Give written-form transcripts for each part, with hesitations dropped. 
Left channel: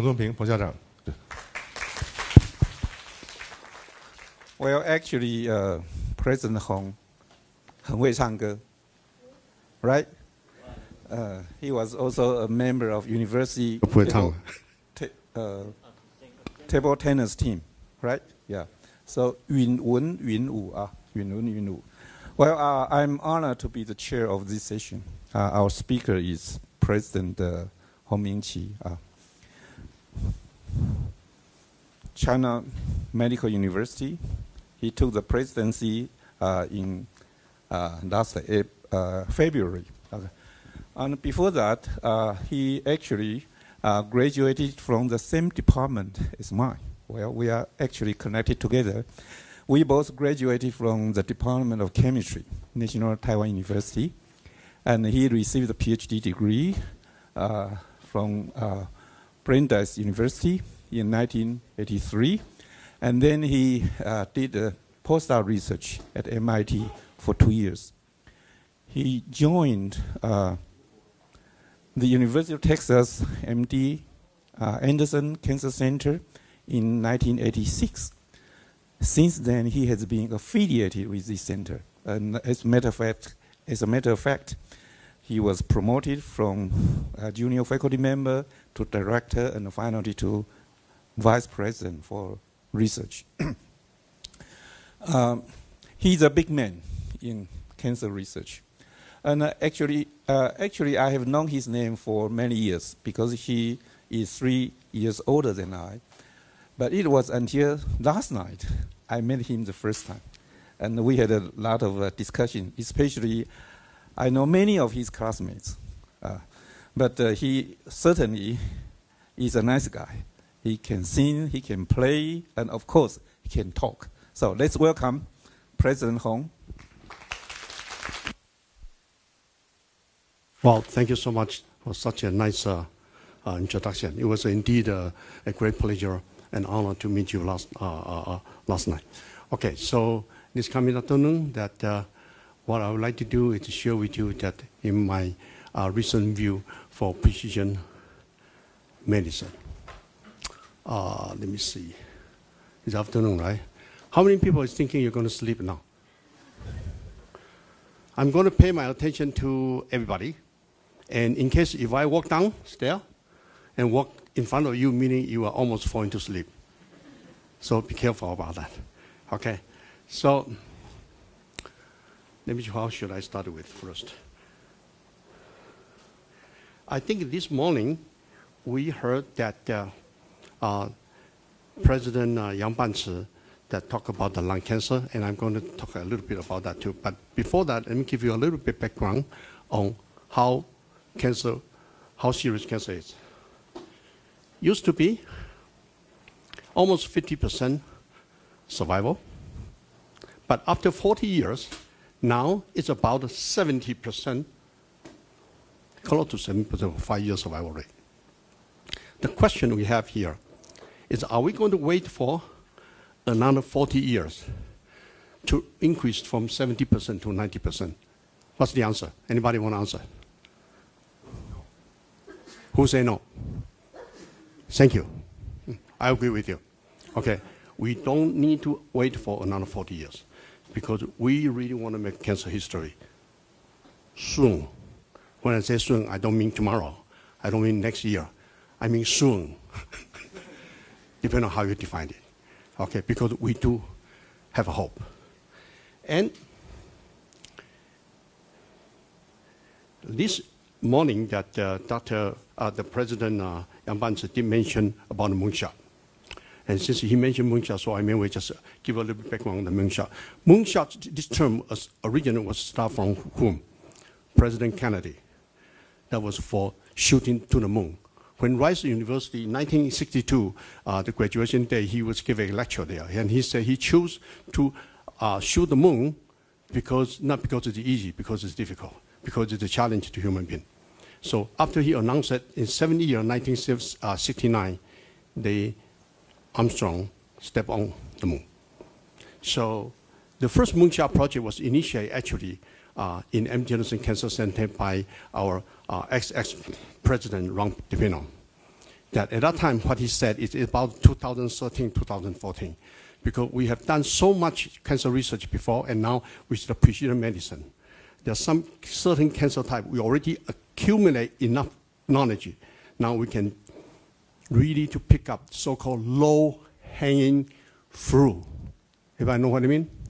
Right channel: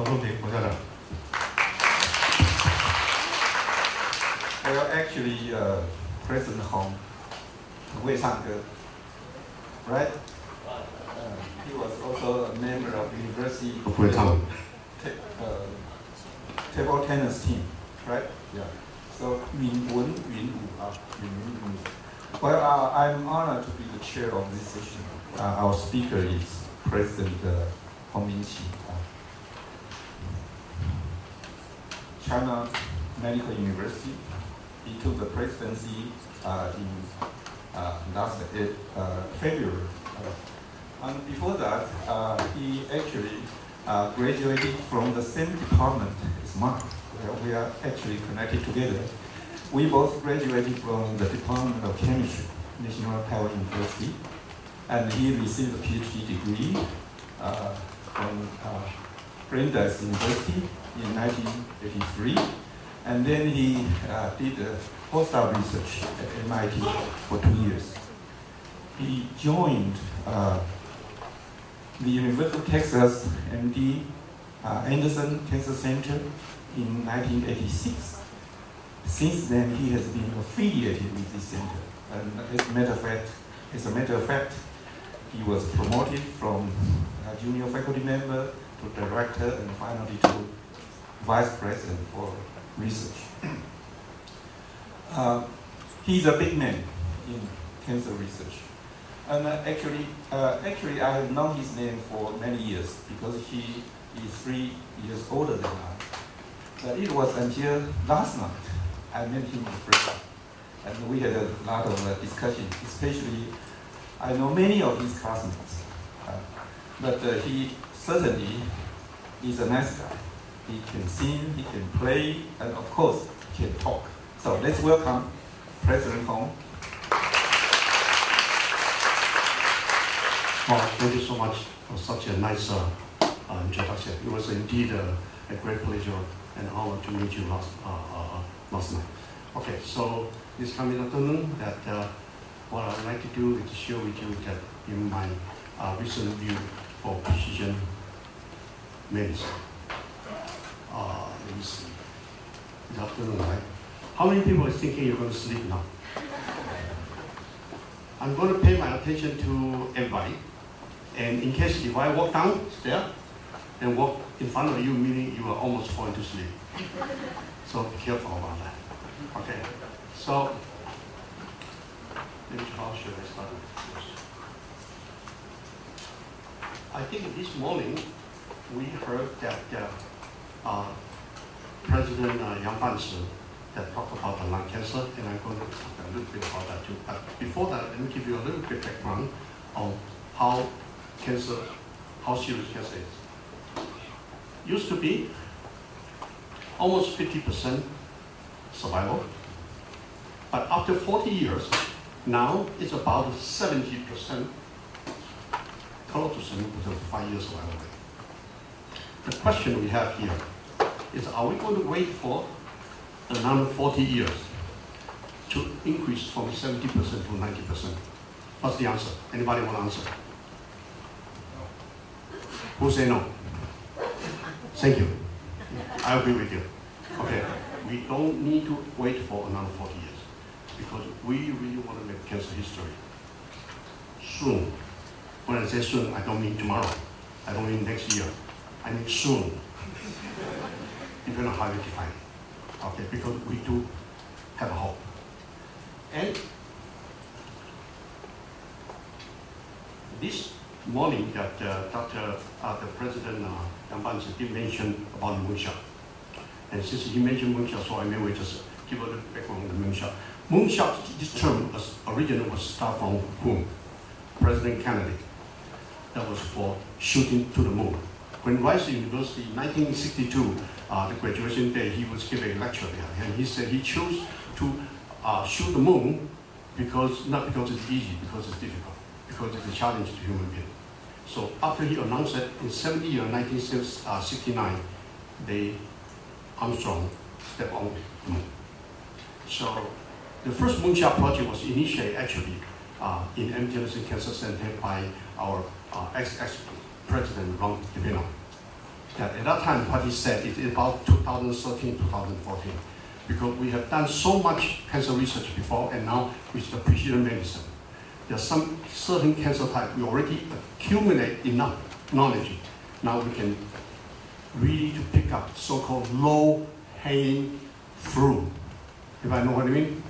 洪仲平，洪校长。Well, actually, President Hong 很会唱歌 right? He was also a member of university table tennis team, right? Yeah. So 允文允武啊，允文允武。Well, I'm honored to be the chair of this session. Our speaker is President Hong Ming-chi. China Medical University. He took the presidency in last February. And before that, he actually graduated from the same department as Mark. Well, we are actually connected together. We both graduated from the Department of Chemistry, National Taiwan University. And he received a PhD degree from Brandeis University in 1983. And then he did postdoc research at MIT for 2 years. He joined the University of Texas MD Anderson Cancer Center in 1986. Since then, he has been affiliated with this center. And as a matter of fact, he was promoted from a junior faculty member to director and finally to vice president for research. He's a big man in cancer research. And actually, I have known his name for many years because he is 3 years older than I. But it was until last night I met him the first time. And we had a lot of discussion, especially I know many of his classmates. But he certainly is a nice guy. He can sing, he can play, and of course, he can talk. So let's welcome President Hong. Well, thank you so much for such a nice introduction. It was indeed a great pleasure and honor to meet you last night. Okay, so this coming afternoon, what I would like to do is to share with you that in my recent review for precision medicine. Let me see. It's afternoon, right? How many people are thinking you're going to sleep now? I'm going to pay my attention to everybody. And in case if I walk downstairs and walk in front of you, meaning you are almost falling to sleep. So be careful about that. Okay. So let me see, how should I start with first? I think this morning we heard that President Yang Banzi that talked about the lung cancer, and I'm going to talk a little bit about that too. But before that, let me give you a little bit background on how serious cancer is. Used to be almost 50% survival, but after 40 years, now it's about 70%, close to 70% 5-year survival rate. The question we have here is, are we going to wait for another 40 years to increase from 70% to 90%? What's the answer? Anybody want to answer? Who say no? Thank you. I agree with you. Okay, we don't need to wait for another 40 years because we really want to make cancer history soon. When I say soon, I don't mean tomorrow. I don't mean next year. I mean soon. Depending on how you define it. Okay, because we do have a hope. And this morning that the President Yang Banzi did mention about the moonshot. And since he mentioned moonshot, so I may just give a little background on the moonshot. Moonshot, this term originally was start from whom? President Kennedy. That was for shooting to the moon. When Rice University in 1962, the graduation day, he was giving a lecture there, and he said he chose to shoot the moon because, not because it's easy, because it's difficult, because it's a challenge to human being. So after he announced it, in 1969, Armstrong stepped on the moon. So the first moonshot project was initiated actually in MD Anderson Cancer Center by our ex-president, Ron DePino. that at that time what he said is about 2013, 2014. Because we have done so much cancer research before, and now with the precision medicine, there are some certain cancer types we already accumulate enough knowledge. Now we can really to pick up so-called low-hanging fruit. Everybody know what I mean?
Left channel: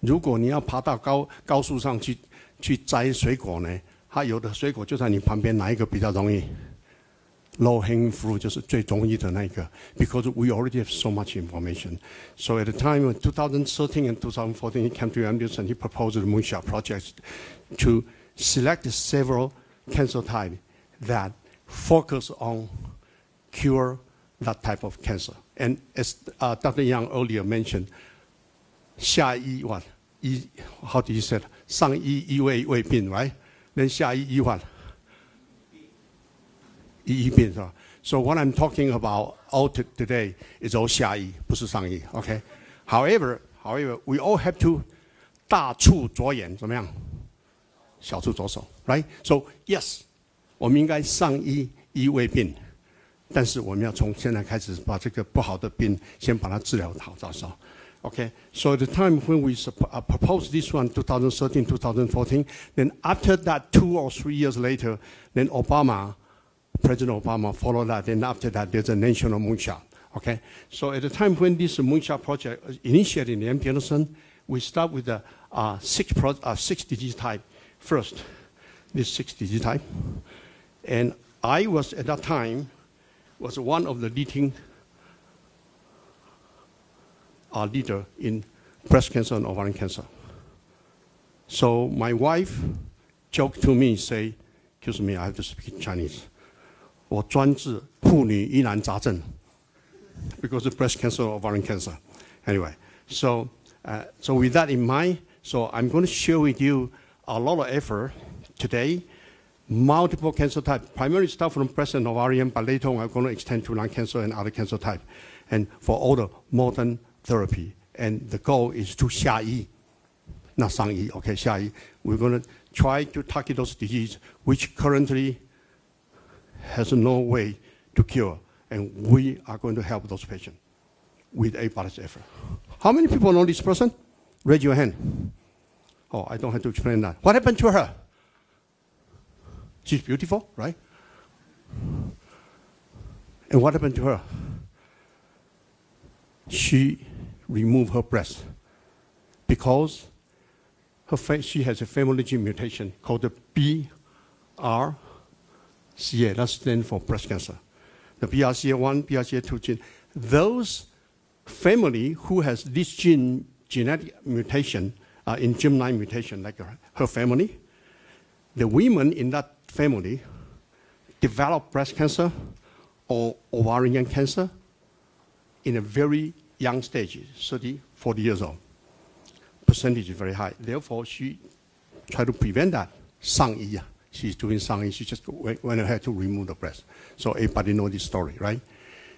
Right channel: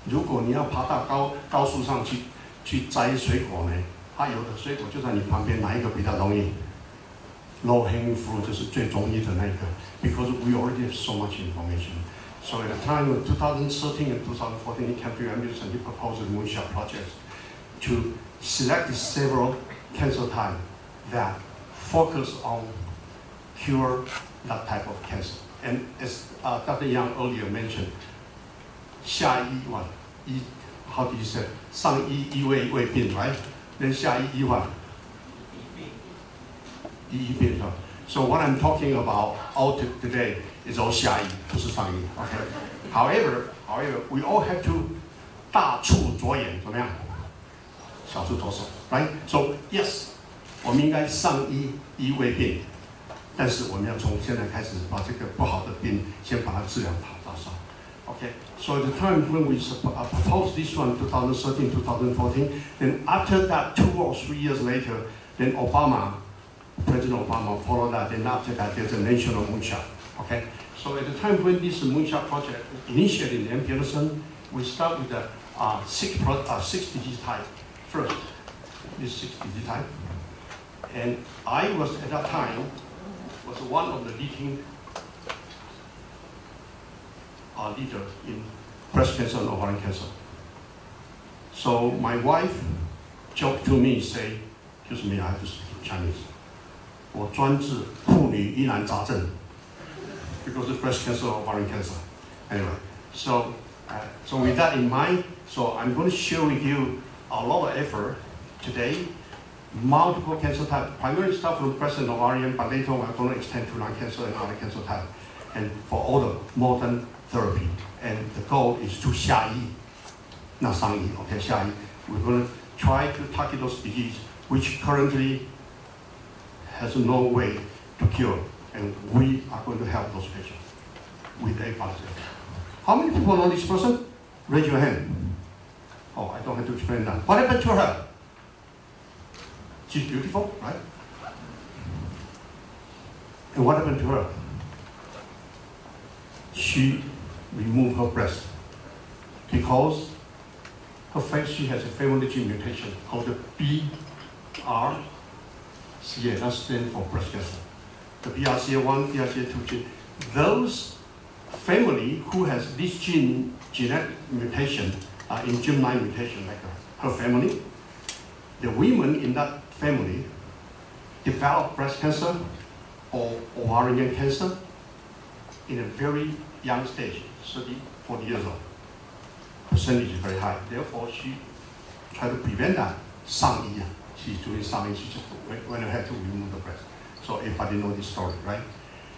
如果你要爬到高树上去摘水果呢，它有的水果就在你旁边，哪一个比较容易 ？Low-hanging fruit 就是最容易的那个 ，because we already have so much information. So at the time of 2013 and 2014, he came to US and he proposed the Moonshot project to select several cancer types that focus on cure that type of cancer. And as Dr. Yang earlier mentioned, 下医what? How do you say? 上医未病, right? Then 下医what? 医病, right? So what I'm talking about all today is all 下医, 不是上医, okay? However, we all have to 大处着眼, 怎么样? 小处着手, right? So yes, 我们应该上医未病，但是我们要从现在开始把这个不好的病先把它治疗好，早上。Okay, so at the time when we proposed this one, 2013, 2014, then after that, 2 or 3 years later, then President Obama followed that. Then after that, there's a national moonshot. Okay, so at the time when this moonshot project initiated in MD Anderson, we start with the 6 disease type first. This 6 disease type. And I was, at that time, was one of the leading leader in breast cancer and ovarian cancer. So my wife joked to me, say, excuse me, I have to speak Chinese. 我专治妇女疑难杂症 because of breast cancer or ovarian cancer. Anyway, so with that in mind, so I'm going to share with you a lot of effort today. Multiple cancer types, primarily start from breast and ovarian, but later on I'm going to extend to lung cancer and other cancer types. And for all the modern therapy, and the goal is to 下医, not 上医, okay, 下医. We're going to try to target those diseases which currently has no way to cure, and we are going to help those patients with everybody's effort. How many people know this person? Raise your hand. Oh, I don't have to explain that. What happened to her? She's beautiful, right? And what happened to her? She removed her breast because she has a family gene mutation called the BRCA. That stands for breast cancer. The BRCA1, BRCA2 gene. Those family who has this genetic mutation in germline mutation, like her family, the women in that family develop breast cancer or ovarian cancer in a very young stage, 30, 40 years old. Percentage is very high. Therefore, she tried to prevent that. 上医, she's doing 上医. She just went ahead to remove the breast. So everybody knows this story, right?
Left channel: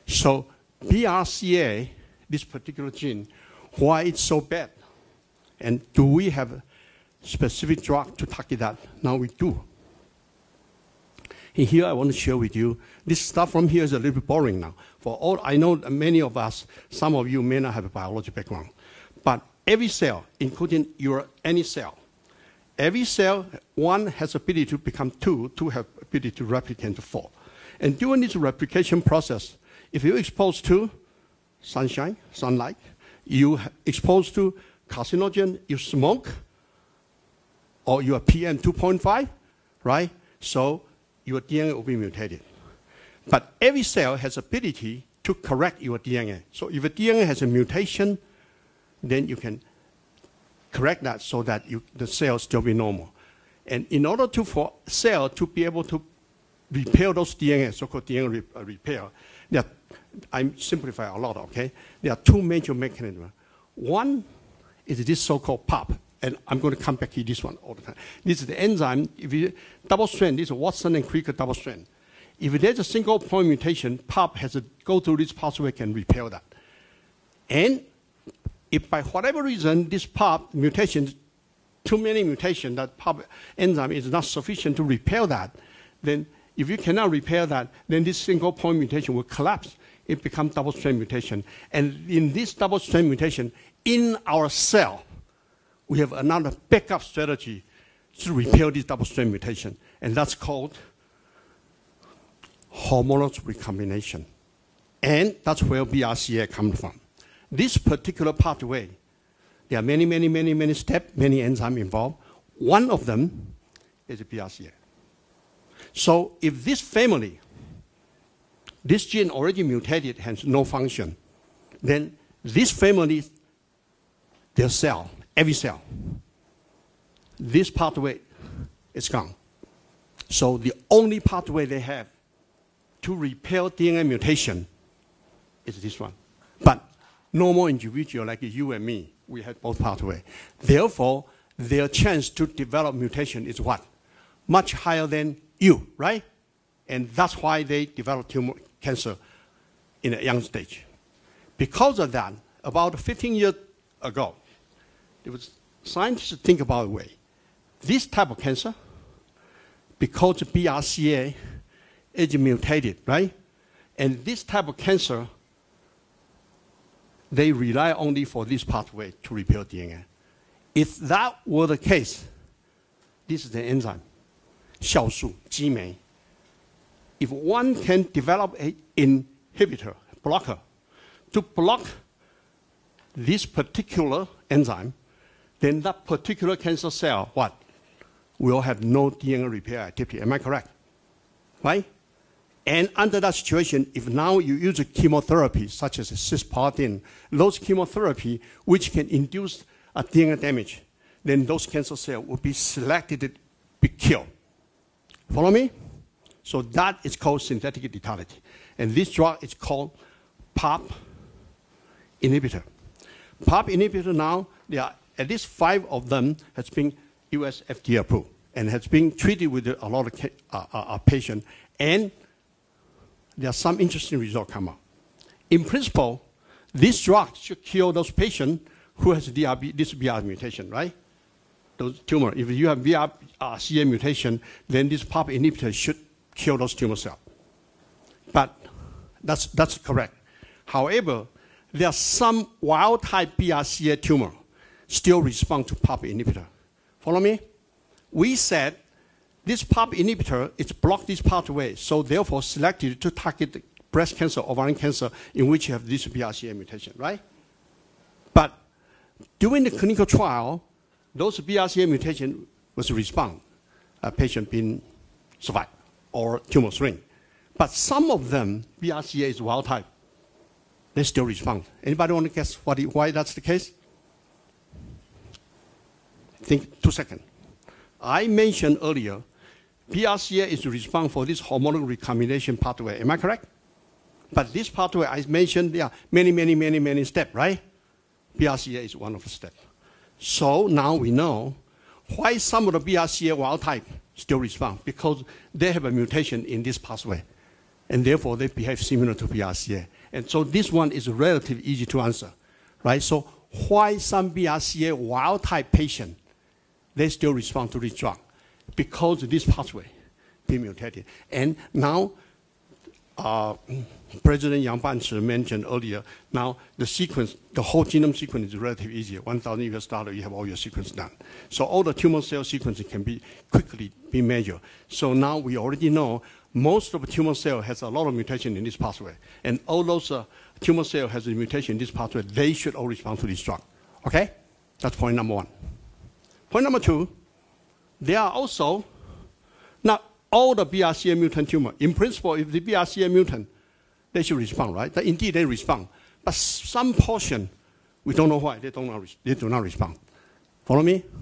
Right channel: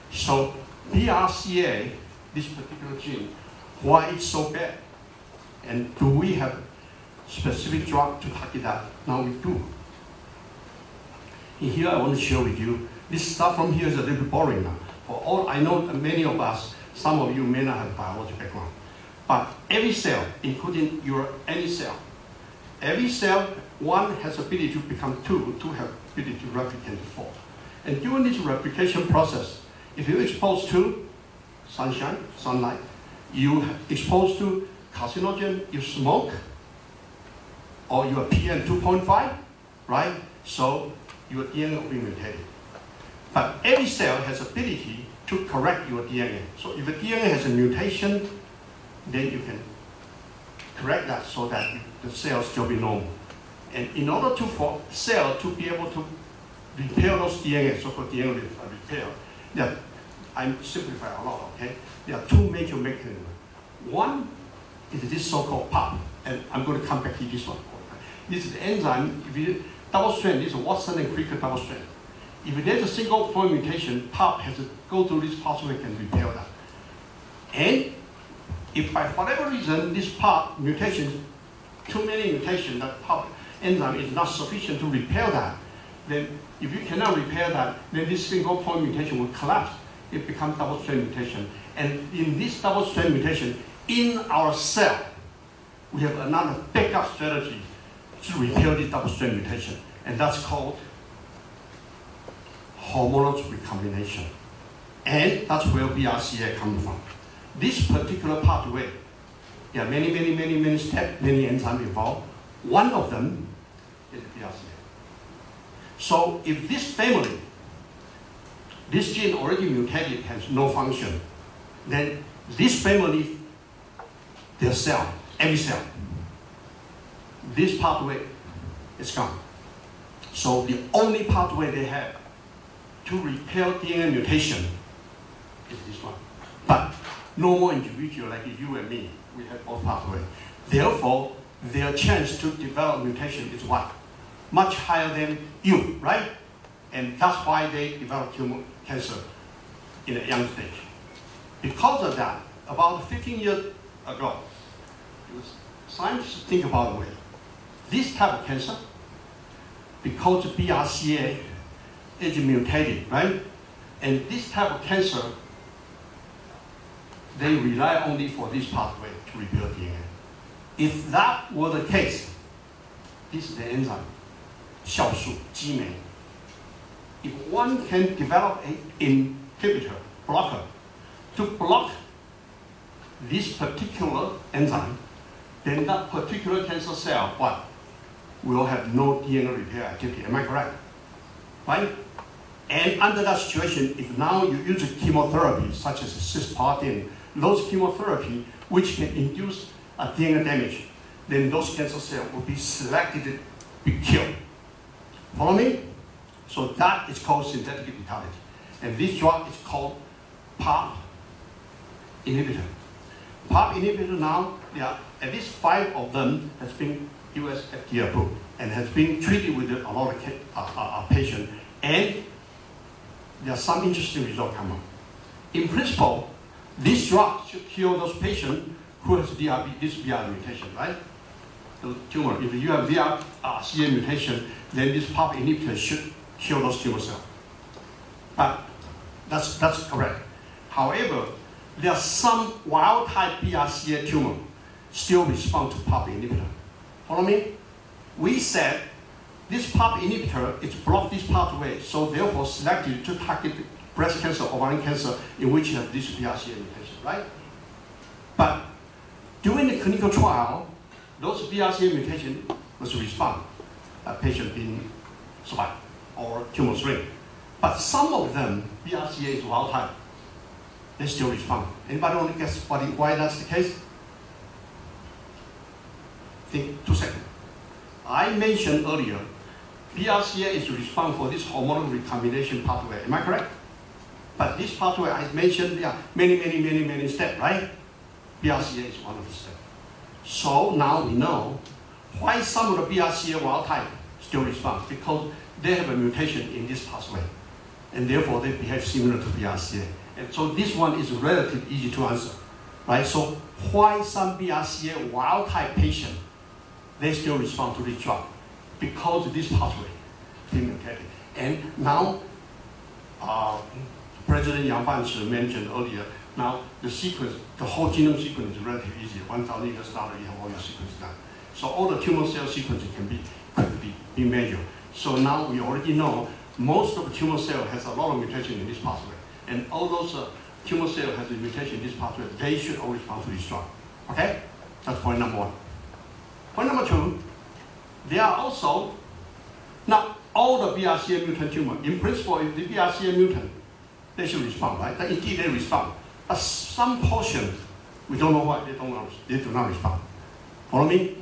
So BRCA, this particular gene, why it's so bad? And do we have specific drug to target that? Now we do. And here I want to share with you, this stuff from here is a little boring now. For all I know, many of us, some of you may not have a biology background, but every cell, including any cell, every cell, one has ability to become two have ability to replicate to 4. And during this replication process, if you're exposed to sunlight, you exposed to carcinogen, you smoke, or you are PM 2.5, right? So your DNA will be mutated. But every cell has ability to correct your DNA. So if a DNA has a mutation, then you can correct that so that the cell still be normal. And in order for cell to be able to repair those DNA, so-called DNA repair, I simplify a lot, okay? There are 2 major mechanisms. One is this so-called PAP, and I'm going to come back to this one. This is the enzyme, double strand, this is Watson and Crick double strand. If there's a single point mutation, PAP has to go through this pathway and repair that. And if by whatever reason this PAP mutation, too many mutations, that PAP enzyme is not sufficient to repair that, then If you cannot repair that, then this single point mutation will collapse. It becomes double-strand mutation. And in this double-strand mutation, in our cell, we have another backup strategy to repair this double-strand mutation. And that's called homologous recombination. And that's where BRCA comes from. This particular pathway, there are many steps, many enzymes involved. One of them is BRCA. So if this family, this gene already mutated, has no function, then this family, their cell, any cell, this pathway is gone. So the only pathway they have to repair DNA mutation is this one. But no more individual like you and me, we have both pathways. Therefore, their chance to develop mutation is what? Much higher than you, right? And that's why they develop tumor cancer in a young stage. Because of that, about 15 years ago, it was scientists think about it. This type of cancer, because BRCA is mutated, right? And this type of cancer, they rely only for this pathway to repair DNA. If that were the case, this is the enzyme, 酵素, G-MEI. If one can develop an inhibitor, blocker, to block this particular enzyme, then that particular cancer cell, what? Will have no DNA repair activity. Am I correct? Right? And under that situation, if now you use chemotherapy, such as cisplatin, those chemotherapy which can induce a DNA damage, then those cancer cells will be selected to be killed. Follow me? So that is called synthetic lethality. And this drug is called PARP inhibitor. PARP inhibitor now, there are at least 5 of them has been US FDA approved and has been treated with a lot of patients. And there are some interesting results come out. In principle, this drug should kill those patients who has this BR mutation, right? Those tumor. If you have BRCA mutation, then this PARP inhibitor should kill those tumor cells. But that's correct. However, there are some wild-type BRCA tumor still respond to PARP inhibitor. Follow me? We said this PARP inhibitor is block this pathway, so therefore selected to target breast cancer, ovarian cancer, in which you have this BRCA mutation, right? But during the clinical trial, those BRCA mutation was respond, a patient being survived or tumor shrink. But some of them, BRCA is wild type. They still respond. Anybody want to guess why that's the case? Think 2 seconds. I mentioned earlier, BRCA is to respond for this hormonal recombination pathway. Am I correct? But this pathway, I mentioned, there are many steps, right? BRCA is one of the steps. So now we know why some of the BRCA wild type still respond, because they have a mutation in this pathway. And therefore, they behave similar to BRCA. And so this one is relatively easy to answer, right? So why some BRCA wild type patient, they still respond to this drug? Because of this pathway is mutated. And now, President Yang Banshi mentioned earlier, now the sequence, the whole genome sequence is relatively easy. $1,000 US, you have all your sequence done. So all the tumor cell sequences can be quickly be measured. So now we already know most of the tumor cell has a lot of mutation in this pathway. And all those tumor cells has a mutation in this pathway, they should all respond to this drug. Okay? That's point number 1. Point number 2, there are also not all the BRCA mutant tumor. In principle, if the BRCA mutant, they should respond, right? Indeed, they respond. But some portion, we don't know why they do not respond. Follow me?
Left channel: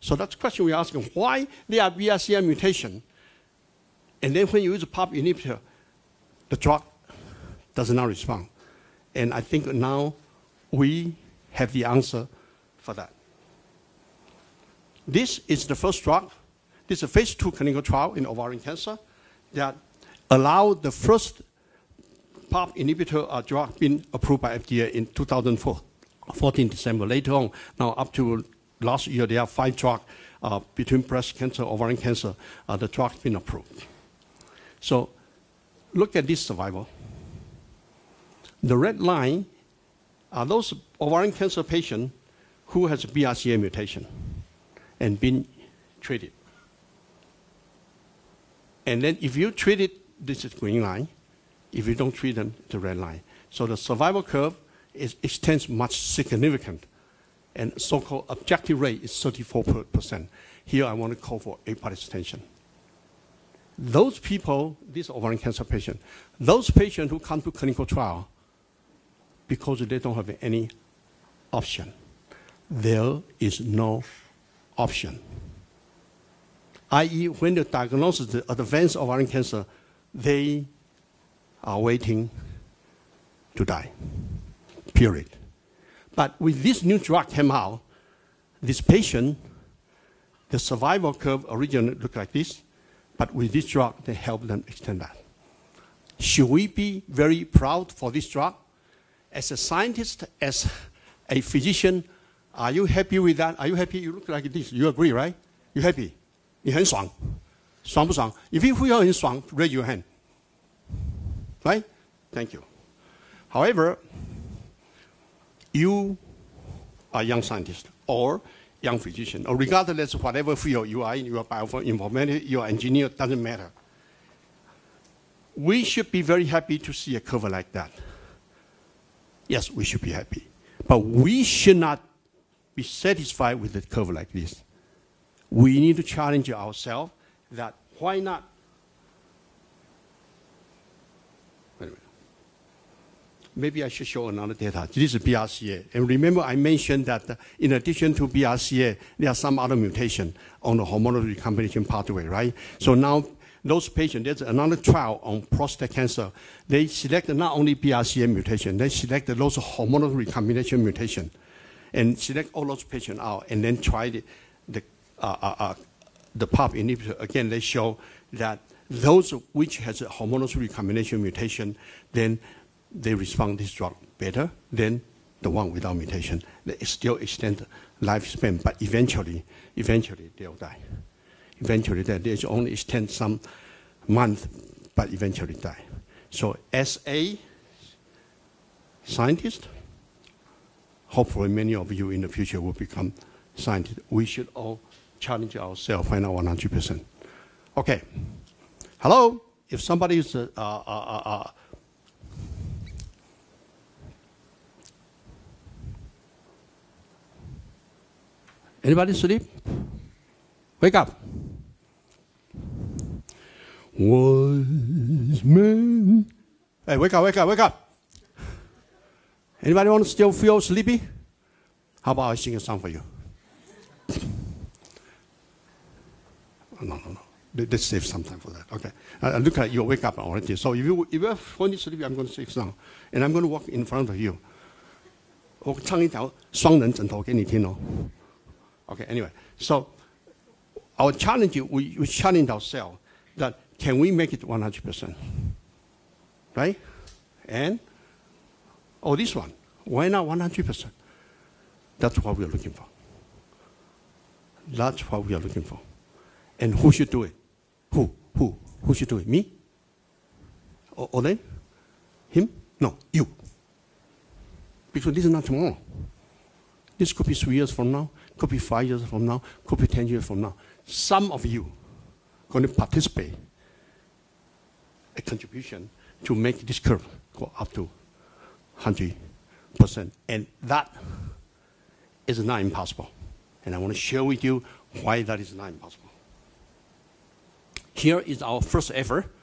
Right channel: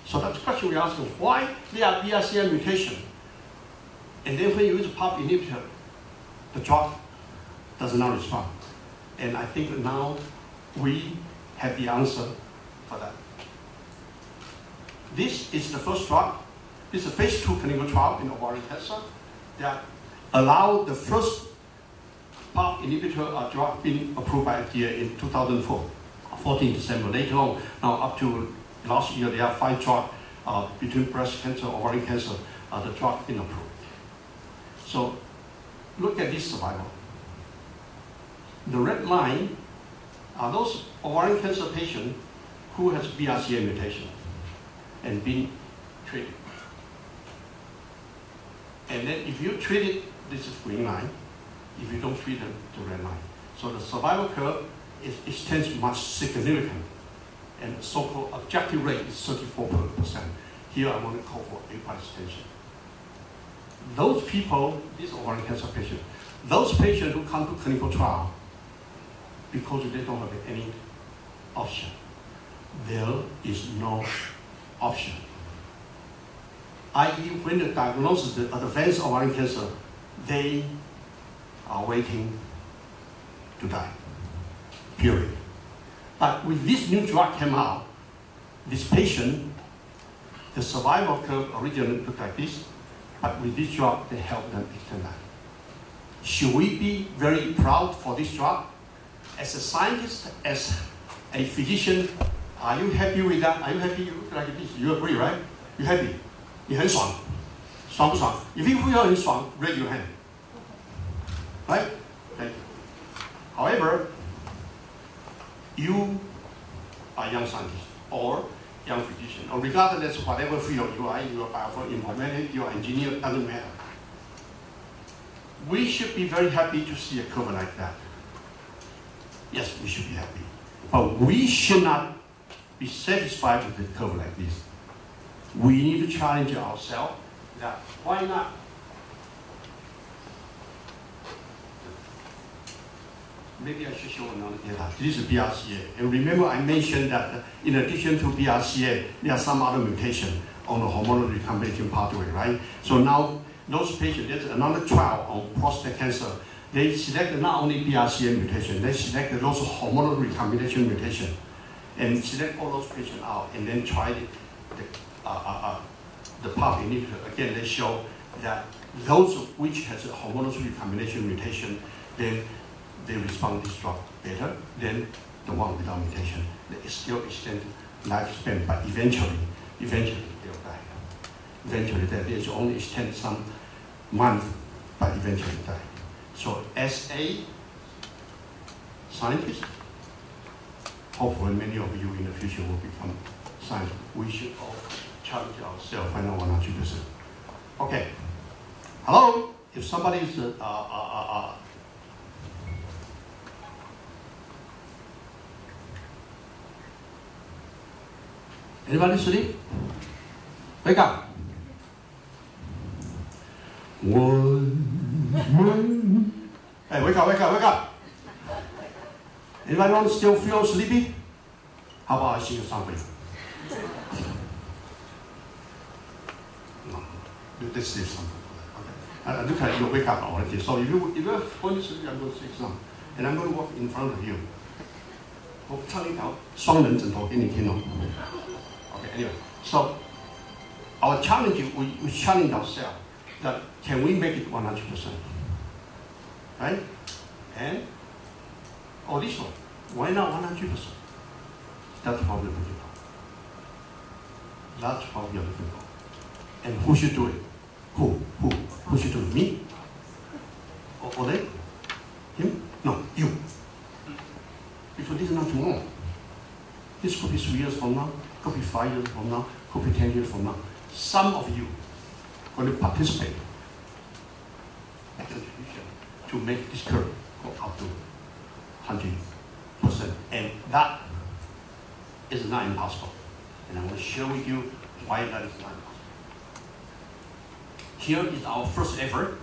So that's the question we're asking. Why there are BRCA mutation? And then when you use PARP inhibitor, the drug does not respond. And I think now we have the answer for that. This is the first drug. This is a phase 2 clinical trial in ovarian cancer that allowed the first PARP inhibitor drug being approved by FDA in 2014 December. Later on, now up to last year, there are 5 drugs between breast cancer, ovarian cancer, the drug being approved. So look at this survival. The red line are those ovarian cancer patients who has BRCA mutation and been treated. And then if you treat it, this is green line. If you don't treat them, the red line. So the survival curve extends much significant. And so-called objective rate is 34%. Here I want to call for a part extension. Those people, these ovarian cancer patients, those patients who come to clinical trial because they don't have any option. There is no option. I.e., when the diagnosis is advanced ovarian cancer, they are waiting to die, period. But with this new drug came out, this patient, the survival curve originally looked like this, but with this drug, they help them extend that. Should we be very proud for this drug? As a scientist, as a physician, are you happy with that? Are you happy you look like this? You agree, right? You happy? 你很爽，爽不爽？ If you feel 很爽, raise your hand. Right? Thank you. However, you are young scientist or young physician, or regardless of whatever field you are bioinformatics, you are engineer, doesn't matter. We should be very happy to see a curve like that. Yes, we should be happy. But we should not be satisfied with a curve like this. We need to challenge ourselves that why not? Maybe I should show another data. This is BRCA. And remember I mentioned that in addition to BRCA, there are some other mutations on the hormonal recombination pathway, right? So now those patients, there's another trial on prostate cancer. They selected not only BRCA mutation, they selected those hormonal recombination mutation and select all those patients out and then tried the PARP inhibitor. Again, they show that those which has a hormonal recombination mutation, then they respond this drug better than the one without mutation. They still extend lifespan, but eventually they'll die. Eventually, they only extend some months, but eventually die. So as a scientist, hopefully many of you in the future will become scientists. We should all challenge ourselves, find out 100%. Okay. Hello? If somebody is anybody sleep? Wake up. Hey, wake up, wake up, wake up. Anybody want to still feel sleepy? How about I sing a song for you? No. Let's save something for that. Okay. Look at you, wake up already. So if you are falling asleep, I'm going to sing a song. And I'm going to walk in front of you. 我唱一条双人枕头给你听哦。Okay, anyway, so our challenge, we challenge ourselves that can we make it 100%? Right? And, this one, why not 100%? That's what we're looking for. That's what we are looking for. And who should do it? Who should do it? Me? Or they? Him? No, you. Because this is not tomorrow. This could be 3 years from now. Could be 5 years from now, could be 10 years from now. Some of you are going to participate a contribution to make this curve go up to 100%. And that is not impossible. And I want to share with you why that is not impossible. Here is our first effort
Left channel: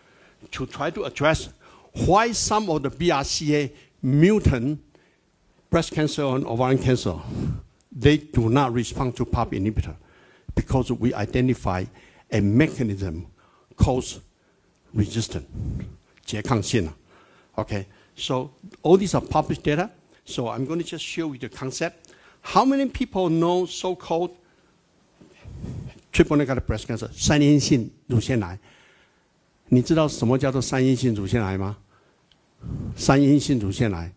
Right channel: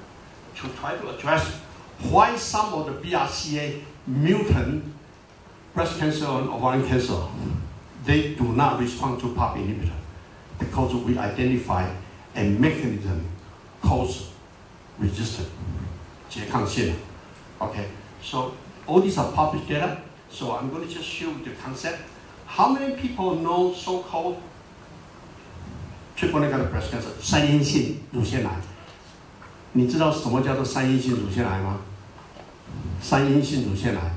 to try to address why some of the BRCA mutant breast cancer and ovarian cancer they do not respond to PARP inhibitor because we identify a mechanism called resistance, 拮抗性. Okay, so all these are published data. So I'm going to just show you the concept. How many people know so-called triple negative breast cancer, 三阴性乳腺癌？你知道什么叫做三阴性乳腺癌吗？三阴性乳腺癌，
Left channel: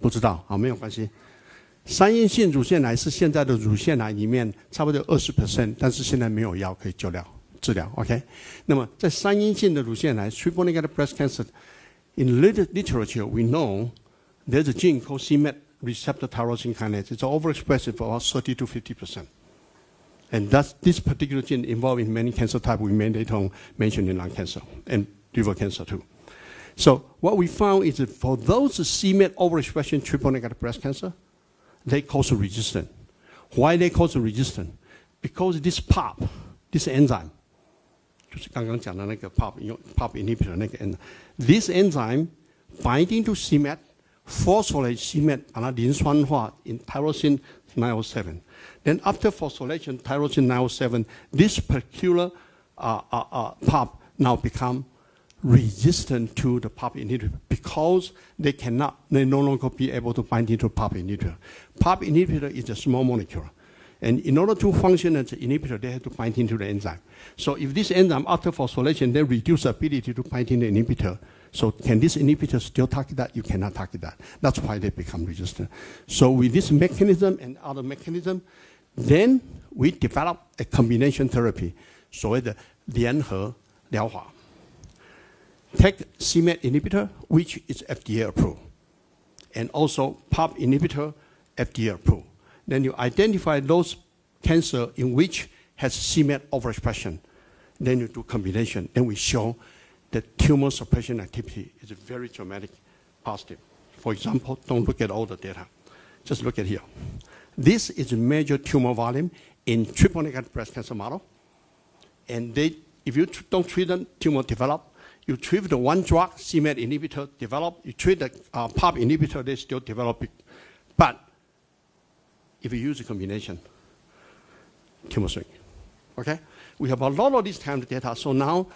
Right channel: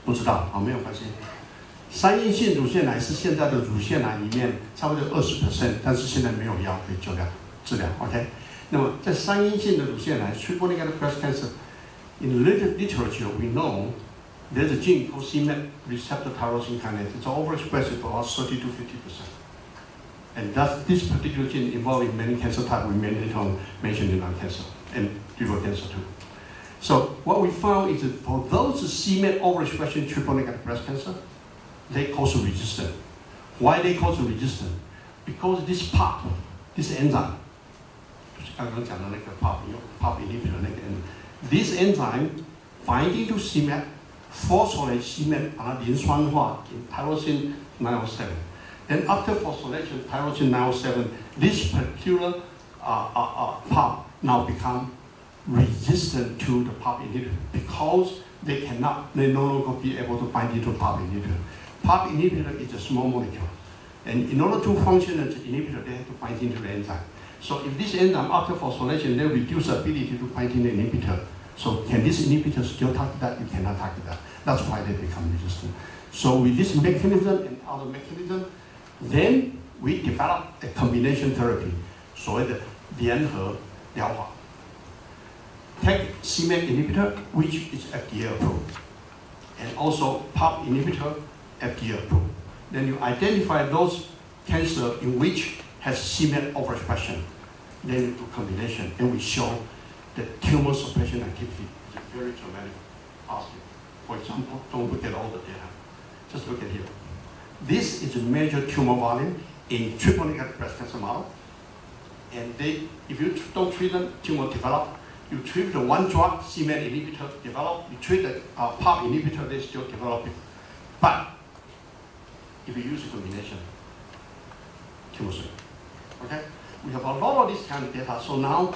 不知道，好，没有关系。三阴性乳腺癌是现在的乳腺癌里面差不多20%，但是现在没有药可以治疗。OK，那么在三阴性的乳腺癌 triple negative breast cancer, in literature we know there's a gene called c-MET receptor tyrosine kinase. It's overexpressed for about 30 to 50%. And thus, this particular gene involved in many cancer types we may later on mention in lung cancer and liver cancer too. So what we found is that for those c-MET overexpression triple negative breast cancer, they cause resistance. Why they cause resistance? Because this PARP, this enzyme, 就是刚刚讲的那个 PARP inhibitor 那个 enzyme, this enzyme binding to c-MET, phosphorylate c-MET 把它磷酸化 in tyrosine 907. Then after phosphorylation, tyrosine 907, this particular PARP now become resistant to the PARP inhibitor because they no longer be able to bind into PARP inhibitor. PARP inhibitor is a small molecule. And in order to function as an inhibitor, they have to bind into the enzyme. So if this enzyme, after phosphorylation, they reduce the ability to bind into the inhibitor. So can this inhibitor still target that? You cannot target that. That's why they become resistant. So with this mechanism and other mechanism, then we develop a combination therapy, 所谓的联合疗法. Take c-MET inhibitor, which is FDA approved, and also PARP inhibitor, FDA approved. Then you identify those cancer in which has c-MET overexpression. Then you do combination. Then we show that tumor suppression activity is very dramatic, positive. For example, don't look at all the data. Just look at here. This is a major tumor volume in triple negative breast cancer model. And if you don't treat them, tumor develop. You treat the one drug, c-MET inhibitor, develop. You treat the PARP inhibitor, they still developing. But if you use a combination, tumor shrink. Okay? We have a lot of this kind of data. So now,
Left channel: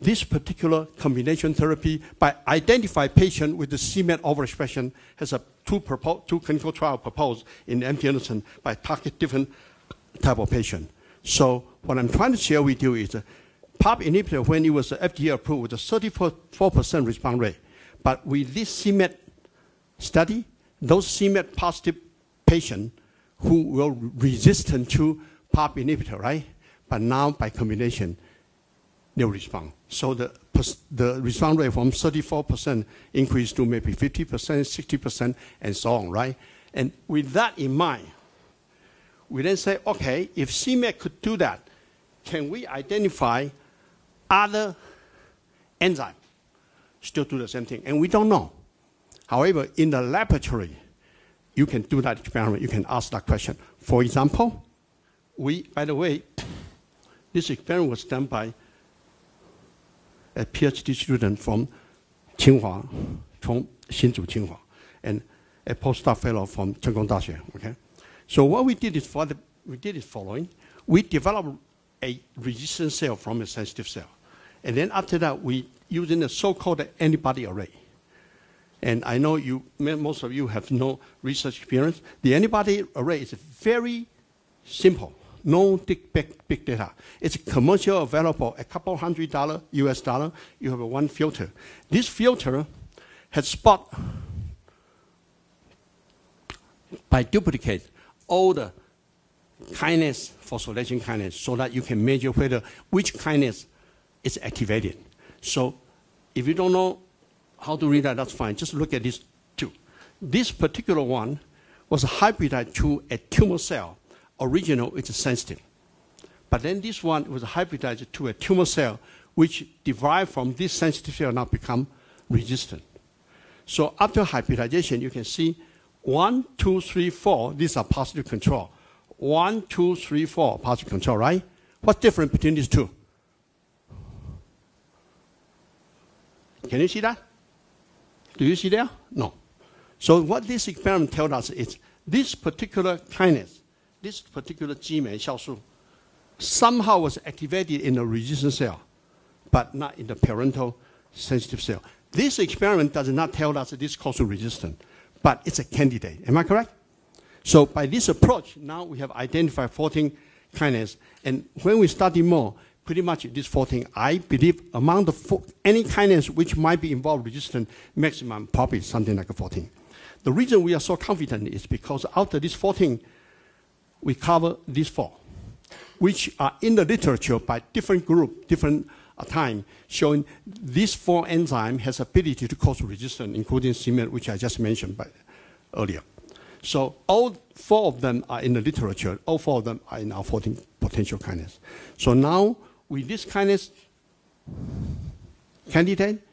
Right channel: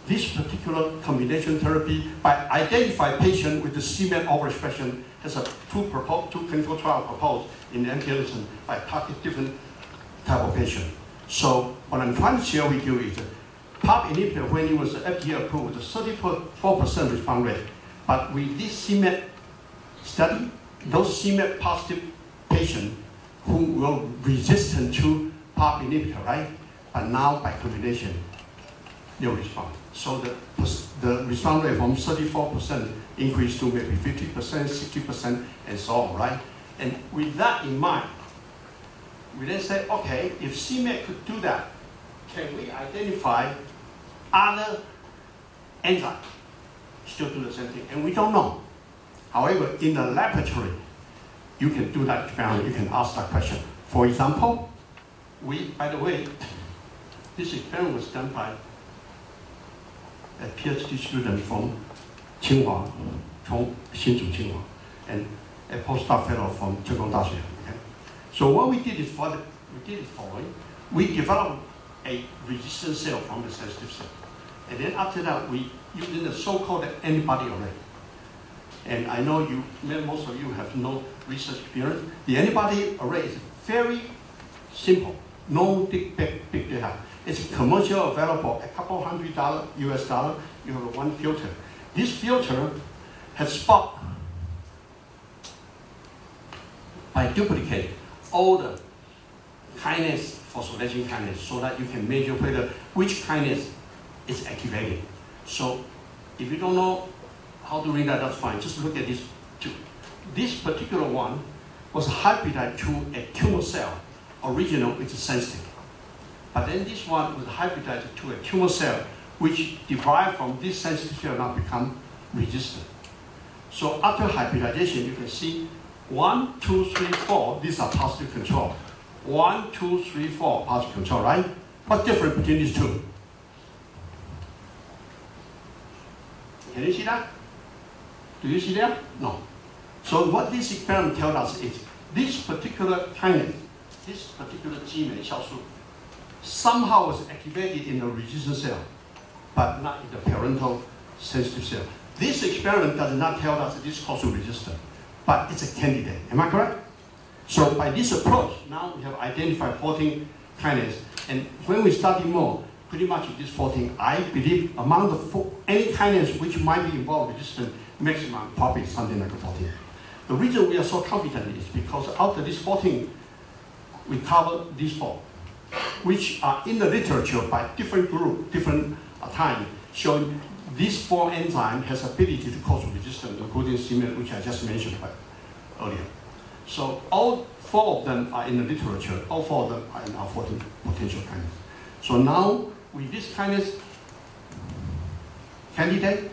this particular combination therapy, by identify patient with the c-MET overexpression, has two clinical trials proposed in MD Anderson by target different type of patient. So what I'm trying to share with you is that PARP inhibitor, when it was FDA approved, was a 34% response rate. But with this c-MET study, those c-MET positive patients who were resistant to PARP inhibitor, right? But now by combination, they respond. So the response rate from 34% increased to maybe 50%, 60%, and so on, right? And with that in mind, we then say, okay, if c-MET could do that, can we identify other enzymes still do the same thing? And we don't know. However, in the laboratory, you can do that experiment. You can ask that question. For example, by the way, this experiment was done by a PhD student from Tsinghua, from Hsinchu Tsinghua, and a postdoc fellow from Zhejiang Daxue. Okay? So what we did is following. We developed a resistant cell from a sensitive cell. And then after that, we used a so-called antibody array. And I know most of you have no research experience. The antibody array is very simple, no big data. It's commercial available, a couple $100 US. You have one filter. This filter has spot by duplicate all the kinase, phosphorylation kinase, so that you can measure which kinase is activated. So if you don't know how to read that, that's fine. Just look at these two. This particular one was hybridized to a tumor cell. Original, it's sensitive. But then this one was hybridized to a tumor cell, which derived from this sensitive cell now become resistant. So after hybridization, you can see 1, 2, 3, 4, these are positive control. 1, 2, 3, 4, positive control, right? What's different between these two? Can you see that? Do you see that? No. So what this experiment tells us is this particular kinase, this particular gene somehow was activated in the resistant cell, but not in the parental sensitive cell. This experiment does not tell us that this causes resistance, but it's a candidate. Am I correct? So by this approach, now we have identified 14 kinases, and when we study more, pretty much these 14, I believe among the any kinase which might be involved resistant, maximum probably something like 14. The reason we are so confident is because after this 14, we cover these 4. which are in the literature by different group, different time, showing these 4 enzymes has ability to cause resistance, including cement, which I just mentioned earlier. So all 4 of them are in the literature. All 4 of them are in our 14 potential kinase. So now with this kinase candidate,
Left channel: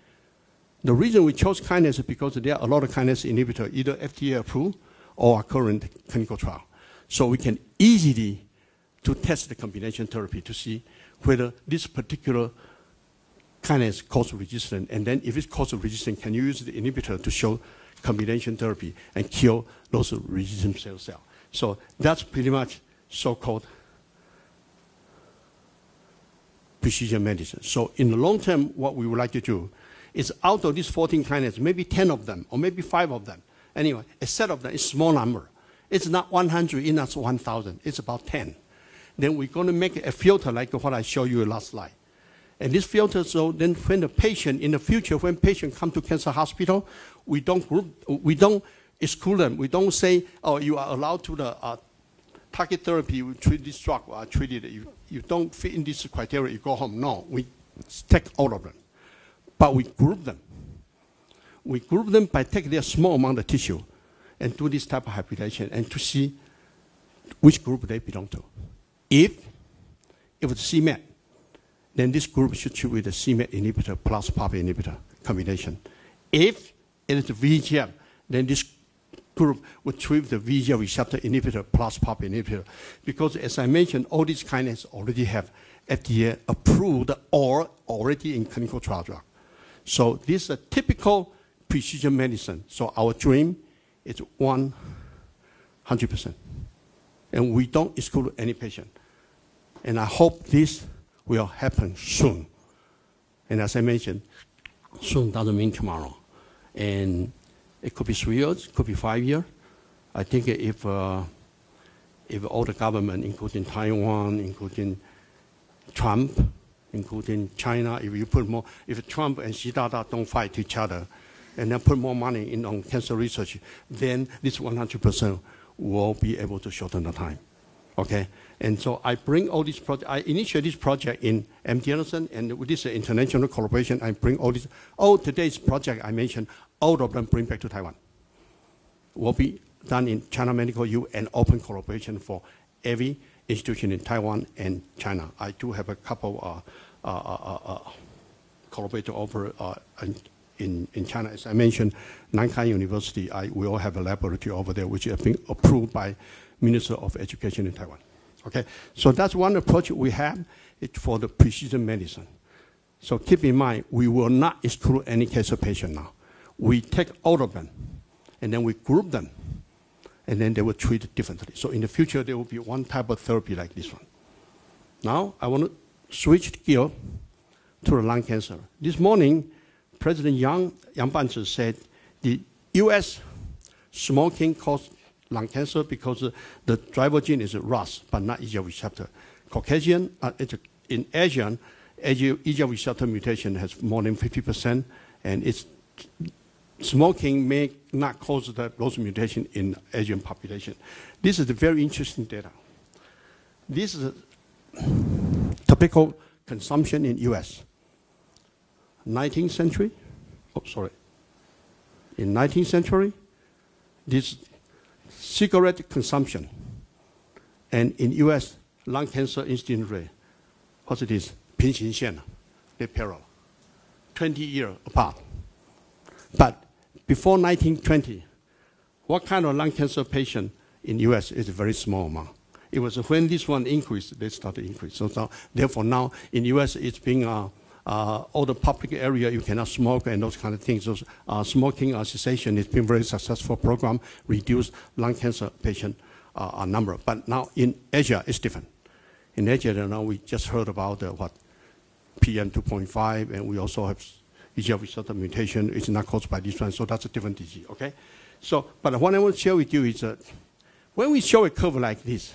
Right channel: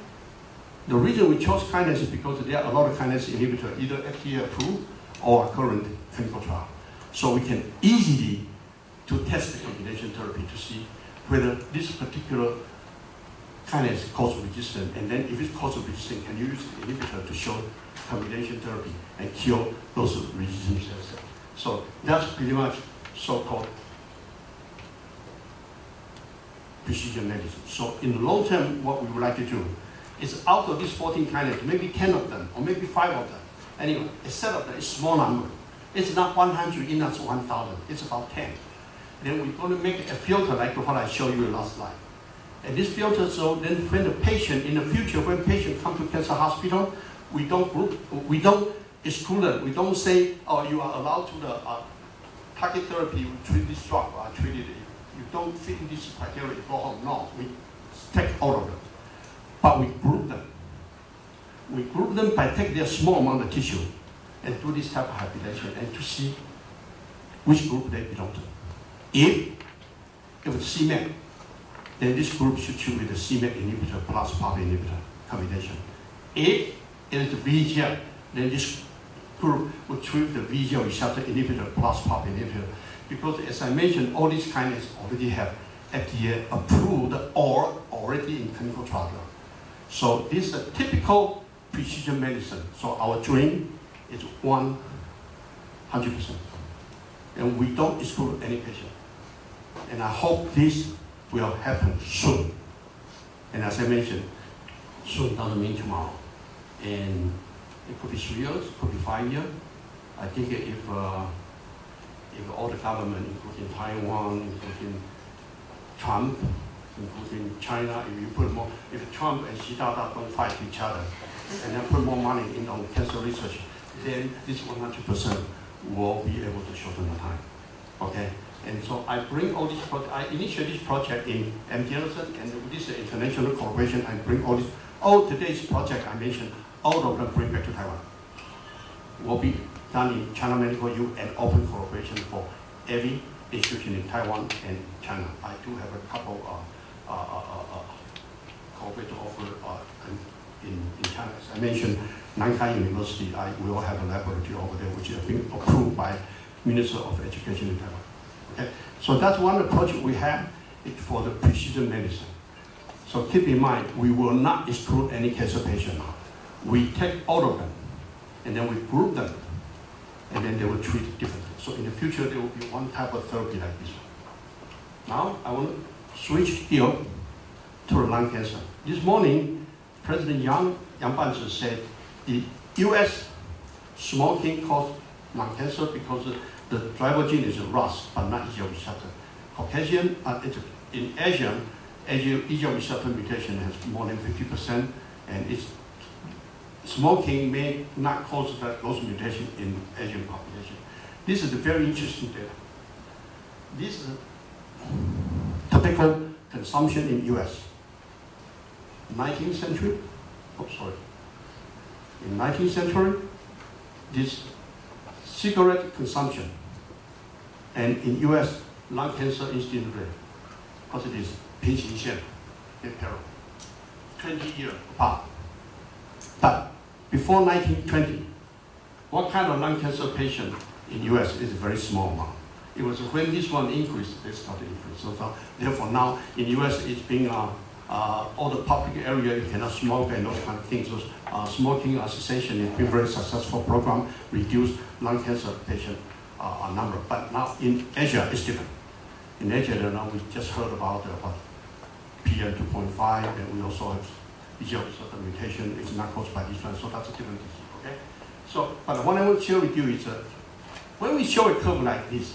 the reason we chose kinase is because there are a lot of kinase inhibitors, either FDA approved or current clinical trial. So we can easily to test the combination therapy to see whether this particular kinase causes resistance, and then if it causes resistance, can you use the inhibitor to show combination therapy and kill those resistant cells. So that's pretty much so-called precision medicine. So in the long term, what we would like to do is out of these 14 kinases, maybe 10 of them, or maybe 5 of them. Anyway, a set of them is a small number. It's not 100, it's not 1,000, it's about 10. Then we're going to make a filter like what I showed you last slide. And this filter, so then when the patient, in the future, when patient come to cancer hospital, we don't exclude them. We don't say, oh, you are allowed to the target therapy, you treat this drug, treat it. You don't fit in this criteria, you go home. No, we take all of them. But we group them. We group them by taking their small amount of tissue and do this type of hybridization and to see which group they belong to. If it's c-MET, then this group should treat with the c-MET inhibitor plus PARP inhibitor combination. If it is the VEGF, then this group would treat the VEGF receptor inhibitor plus PARP inhibitor. Because as I mentioned, all these kinases already have FDA approved or already in clinical trial. So this is a typical precision medicine. So our dream is 100%. And we don't exclude any patient. And I hope this will happen soon. And as I mentioned, soon doesn't mean tomorrow. And it could be 3 years, it could be 5 years. I think if all the government, including Taiwan, including Trump, including China, if you put more, if Trump and Xi Jinping don't fight each other, and then put more money in on cancer research, then this 100% will be able to shorten the time. Okay? And so I bring all these projects, I initiate this project in MD Anderson, and with this international collaboration, I bring all today's project I mentioned, all of them bring back to Taiwan. Will be done in China Medical U and open collaboration for every institution in Taiwan and China. I do have a couple collaboration over in China. As I mentioned, Nankai University, we will have a laboratory over there, which has been approved by Minister of Education in Taiwan. Okay, so that's one approach we have for the precision medicine. So keep in mind, we will not exclude any cancer patient now. We take all of them, and then we group them, and then they will treat differently. So in the future, there will be one type of therapy like this one. Now, I want to switch here to lung cancer. This morning, President Yang Banzi said the US smoking caused lung cancer because the driver gene is RAS, but not EGFR receptor. Caucasian, in Asia, EGFR receptor mutation has more than 50%, and smoking may not cause those mutations in the Asian population. This is a very interesting data. This is tobacco consumption in US. 19th century, in 19th century, this cigarette consumption, and in US, lung cancer incidence rate, what it is, 平行线, they parallel, 20 years apart. But before 1920, what kind of lung cancer patient in US is a very small amount. It was when this one increased, they started increase. So therefore now in US, it's being all the public area, you cannot smoke and those kind of things. So smoking cessation has been a very successful program, reduce lung cancer patient number. But now in Asia, it's different. In Asia, now we just heard about PM 2.5, and we also have EGFR receptor mutation. It's not caused by this one, so that's a different disease, okay? So, but what I want to share with you is when we show a curve like this,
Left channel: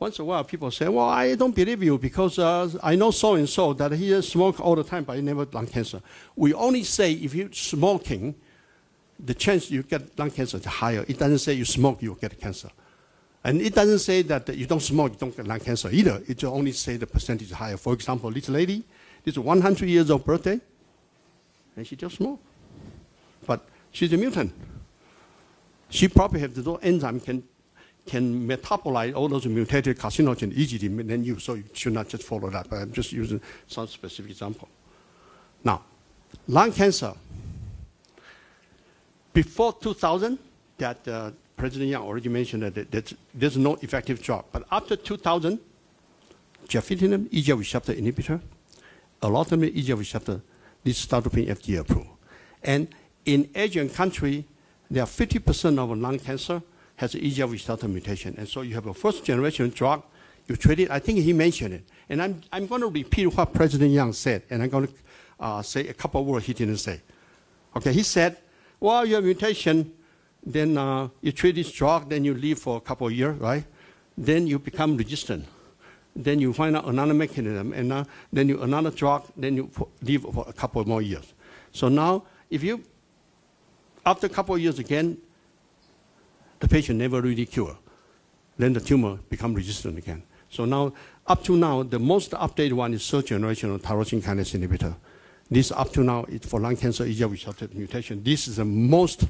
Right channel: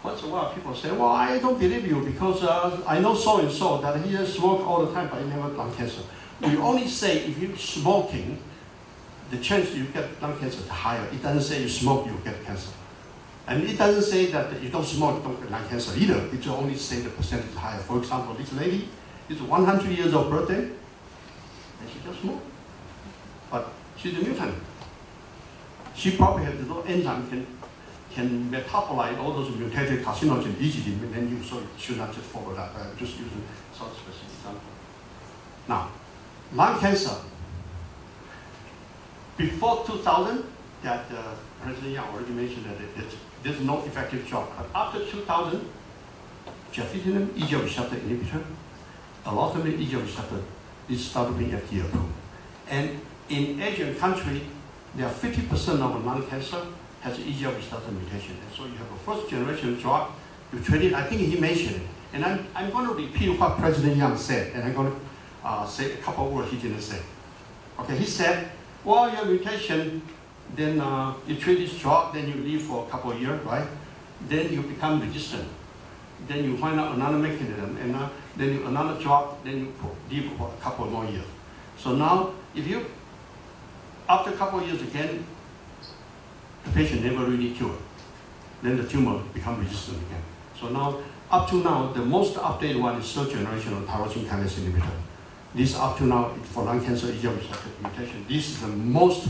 once in a while people say, well, I don't believe you because I know so-and-so that he smokes all the time, but he never lung cancer. We only say if you're smoking, the chance you get lung cancer is higher. It doesn't say you smoke, you get cancer. And it doesn't say that you don't smoke, you don't get lung cancer either. It just only say the percentage is higher. For example, this lady is 100 years of birthday, and she just smoked. But she's a mutant. She probably has the enzyme can metabolize all those mutated carcinogens easily, and then so you should not just follow that. But I'm just using some specific example. Now, lung cancer. Before 2000, that President Yang already mentioned that there's no effective drug. But after 2000, gefitinib, EGFR receptor inhibitor, alotinib, EGFR receptor, this started being FDA approved. And in Asian country, there are 50% of lung cancer has an EGFR receptor mutation. And so you have a first generation drug, you treat it, I think he mentioned it. And I'm going to repeat what President Yang said, and I'm going to say a couple of words he didn't say. Okay, he said, well, your mutation, then you treat this drug, then you live for a couple of years, right? Then you become resistant. Then you find out another mechanism, and then you another drug, then you live for a couple more years. So now, if you, after a couple of years again, the patient never really cured, then the tumor becomes resistant again. So now, up to now, the most updated one is third generation of tyrosine kinase inhibitor. This up to now, for lung cancer, EGFR receptor mutation. This is the most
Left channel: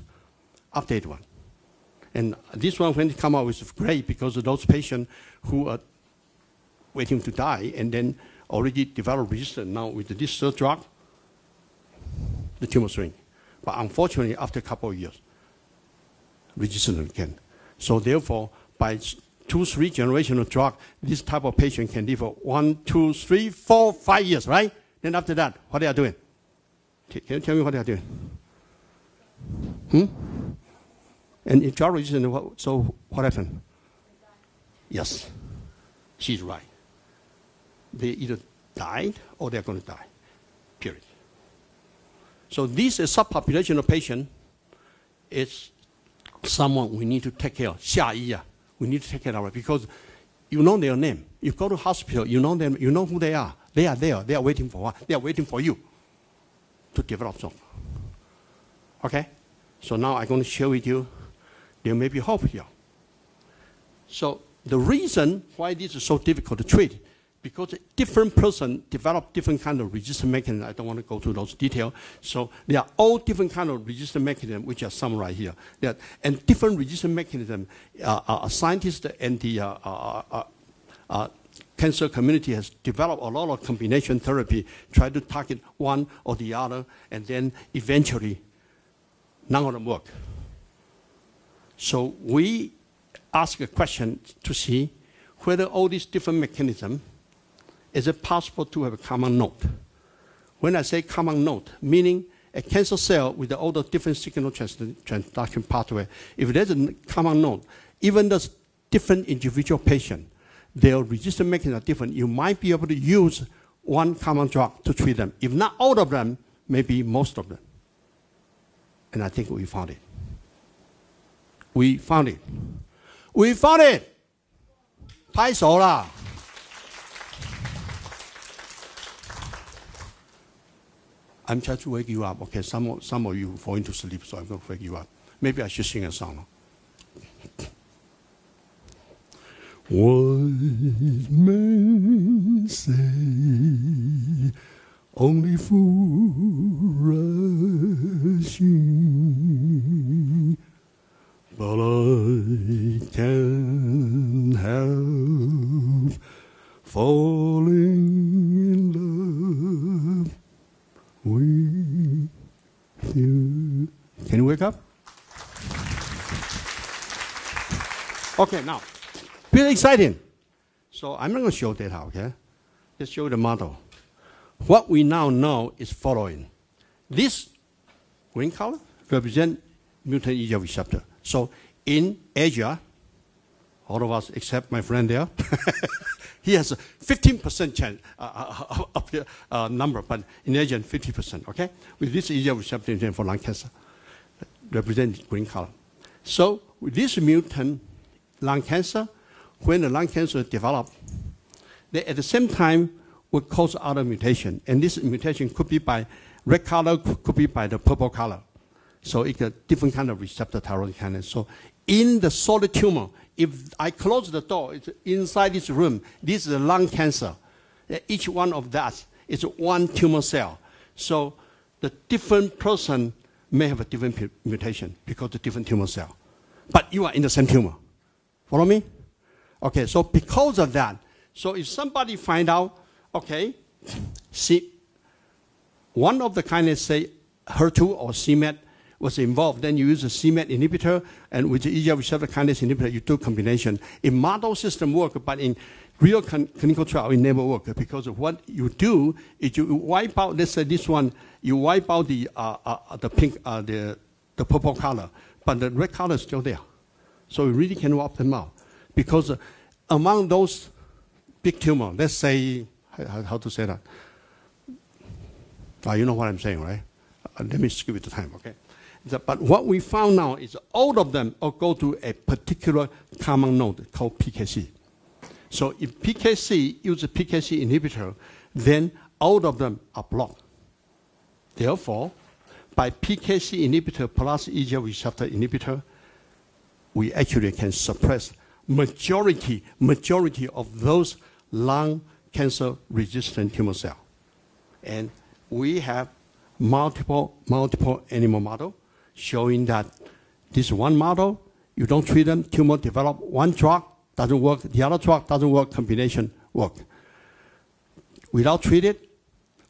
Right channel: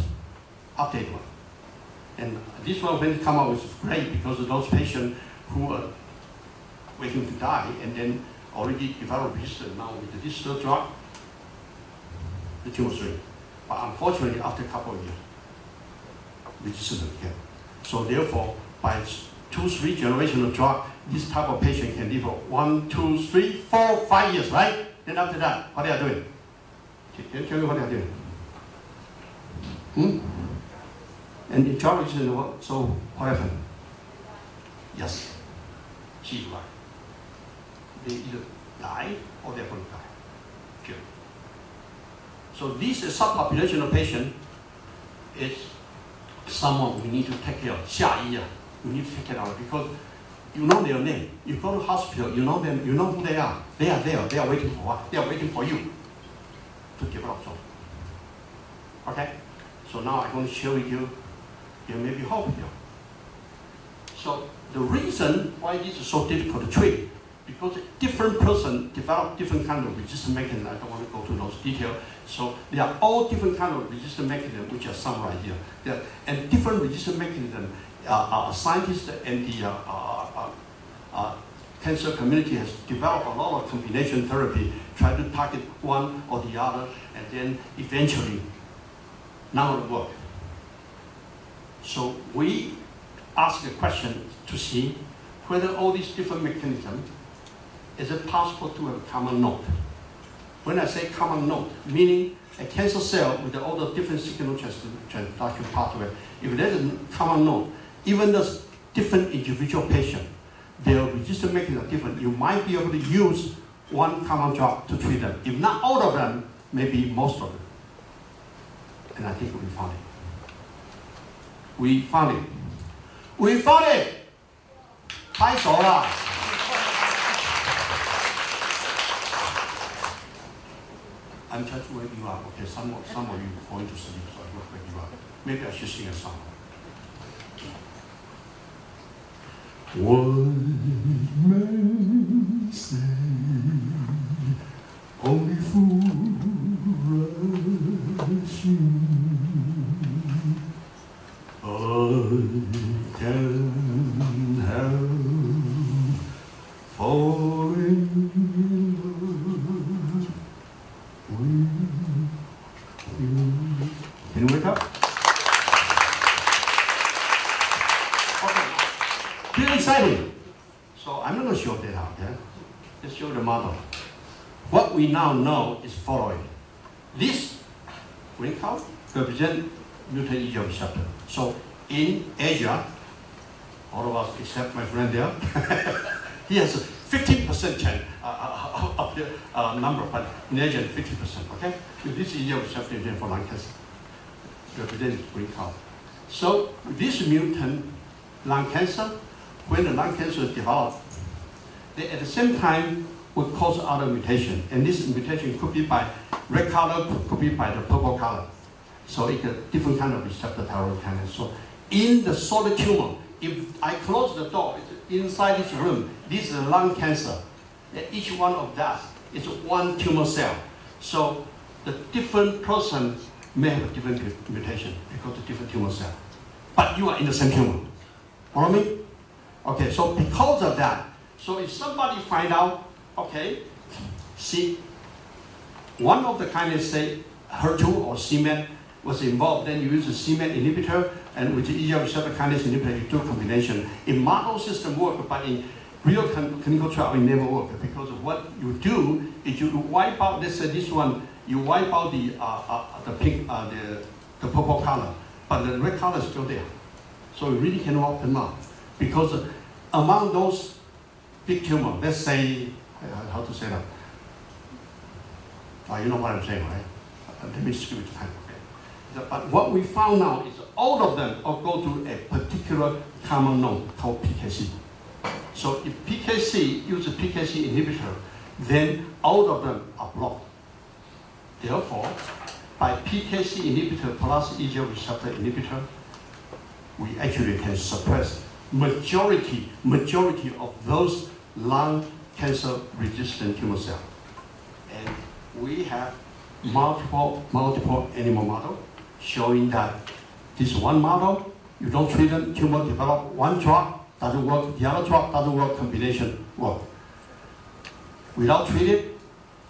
updated one. And this one, when it come out, is great because of those patients who are waiting to die and then already develop resistance now with this third drug, the tumor shrink. But unfortunately, after a couple of years, resistant again. So therefore, by 2-3 generations of drug, this type of patient can live for 1, 2, 3, 4, 5 years, right? Then after that, what they are doing? Can you tell me what they are doing? And in George, so what happened? Yes, she's right. They either died or they're going to die, period. So this subpopulation of patient is someone we need to take care of. 下一啊, we need to take care of it because you know their name. You go to hospital, you know them, you know who they are. They are there, they are waiting for what? They are waiting for you to develop something. Okay? So now I'm going to share with you, there may be hope here. So the reason why this is so difficult to treat, because different person develop different kind of resistance mechanism. I don't want to go through those details. So they are all different kind of resistance mechanism, which are summarized here. Yeah. And different resistance mechanism, scientists and the cancer community has developed a lot of combination therapy, try to target one or the other, and then eventually, none of it work. So we ask a question to see whether all these different mechanisms, is it possible to have a common node? When I say common node, meaning a cancer cell with all the different signal transduction pathway, if there's a common node, even the different individual patient, their resistance mechanism are different, you might be able to use one common drug to treat them. If not all of them, maybe most of them. And I think we found it. We found it. We found it! 拍手啦! I'm trying to wake you up. Okay, some of you going to sleep, so I don't wake you up. Maybe I should sing a song. Wise men say only fools rushing, but I can't help falling in love with you. Can you wake up? Okay, now. Really exciting. So I'm not going to show that out, yeah? Let's show the model. What we now know is following. This green color represents mutant EGFR receptor. So in Asia, all of us except my friend there, he has a 50% chance of the number, but in Asia 50%, okay? With this EGFR receptor for lung cancer, represents green color. So this mutant lung cancer, when the lung cancer is developed, they at the same time would cause other mutation. And this mutation could be by red color, could be by the purple color. So it's a different kind of receptor tyrosine kinase. So in the solid tumor, if I close the door, it's inside this room, this is lung cancer. Each one of that is one tumor cell. So the different person may have a different mutation because of different tumor cell. But you are in the same tumor. Follow me? Okay, so because of that, so if somebody find out, okay, see, one of the kinase, say, HER2 or c-MET was involved, then you use a c-MET inhibitor, and with the EGFR receptor kinase inhibitor, you do combination. In model system work, but in real clinical trial, it never work, because of what you do is you wipe out, let's say this one, you wipe out the pink, the purple color, but the red color is still there. So you really can wipe them out. Because among those big tumors, let's say, how to say that? You know what I'm saying, right? Let me skip it time. Okay. But what we found now is all of them all go to a particular common node called PKC. So if PKC uses a PKC inhibitor, then all of them are blocked. Therefore, by PKC inhibitor plus EGFR receptor inhibitor, we actually can suppress majority of those lung cancer resistant tumor cells. And we have multiple animal models showing that this one model, you don't treat them, tumor develop, one drug doesn't work, the other drug doesn't work, combination work. Without treating,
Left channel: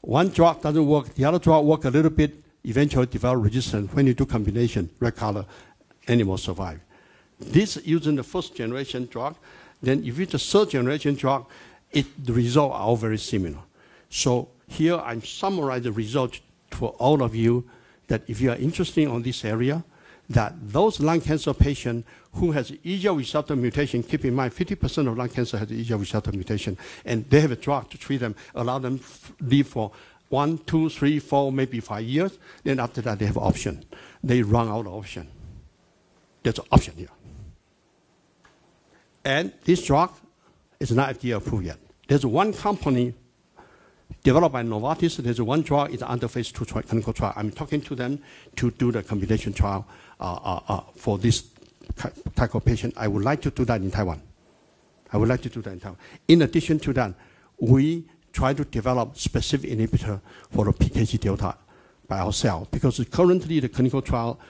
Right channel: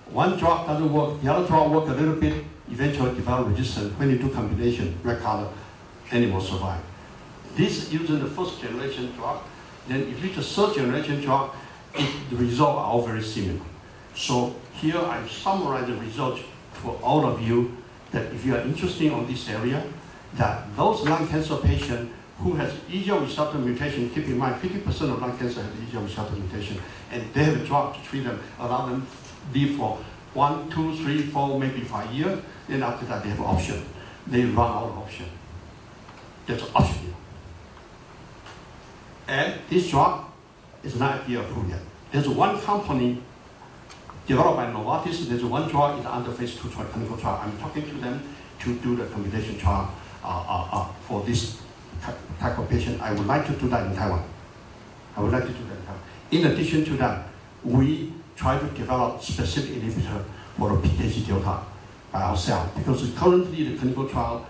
one drug doesn't work, the other drug work a little bit, eventually develop resistance. When you do combination, red color, animals survive. This using the first generation drug, then if you use the third generation drug, the results are all very similar. So here I summarize the results for all of you, that if you are interested in this area, that those lung cancer patients who has EGFR receptor mutation, keep in mind 50% of lung cancer has the EGFR receptor mutation, and they have a drug to treat them, allow them live for 1, 2, 3, 4, maybe 5 years, then after that they have option. They run out of option. That's an option here. And this drug is not FDA approved yet. There's one company developed by Novartis, there's one drug is under phase 2 clinical trial. I'm talking to them to do the combination trial for this type of patient. I would like to do that in Taiwan. In addition to that, we try to develop specific inhibitor for the PKC delta by ourselves, because currently the clinical trial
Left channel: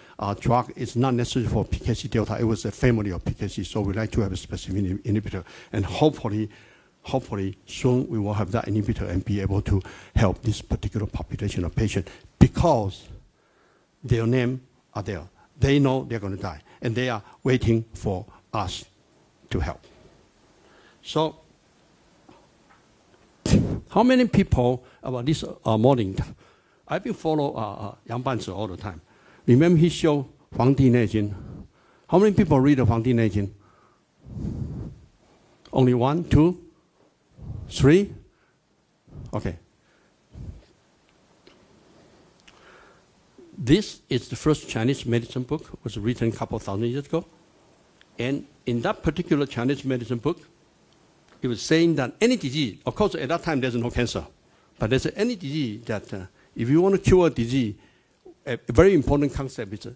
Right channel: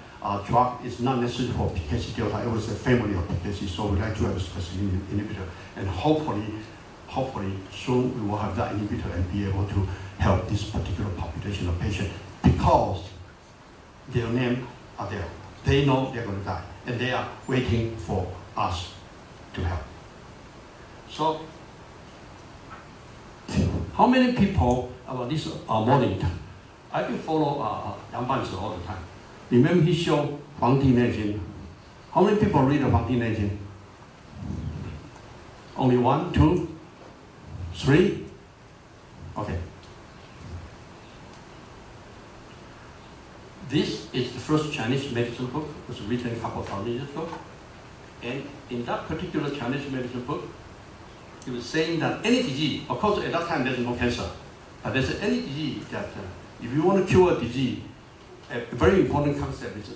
drug is not necessary for PKC delta. It was a family of PKC, so we like to have a specific inhibitor, and hopefully soon we will have that inhibitor and be able to help this particular population of patients, because their names are there. They know they're going to die, and they are waiting for us to help. So, how many people about this morning? I've been follow Yang Banzi all the time. Remember he showed 黄帝内经. How many people read the 黄帝内经? Only 1, 2, 3? Okay. This is the first Chinese medicine book. It was written a couple of thousand years ago. And in that particular Chinese medicine book, he was saying that any disease, of course at that time there's no cancer, but there's any disease that if you want to cure a disease, a very important concept is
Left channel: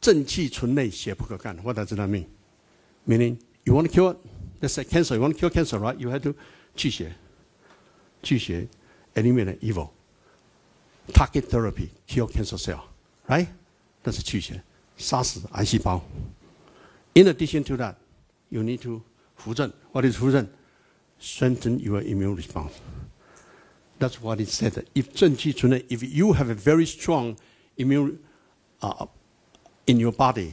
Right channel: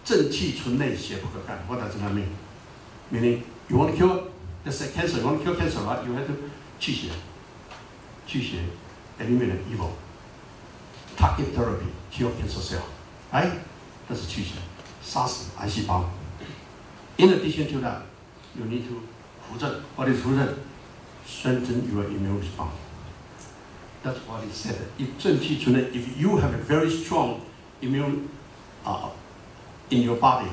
正气存内，邪不可干. What does that mean? Meaning, you want to cure, let's say cancer, you want to cure cancer, right? You have to 去邪. 去邪, eliminate evil. Target therapy, cure cancer cell, right? That's 去邪, 杀死癌细胞. In addition to that, you need to 扶正. What is 扶正? Strengthen your immune response. That's what it said. If 正气存内, if you have a very strong immune in your body,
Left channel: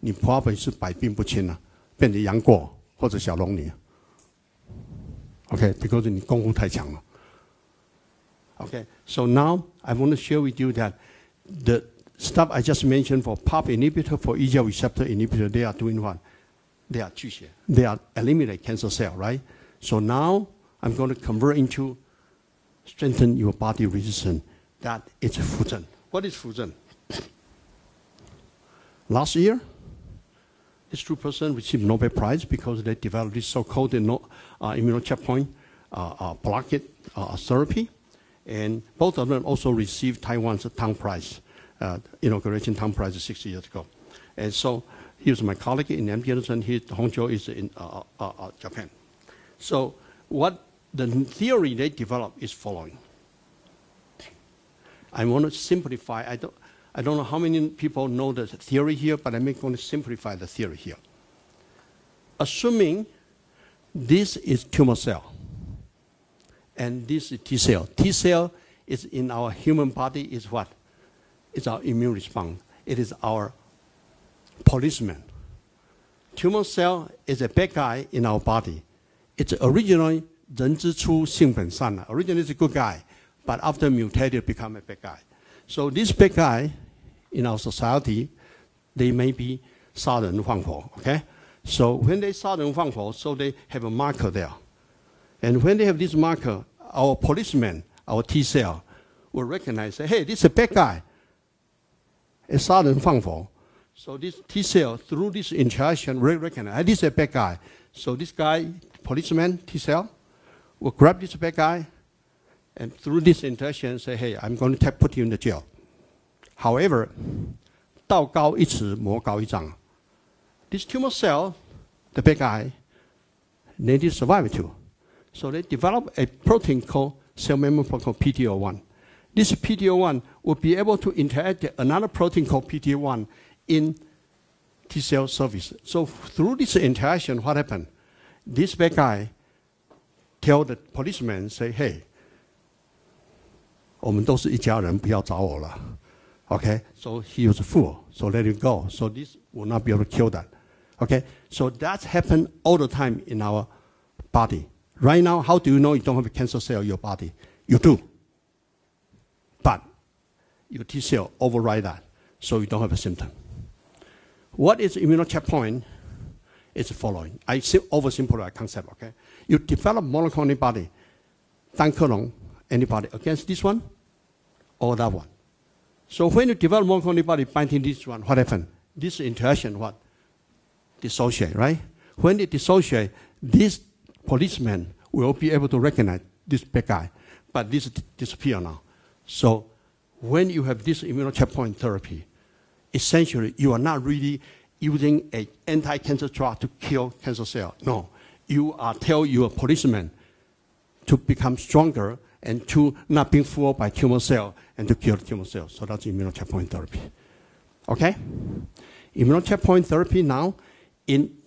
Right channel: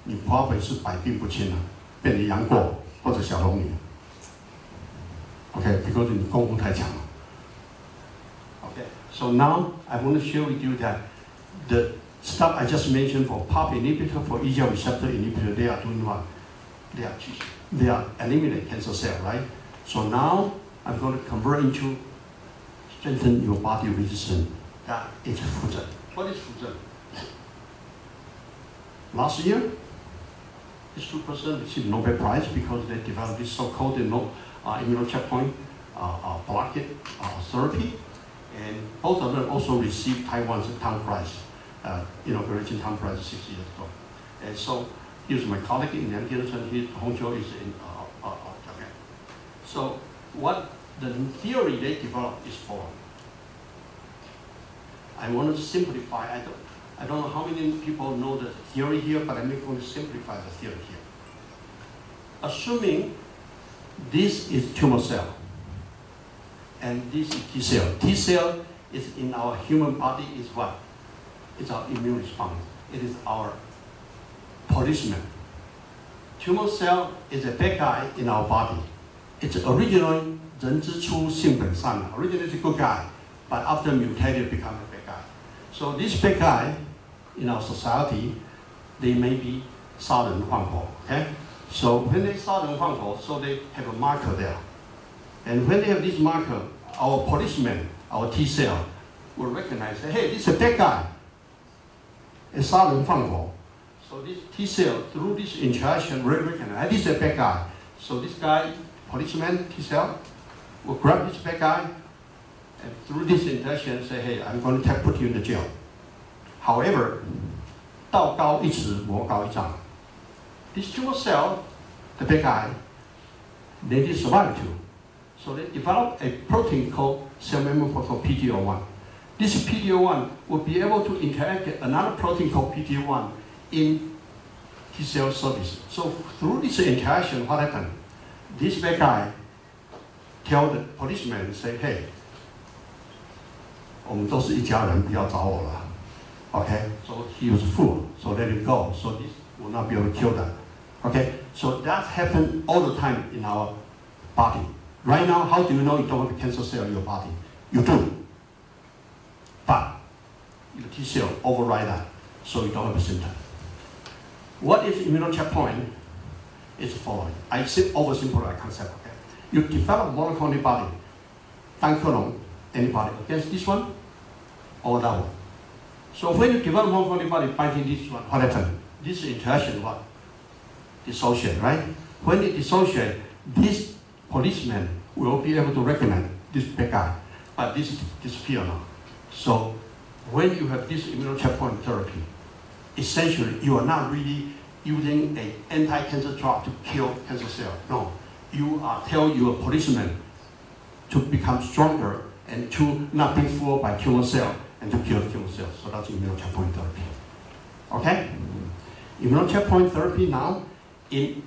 你 probably 是百病不侵了，变成杨过或者小龙女。Okay, because 你功夫太强了。Okay, so now I want to share with you that the stuff I just mentioned for PARP inhibitor, for EGFR receptor inhibitor, they are doing what? They are eliminating cancer cell, right? So now I'm going to convert into strengthen your body resistance. That is 扶正. What is 扶正? Last year, these two persons received Nobel Prize because they developed this so-called immuno checkpoint blockade therapy, and both of them also received Taiwan's Town Prize, inauguration Town Prize 6 years ago. And so He was my colleague in MD Anderson. Hongzhou is in Japan. So what the theory they developed is following. I want to simplify. I don't know how many people know the theory here, but I'm going to simplify the theory here. Assuming this is tumor cell, and this is T cell. T cell is in our human body is what? It's our immune response. It is our policeman. Tumor cell is a bad guy in our body. It's originally 人之初性本善. Originally it's a good guy, but after mutated become a bad guy. So this bad guy in our society, they may be 杀人放火. Okay? So when they 杀人放火, so they have a marker there. And when they have this marker, our policeman, our T cell, will recognize, say, hey, this is a bad guy. It's 杀人放火. So this T cell, through this interaction, will recognize, this is a bad guy. So this guy, policeman, T cell, will grab this bad guy, and through this interaction, say, hey, I'm going to put you in the jail. However, 道高一尺，魔高一丈. This tumor cell, the bad guy, they did survive too. So they developed a protein called cell membrane called PD-L1. This PD-L1 will be able to interact with another protein called PD-L1 in T cell surface. So through this interaction, what happened? This bad guy tell the policeman, say, hey, 我们都是一家人，不要找我了. Okay, so he was fooled, so let it go. So this will not be able to kill them. Okay, so that happens all the time in our body. Right now, how do you know you don't have a cancer cell in your body? You do. But your T cell override that, so you don't have a symptom. What is immunocheckpoint? It's following. I oversimplify concept, okay? You develop monoclonal antibody, 单克隆 antibody against this one or that one. So when you develop monoclonal antibody binding this one, what happens? This interaction, what? Dissociate, right? When it dissociate, this policeman will be able to recognize this bad guy, but this disappear now. So when you have this immunocheckpoint therapy, essentially you are not really using an anti-cancer drug to kill cancer cell. No, you are telling your policeman to become stronger and to not be fooled by tumor cell and to kill tumor cells. So that's immunocheckpoint therapy. Okay? Immunocheckpoint therapy now in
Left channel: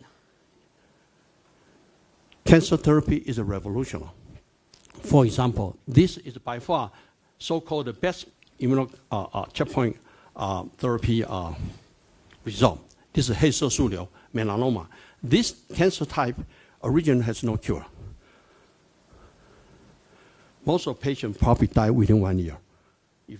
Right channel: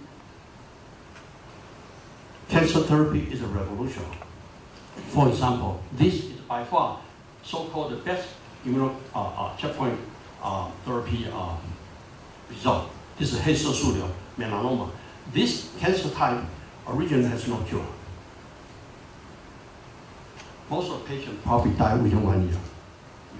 cancer therapy is a revolution. For example, this is by far so-called the best checkpoint therapy result. This is 黑色素瘤 melanoma. This cancer type originally has no cure. Most of patients probably die within 1 year. If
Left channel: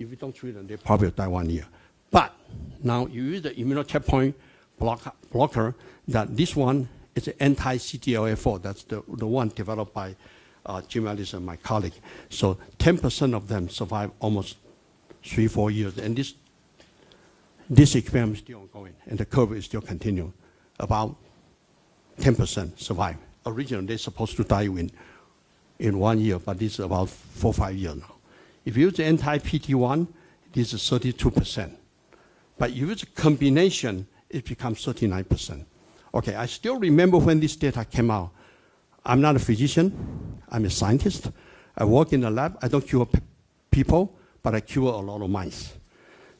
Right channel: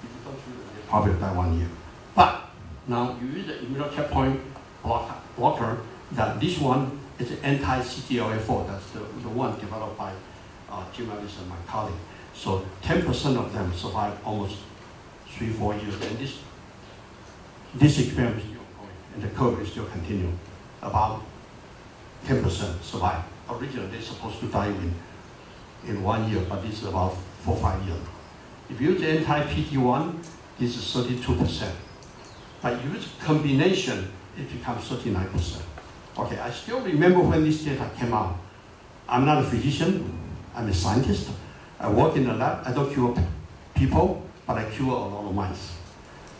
you don't treat them, they probably die 1 year. But now you use the immunocheckpoint blocker, that this one is an anti-CTLA4. That's the one developed by Jim Anderson, my colleague. So 10% of them survive almost 3-4 years. And this experiment is still ongoing, and the curve is still continuing. About 10% survive. Originally, they're supposed to die in 1 year, but this is about 4 or 5 years now. If you use anti-PD-1, this is 32%. But if you use a combination, it becomes 39%. Okay, I still remember when this data came out. I'm not a physician, I'm a scientist. I work in the lab, I don't cure people, but I cure a lot of mice.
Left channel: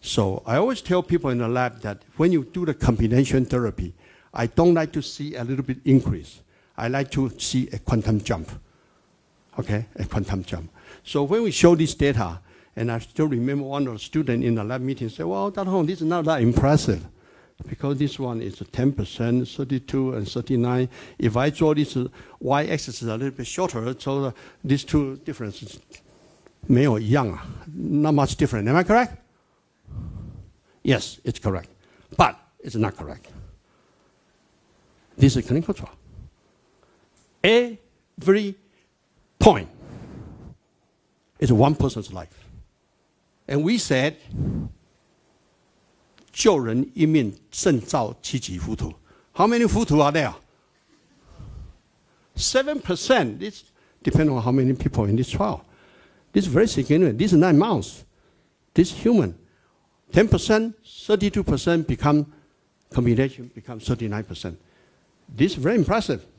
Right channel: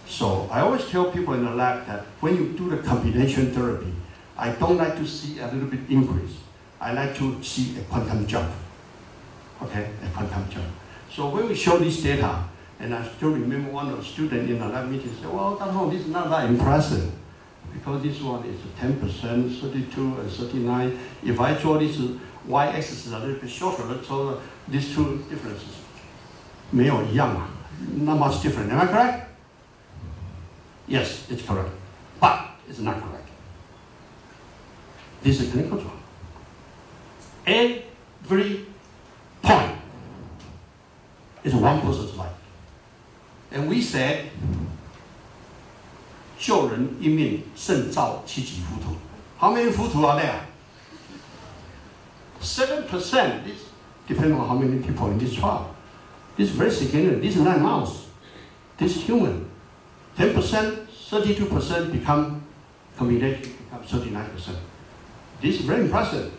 So I always tell people in the lab that when you do the combination therapy, I don't like to see a little bit increase. I like to see a quantum jump. Okay, a quantum jump. So when we show this data, and I still remember one of the students in the lab meeting said, well, Dr. Hong, this is not that impressive, because this one is 10%, 32, and 39. If I draw this y-axis a little bit shorter, so these two differences, 没有一样, not much different. Am I correct? Yes, it's correct, but it's not correct. This is clinical trial. Every point is one person's life. And we said, 救人一命胜造七级浮屠. How many 浮屠 are there? 7%. It depends on how many people in this trial. This is very significant. This is not mouse. This is human. 10%, 32% become combination becomes 39%. This is very impressive.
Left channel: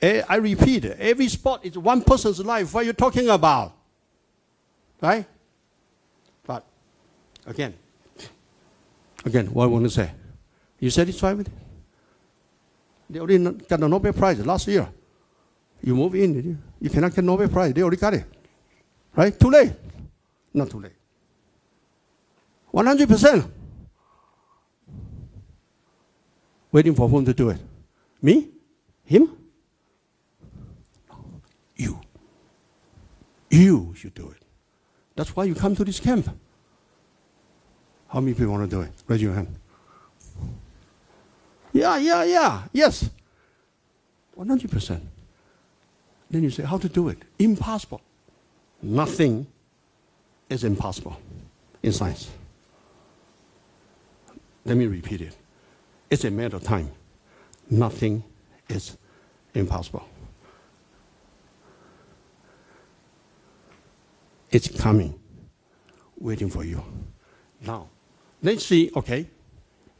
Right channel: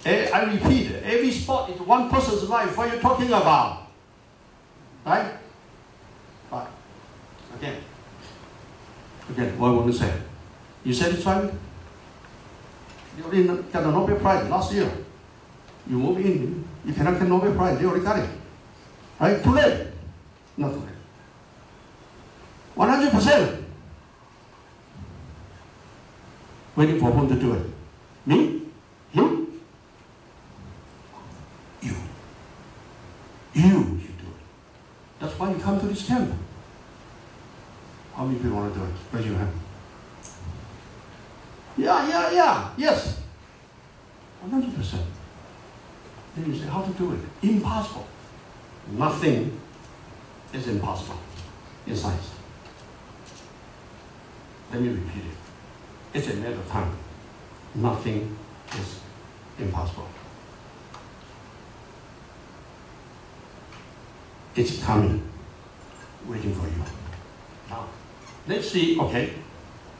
I repeat, every sport is one person's life. What are you talking about? Right? But again, what I want to say. You satisfied? They already got the Nobel Prize last year. You move in, you cannot get Nobel Prize. They already got it. Right? Too late. Not too late. 100%. Waiting for whom to do it? Me? Him? You. You should do it. That's why you come to this camp. How many people want to do it? Raise your hand. Yeah. Yes. 100%. Then you say, how to do it? Impossible. Nothing is impossible in science. Let me repeat it. It's a matter of time. Nothing is impossible. It's coming, waiting for you. Now, let's see, okay,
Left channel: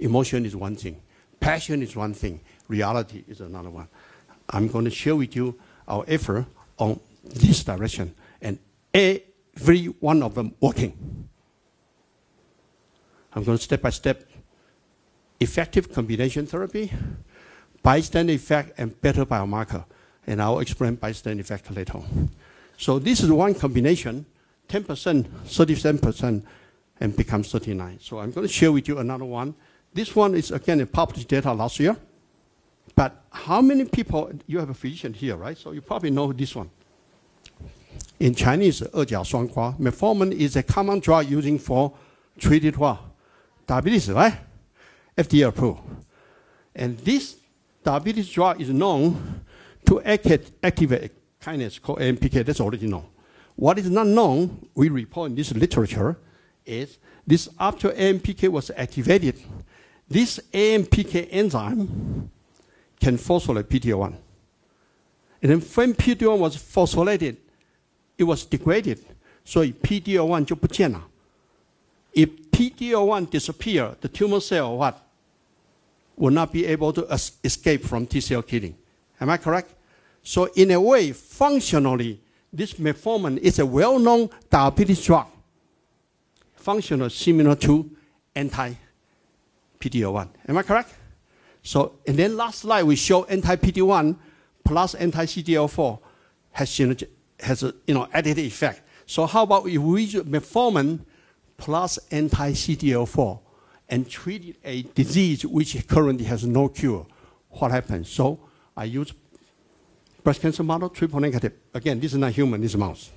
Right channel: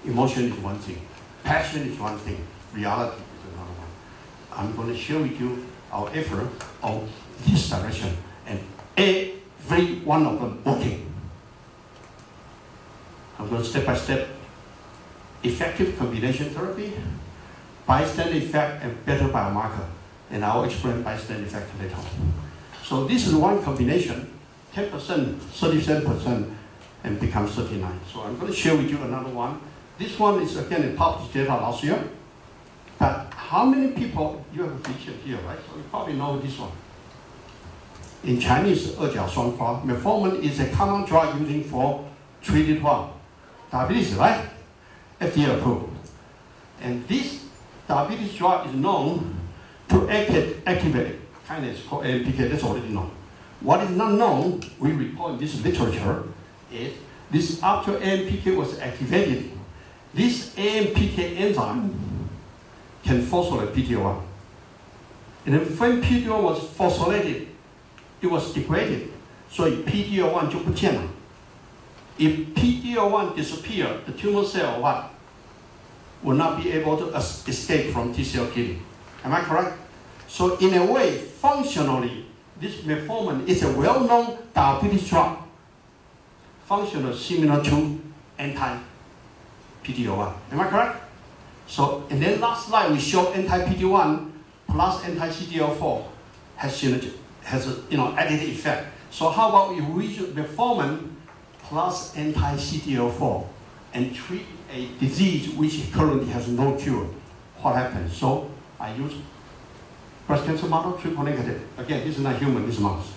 emotion is one thing. Passion is one thing. Reality is another one. I'm going to share with you our effort on this direction, and every one of them working. I'm going step by step. Effective combination therapy, bystander effect, and better biomarker. And I'll explain bystander effect later on. So this is one combination, 10%, 37%, and becomes 39. So I'm going to share with you another one. This one is, again, published data last year. But how many people, you have a physician here, right? So you probably know this one. In Chinese, 二甲双胍, metformin is a common drug used for treated what? Diabetes, right? FDA approved. And this diabetes drug is known to activate kinase called AMPK, that's already known. What is not known, we report in this literature, is this after AMPK was activated, this AMPK enzyme can phosphorylate PD-L1. And then when PD-L1 was phosphorylated, it was degraded. So PD-L1 就不见了. If PD-L1 disappears, the tumor cell what? Will not be able to escape from T-cell killing. Am I correct? So in a way, functionally, this metformin is a well-known diabetes drug. Functional similar to anti-PD-L1. Am I correct? So, and then last slide we show anti-PD-1 plus anti-CTLA4 has added effect. So how about we use metformin plus anti-CTLA4 and treat a disease which currently has no cure? What happens? So I use breast cancer model, triple negative. Again, this is not human, this is mouse.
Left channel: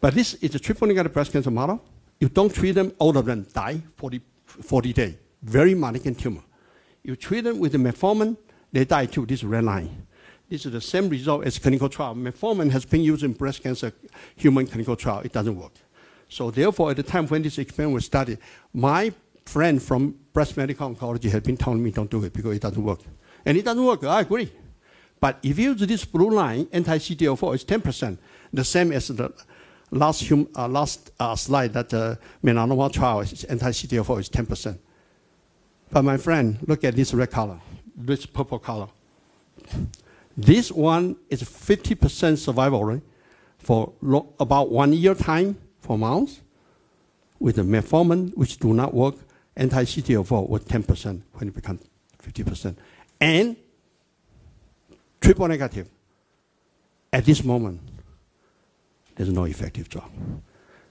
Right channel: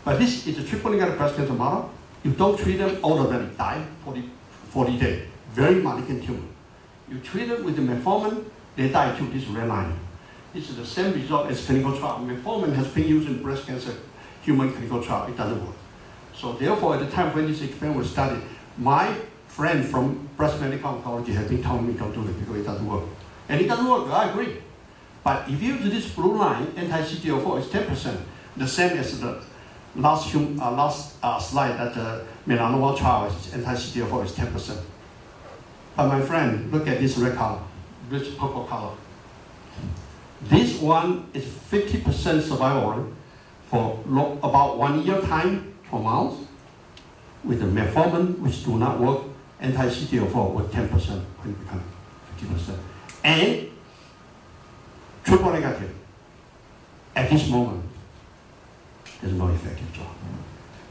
But this is a triple negative breast cancer model. You don't treat them, all of them die 40 days. Very malignant tumor. You treat them with the metformin, they die too. This is red line. This is the same result as clinical trial. Metformin has been used in breast cancer human clinical trial. It doesn't work. So therefore, at the time when this experiment was started, my friend from breast medical oncology had been telling me don't do it because it doesn't work. And it doesn't work, I agree. But if you use this blue line, anti-CTLA4 is 10%, the same as the last slide that the melanoma trial is anti-CTLA4 is 10%. But my friend, look at this red color, this purple color. This one is 50% survival rate for about 1 year time for mouse, with the metformin, which do not work, anti-CTLA4 with 10% when you become 50%. And triple negative, at this moment, there's no effective drug.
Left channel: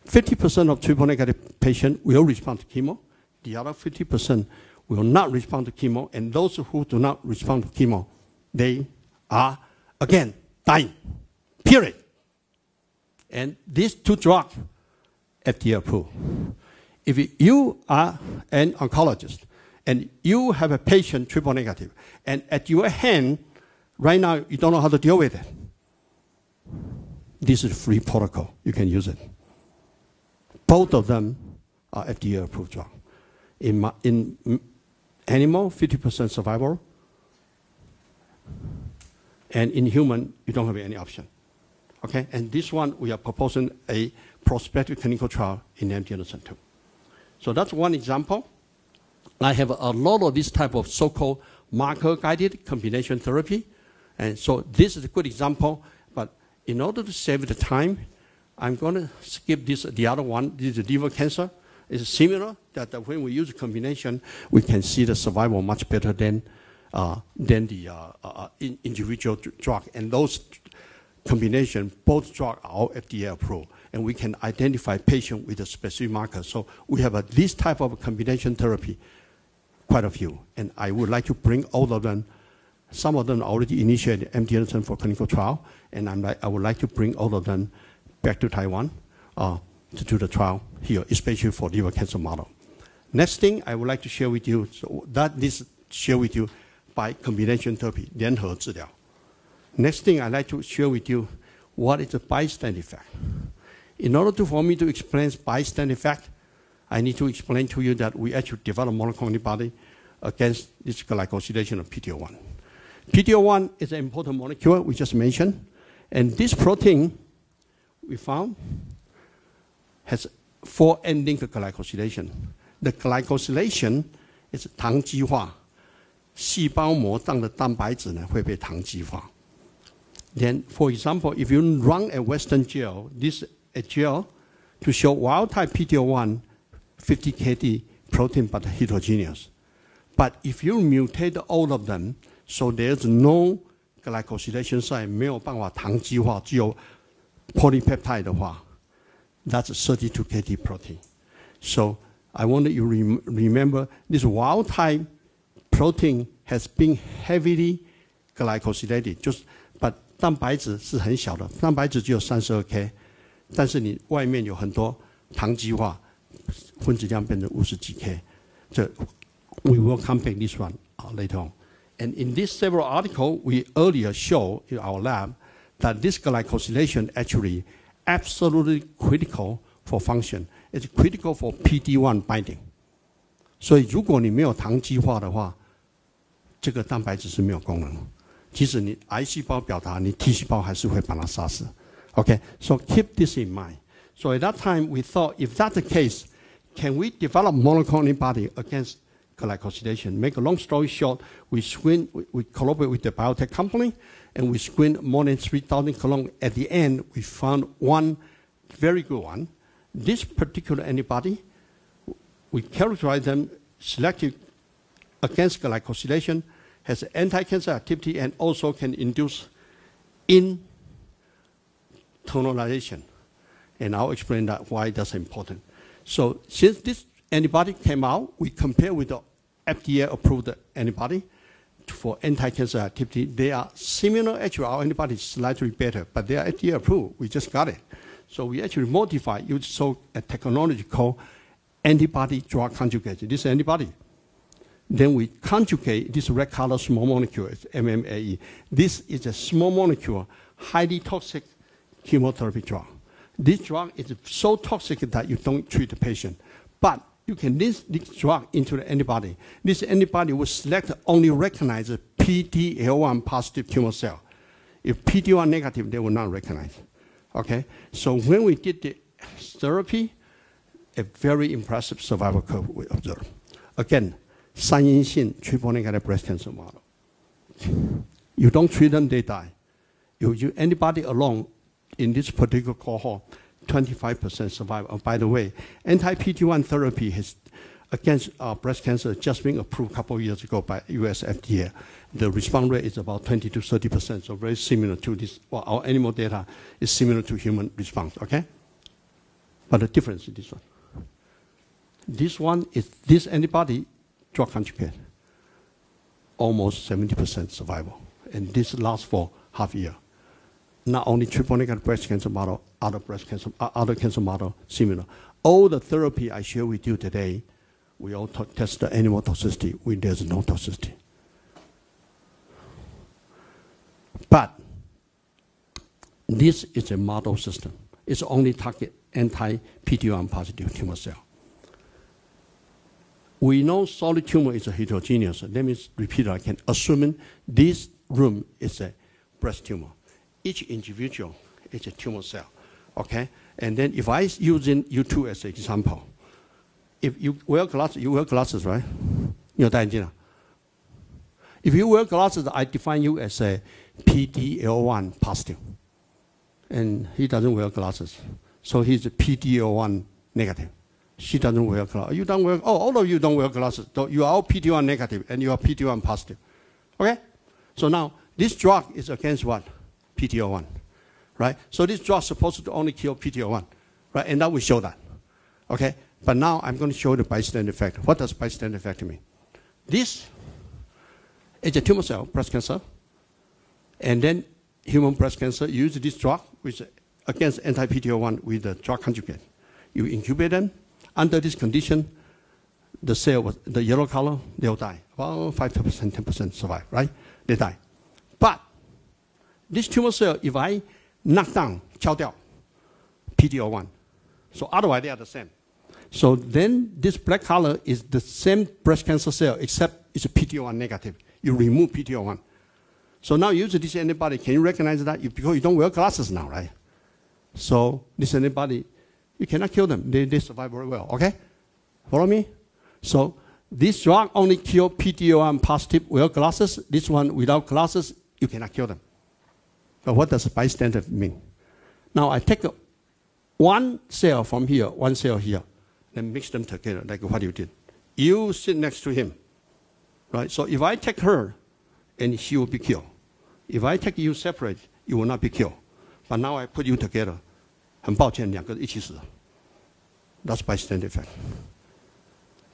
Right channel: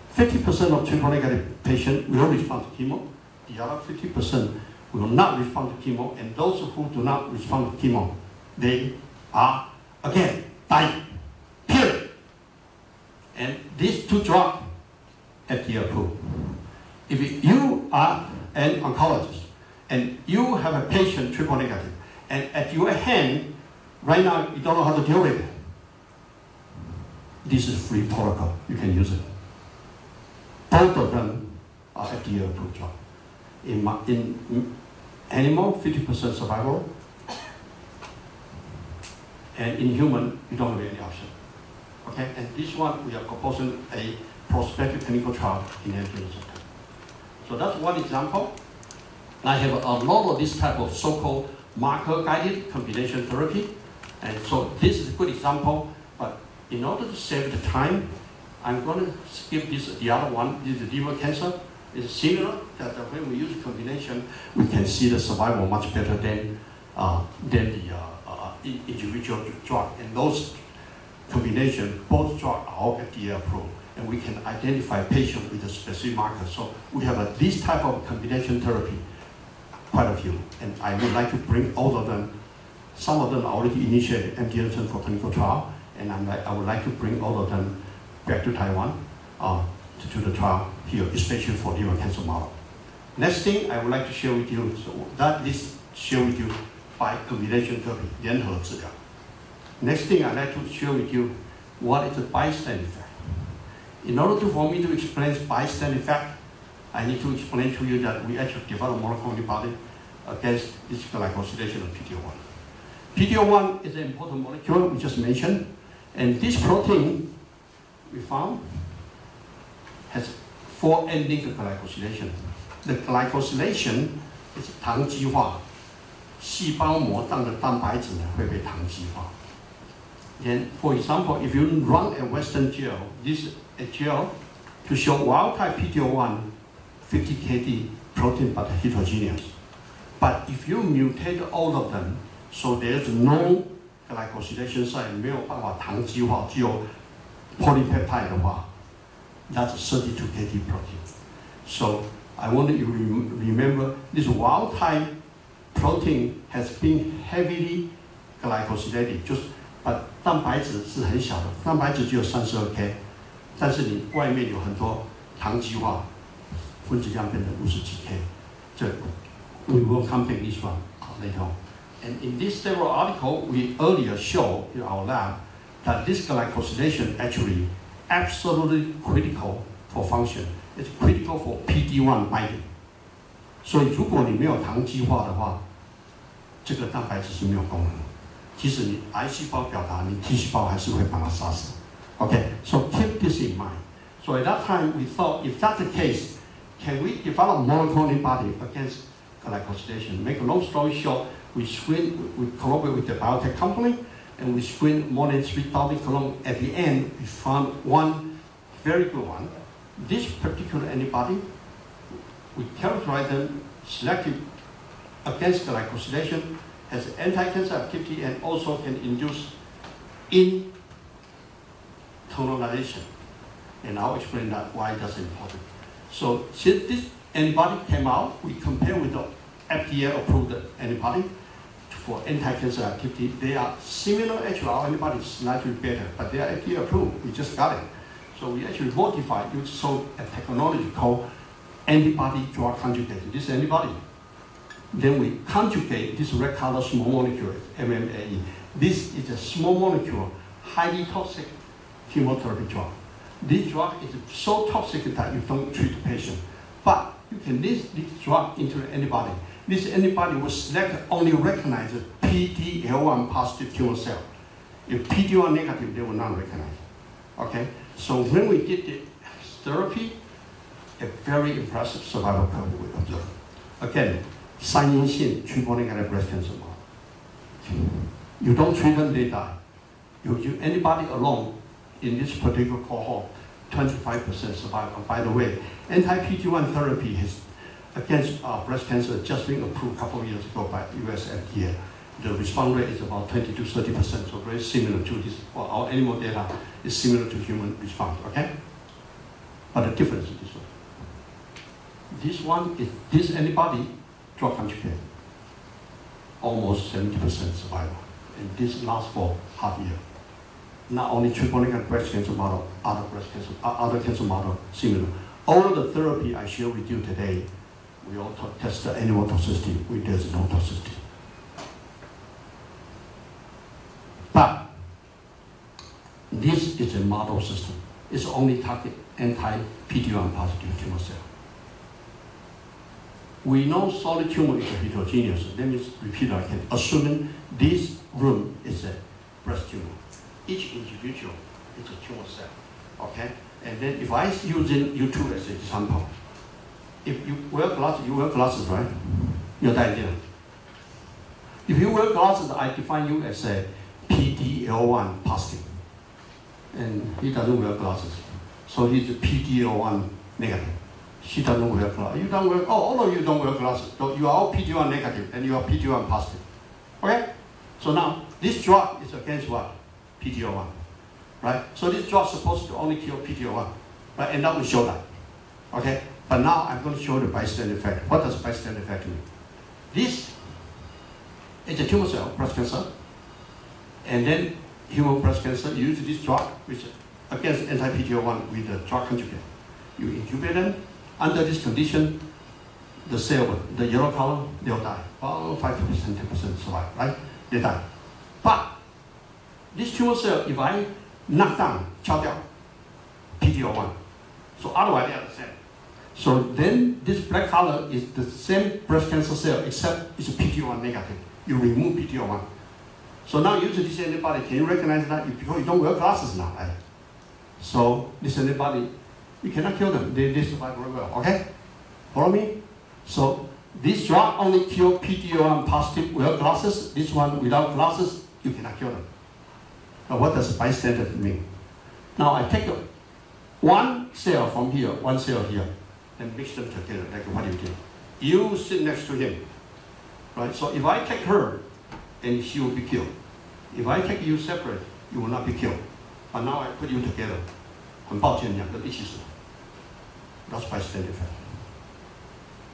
50% of triple negative patients will respond to chemo, the other 50% will not respond to chemo, and those who do not respond to chemo, they are, again, dying, period. And these two drugs, FDA approved. If you are an oncologist, and you have a patient triple negative, and at your hand, right now, you don't know how to deal with it, this is free protocol, you can use it. Both of them are FDA approved drugs. In animal, 50% survival, and in human, you don't have any option. Okay, and this one, we are proposing a prospective clinical trial in antenatal symptom. So that's one example. I have a lot of this type of so-called marker-guided combination therapy. And so this is a good example, but in order to save the time, I'm going to skip this, the other one. This is liver cancer. It's similar that when we use a combination, we can see the survival much better than the individual drug. And those combinations, both drugs are FDA approved. And we can identify patients with a specific marker. So we have this type of combination therapy, quite a few. And I would like to bring all of them. Some of them already initiated MD Anderson for clinical trial, and I would like to bring all of them back to Taiwan to do the trial here, especially for liver cancer model. Next thing I would like to share with you, so that this share with you by combination therapy, 联合治疗. Next thing I'd like to share with you what is the bystander effect. In order for me to explain bystander effect, I need to explain to you that we actually develop monoclonal antibody against this glycosylation of PD-L1. PD-L1 is an important molecule we just mentioned, and this protein we found has 4 endings of glycosylation. The glycosylation is 糖基化，细胞膜上的蛋白质呢会被糖基化。Then, for example, if you run a Western gel, this a gel to show wild type PD-L1 50 kD protein but heterogeneous. But if you mutate all of them, so there's no glycosylation site, 没有办法糖基化，只有 polypeptide 的话， that's 32 kD protein. So I want you to remember this wild type protein has been heavily glycosylated. But 蛋白质是很小的，蛋白质只有32 K， 但是你外面有很多糖基化，分子量变成50几 K。这 we will compare this one later on. And in this several article, we earlier showed in our lab that this glycosylation actually absolutely critical for function. It's critical for PD-1 binding. 所以如果你没有糖基化的话，这个蛋白质是没有功能的。即使你癌细胞表达，你 T 细胞还是会把它杀死。Okay, so keep this in mind. So at that time, we thought, if that's the case, can we develop monoclonal antibody against glycosylation? Make a long story short, we collaborate with the biotech company, and we screened more than 3,000 clones. At the end, we found one very good one. This particular antibody, we characterize them selective against glycosylation, has anti-cancer activity, and also can induce internalization. And I'll explain that why that's important. So since this antibody came out, we compare with the FDA-approved antibody for anti-cancer activity. They are similar, actually our antibody is slightly better, but they are FDA-approved. We just got it. So we actually modified, use a technology called antibody-drug conjugate. This antibody. Then we conjugate this red color small molecule, MMAE. This is a small molecule, highly toxic chemotherapy drug. This drug is so toxic that you don't treat the patient. But you can list this drug into the antibody. This antibody will select only recognize PD-L1 positive tumor cell. If PD-1 negative, they will not recognize. Okay? So when we did the therapy, a very impressive survival curve we observed. Again, 三阴性 triple negative breast cancer model. You don't treat them, they die. You use antibody alone in this particular cohort, 25% survival. By the way, anti-PD-1 therapy has, against breast cancer just been approved a couple of years ago by US FDA. The response rate is about 20 to 30%, so very similar to this. Well, our animal data is similar to human response, okay? But the difference is this one. This one is this antibody drug conjugate, almost 70% survival. And this lasts for half a year. Not only triple negative breast cancer model, other cancer model similar. All the therapy I share with you today, we all test the animal toxicity. There's no toxicity. But this is a model system. It's only target anti-PD-1 positive tumor cell. We know solid tumor is a heterogeneous. Let me repeat again. Assuming this room is a breast tumor. Each individual is a tumor cell, okay? And then if I using you two as an example, if you wear glasses, right? 你有戴眼镜吗 ？If you wear glasses, I define you as a PDL1 positive, and he doesn't wear glasses, so he's a PDL1 negative. She doesn't wear glasses. You don't wear. Oh, all of you don't wear glasses. You are all PD1 negative, and you are PD1 positive. Okay. So now this drug is against what? PD1, right? So this drug is supposed to only kill PD1, right? And that will show that. Okay. But now I'm going to show the bystander effect. What does bystander effect mean? This is a tumor cell, breast cancer, and then human breast cancer use this drug, which against anti-PD-L1 with the drug conjugate. You incubate them. Under this condition, the cell, the yellow color, they'll die. Well, 5%, 10% survive, right? They die. But this tumor cell, if I knock down, 敲掉 PD-L1, so otherwise they are the same. So then this black color is the same breast cancer cell, except it's a PD-L1 negative. You remove PD-L1. So now use this antibody. Can you recognize that? Because you don't wear glasses now, right? So this antibody, you cannot kill them. They survive very well. Okay? Follow me? So this drug only kills PD-L1 positive wear glasses. This one without glasses, you cannot kill them. But what does bystander mean? Now I take one cell from here, one cell here, and mix them together like what you did. You sit next to him. Right? So if I take her, and she will be killed. If I take you separate, you will not be killed. But now I put you together. 很抱歉，两个一起死。That's bystander effect.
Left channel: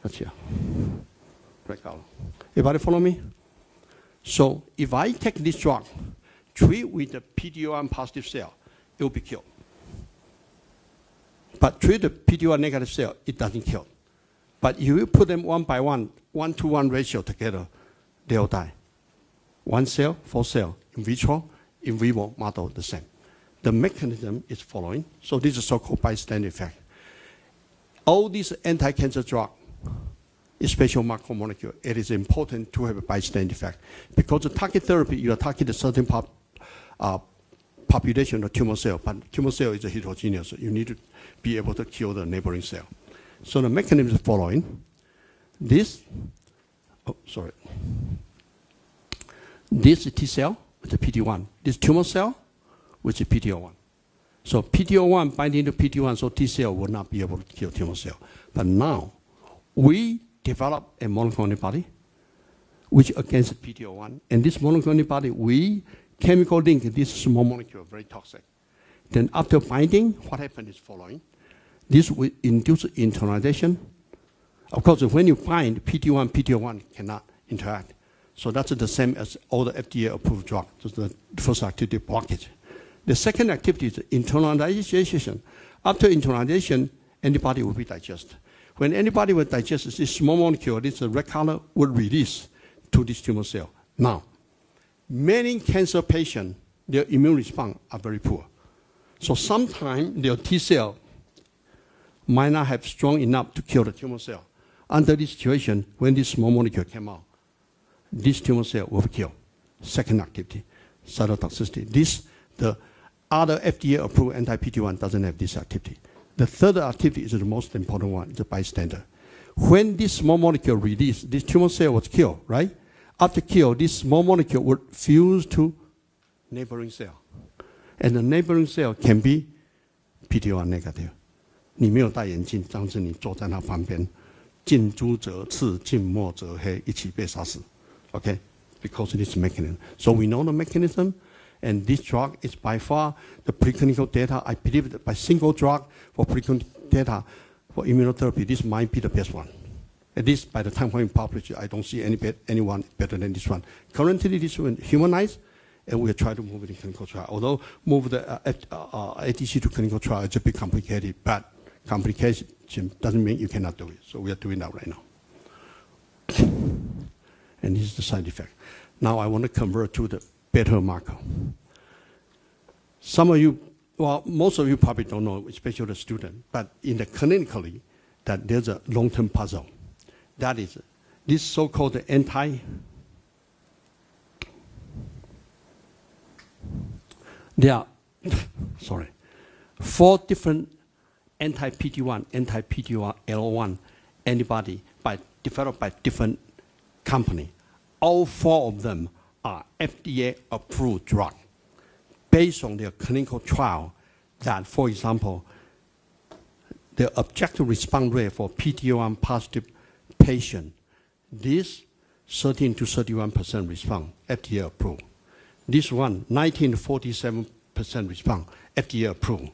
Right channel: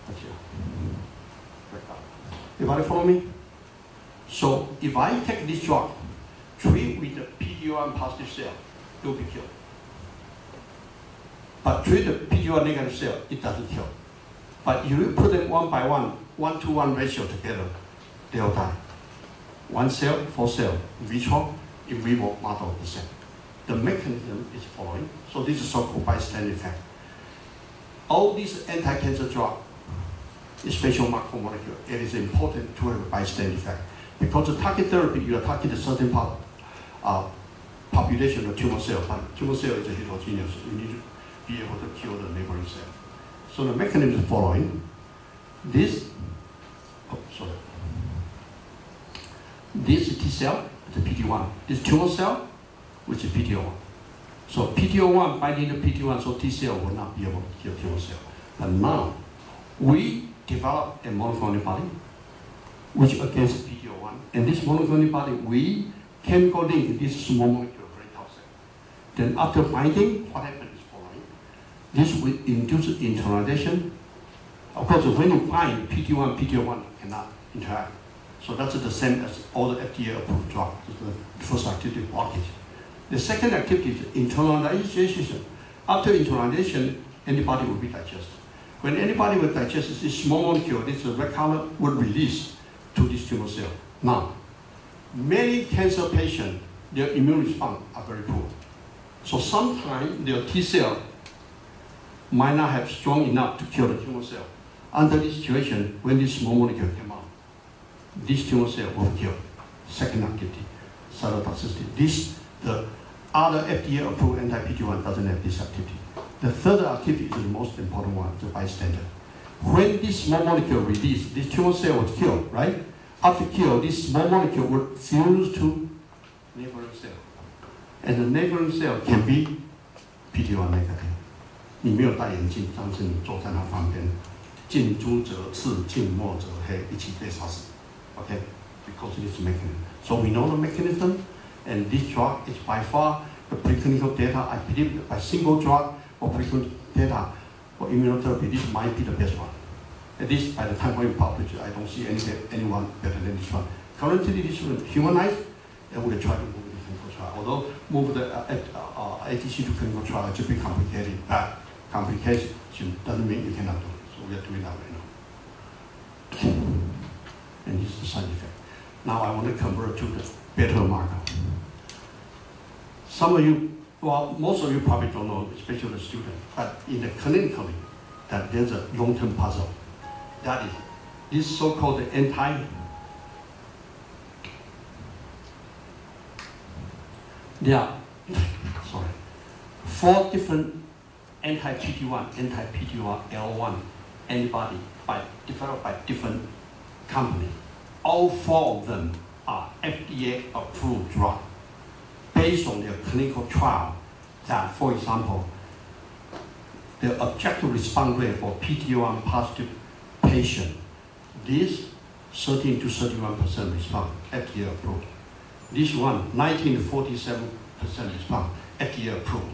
That's here. Break out. Everybody follow me? So if I take this drug, treat with the PD-L1 positive cell, it will be killed. But treat the PD-L1 negative cell, it doesn't kill. But if you put them one by one, 1-to-1 ratio together, they will die. One cell, 4 cells. In vitro, in vivo model, the same. The mechanism is following. So this is so-called bystander effect. All these anti-cancer drugs, especially macromolecule, it is important to have a bystander effect. Because the target therapy, you are targeting a certain population of tumor cell. Tumor cell is heterogeneous. You need to be able to kill the neighboring cell. So the mechanism is following. This T cell, the PD-1. This tumor cell, which is PD-L1. So PD-L1 binding to PD-1, so T cell will not be able to kill tumor cell. But now, we develop a monoclonal antibody, which is against PD-L1. And this monoclonal antibody, we chemical link this small molecule, very toxic. Then after binding, what happens is following. This will induce internalization. Of course, when you bind PD-1, PD-L1 cannot interact. So that's the same as all the FDA-approved drugs. The first activity blockage. The second activity is internalization. After internalization, antibody will be digested. When antibody will digest, this small molecule, this red color, will release to this tumor cell. Now, many cancer patients, their immune response are very poor. So sometimes their T cell might not have strong enough to kill the tumor cell. Under this situation, when this small molecule came out, this tumor cell will kill. Second activity, cytotoxicity. The other FDA-approved anti-PD-1 doesn't have this activity. The third activity is the most important one, the bystander. When this small molecule released, this tumor cell was killed, right? After kill, this small molecule would fuse to neighboring cell. And the neighboring cell can be PD-1 negative. 你没有戴眼镜，当时你坐在那旁边，近朱者赤，近墨者黑，一起被杀死。Okay, because of this mechanism. So we know the mechanism, and this drug is by far the preclinical data. I believe by single drug or preclinical data for immunotherapy, this might be the best one. At least by the time when we publish it, I don't see anyone better than this one. Currently, this one humanized, and we'll try to move it to clinical trial. Although move the ADC to clinical trial is a bit complicated, but complication doesn't mean you cannot do it. So we are doing that right now. And this is the side effect. Now I want to convert to the better marker. Some of you, well, most of you probably don't know, especially the student, but in the clinically, that there's a long-term puzzle. That is, this so-called there are 4 different anti-PD-1, anti-PD-L1 antibody developed by different company. All 4 of them are FDA-approved drugs based on their clinical trial that, for example, the objective response rate for PD-L1 positive patient, this 13 to 31% response, FDA approved. This one, 19 to 47% response, FDA approved.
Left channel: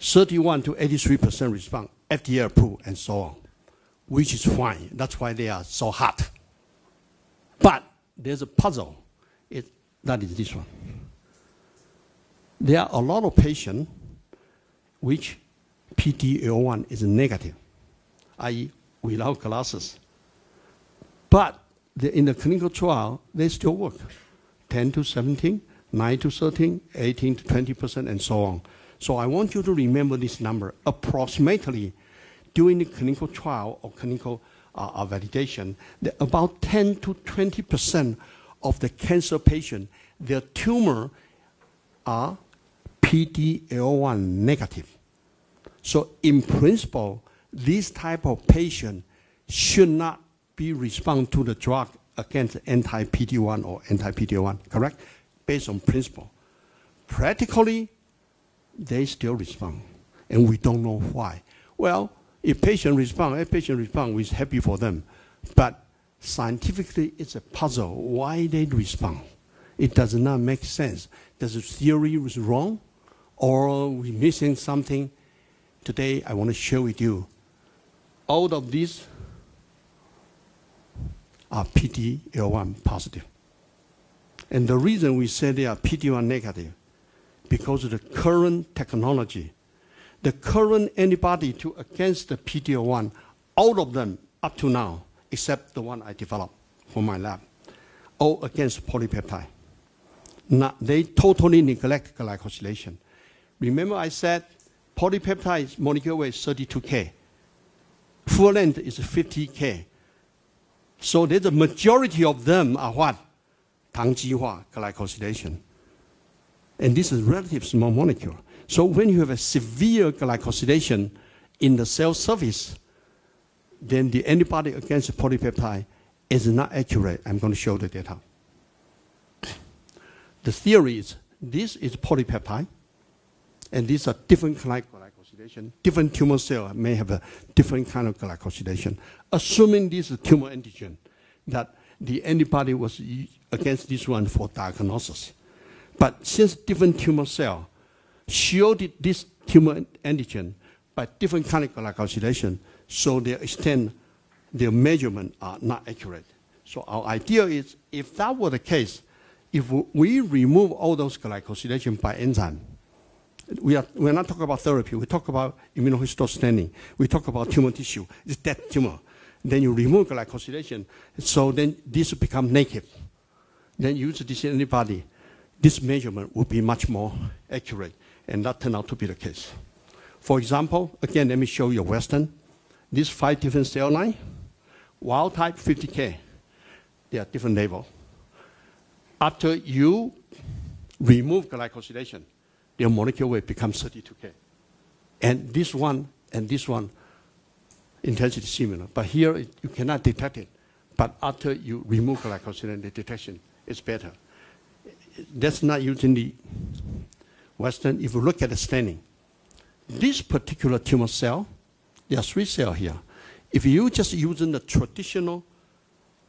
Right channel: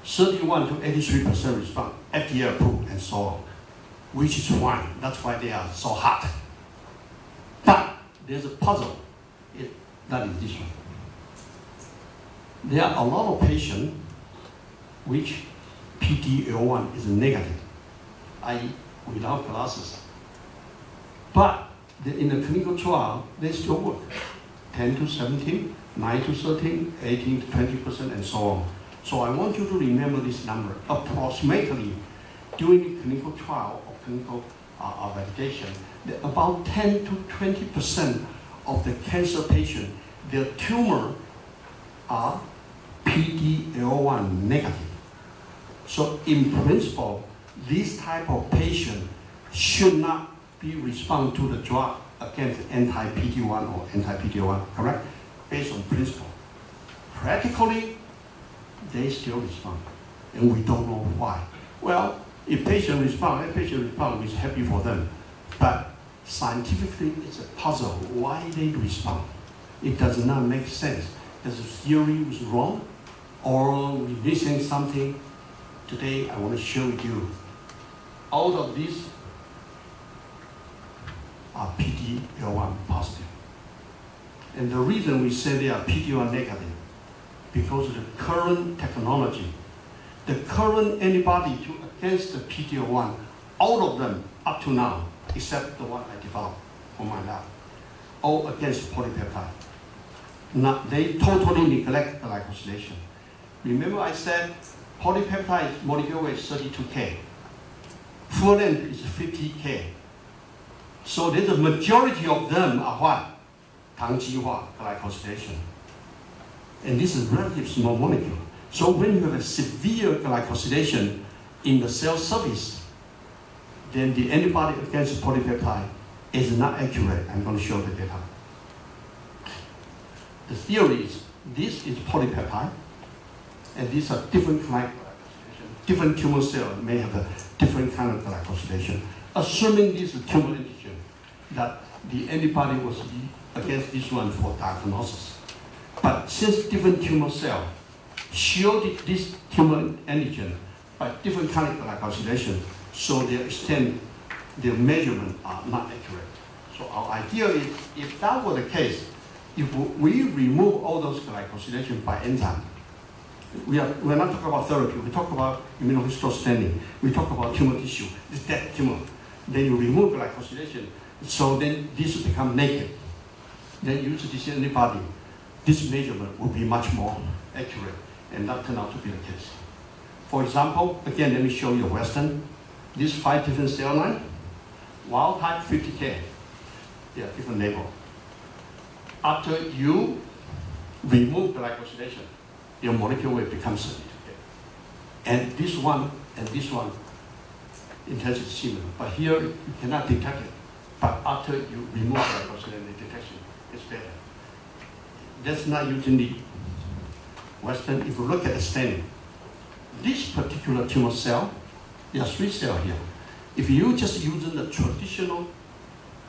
31 to 83% response, FDA approved, and so on, which is fine. That's why they are so hot. But there's a puzzle. That is this one. There are a lot of patients which PD-L1 is negative, i.e. without glasses. But in the clinical trial, they still work. 10 to 17, 9 to 13, 18 to 20%, and so on. So I want you to remember this number. Approximately, during the clinical trial or clinical validation, about 10 to 20% of the cancer patient, their tumor are PD-L1 negative. So in principle, this type of patient should not be respond to the drug against anti-PD-1 or anti-PD-L1, correct? Based on principle. Practically, they still respond, and we don't know why. Well, if patient respond, we're happy for them. But scientifically, it's a puzzle why they respond. It does not make sense. Does the theory was wrong, or we're missing something? Today, I want to share with you. All of these are PD-L1 positive. And the reason we say they are PD-L1 negative, because of the current technology, the current antibody against the PD-L1, all of them up to now, except the one I developed for my lab, all against polypeptide. Now, they totally neglect glycosylation. Remember I said polypeptide molecular weight is 32K. Full length is 50K. So the majority of them are what? 糖基化 glycosylation. And this is relatively small molecule. So when you have a severe glycosylation in the cell surface, then the antibody against polypeptide is not accurate. I'm going to show the data. The theory is this is polypeptide, and these are different kind of glycosylation. Different tumor cells may have a different kind of glycosylation. Assuming this is tumor antigen, that the antibody was against this one for diagnosis. But since different tumor cells shielded this tumor antigen by different kind of glycosylation, so their extent, their measurements are not accurate. So our idea is, if that were the case, if we remove all those glycosylation by enzyme, we're not talking about therapy, we talk about immunohistostaining, we talk about tumor tissue, it's dead tumor. Then you remove glycosylation, so then this becomes naked. Then use this antibody, this measurement will be much more accurate, and that turned out to be the case. For example, again, let me show you Western. These 5 different cell lines, wild type 50K, they are different label. After you remove glycosylation, your molecular weight becomes 32K. And this one, intensity is similar. But here, you cannot detect it. But after you remove glycosylation, the detection is better. That's not usually Western. If you look at the staining, this particular tumor cell, there are 3 cells here. If you just using the traditional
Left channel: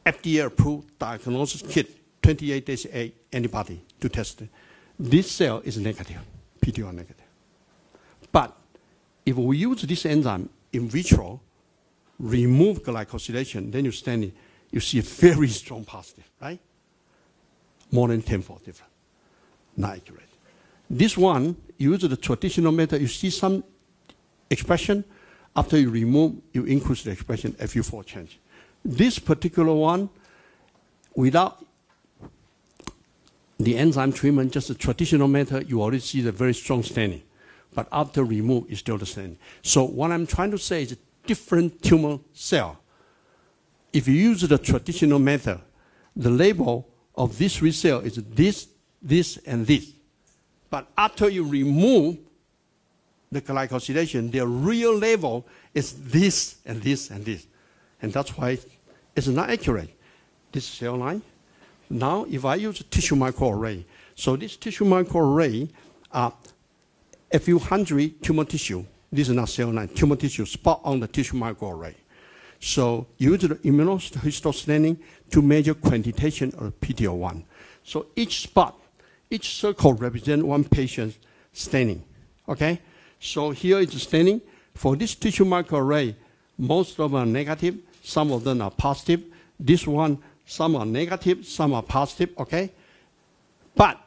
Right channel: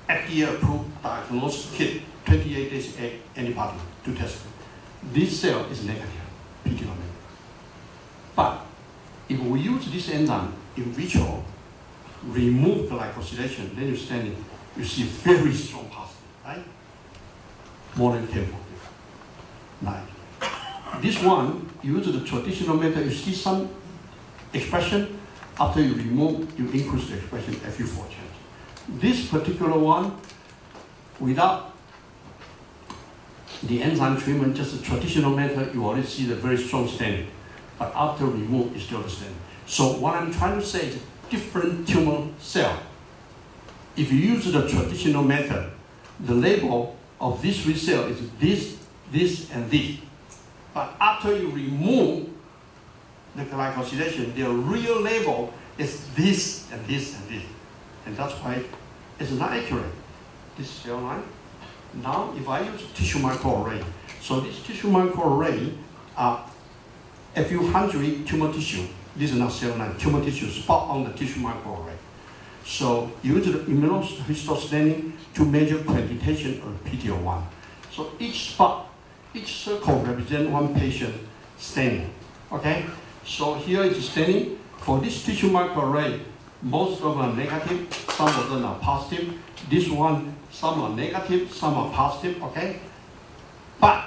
FDA-approved diagnosis kit, 28 days antibody to test it, this cell is negative, PD-L1 negative. But if we use this enzyme in vitro, remove glycosylation, then you see a very strong positive, right? More than 10-fold different. 9. This one, you use the traditional method, you see some expression. After you remove, you increase the expression a few fold change. This particular one, without the enzyme treatment, just a traditional method, you already see the very strong staining. But after remove, it's still the same. So what I'm trying to say is different tumor cell. If you use the traditional method, the label of this 3 cells is this, this, and this. But after you remove the glycosylation, the real label is this, and this, and this. And that's why it's not accurate. this cell line. Now, if I use tissue microarray, so this tissue microarray are a few hundred tumor tissue. This is not cell line, tumor tissue spot on the tissue microarray. So use the immunohistostaining to measure quantitation of PD-L1. So each spot, each circle represents one patient staining. Okay? So here is staining. For this tissue microarray, most of them are negative, some of them are positive. This one, some are negative, some are positive, okay? But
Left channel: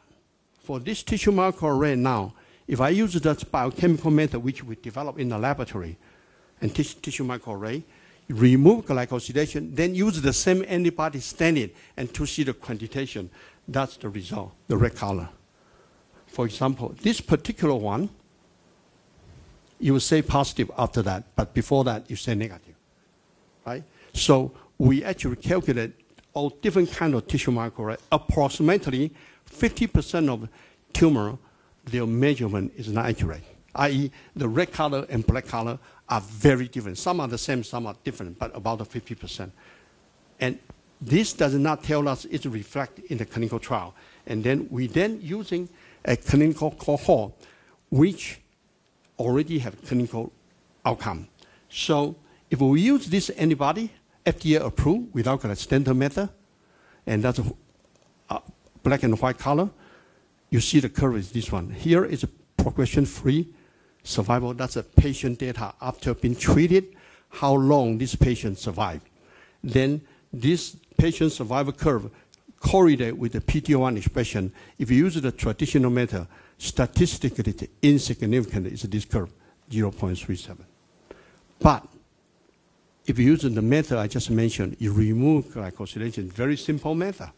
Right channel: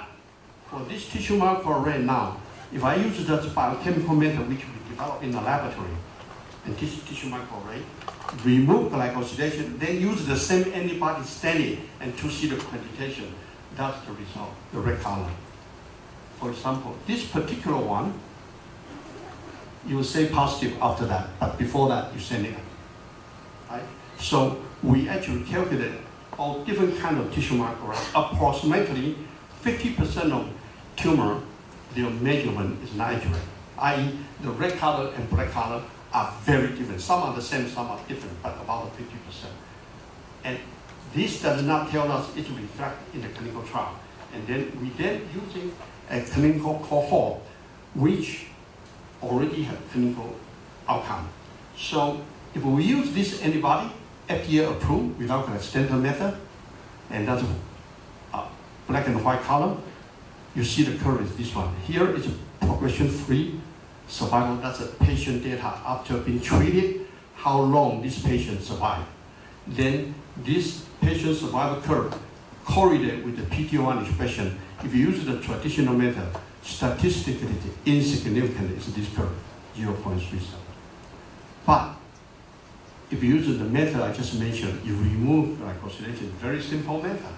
for this tissue microarray now, if I use the biochemical method which we developed in the laboratory, and tissue microarray, remove glycosylation, then use the same antibody staining and to see the quantitation, that's the result, the red color. For example, this particular one, you will say positive after that, but before that, you say negative, right? So we actually calculate all different kind of tissue microarray. Approximately 50% of tumor, their measurement is not accurate, i.e. the red color and black color are very different. Some are the same, some are different, but about the 50%. And this does not tell us it reflects in the clinical trial. And then we using a clinical cohort which already have clinical outcome. So if we use this antibody, FDA approved without the standard method, and that's a black and white color, you see the curve is this one. Here is a progression-free survival. That's a patient data after being treated, how long this patient survived. Then this patient survival curve correlate with the PD-L1 expression. If you use the traditional method, statistically insignificant is this curve, 0.37. But if you use the method I just mentioned, you remove glycosylation, very simple method.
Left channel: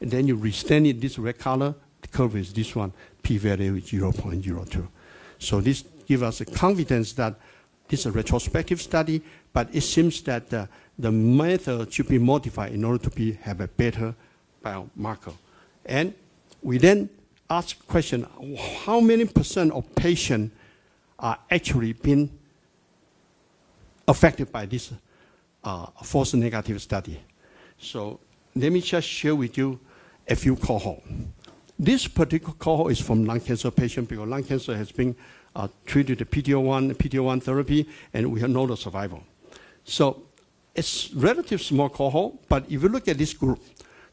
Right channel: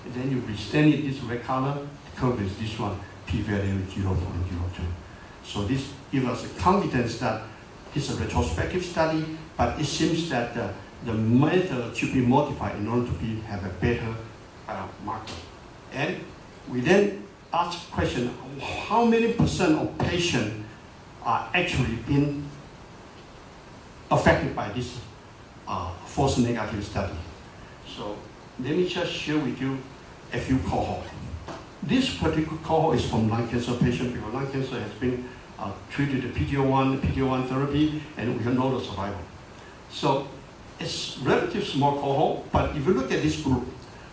And then you restain it this red color, the curve is this one, p-value 0.02. So this gives us a confidence that it's a retrospective study, but it seems that the method should be modified in order to have a better biomarker. And we then ask question, how many percent of patients are actually being affected by this false negative study? So let me just share with you a few cohorts. This particular cohort is from lung cancer patient because lung cancer has been treated with PD-L1 therapy, and we know the survival. So it's relatively small cohort, but if you look at this group,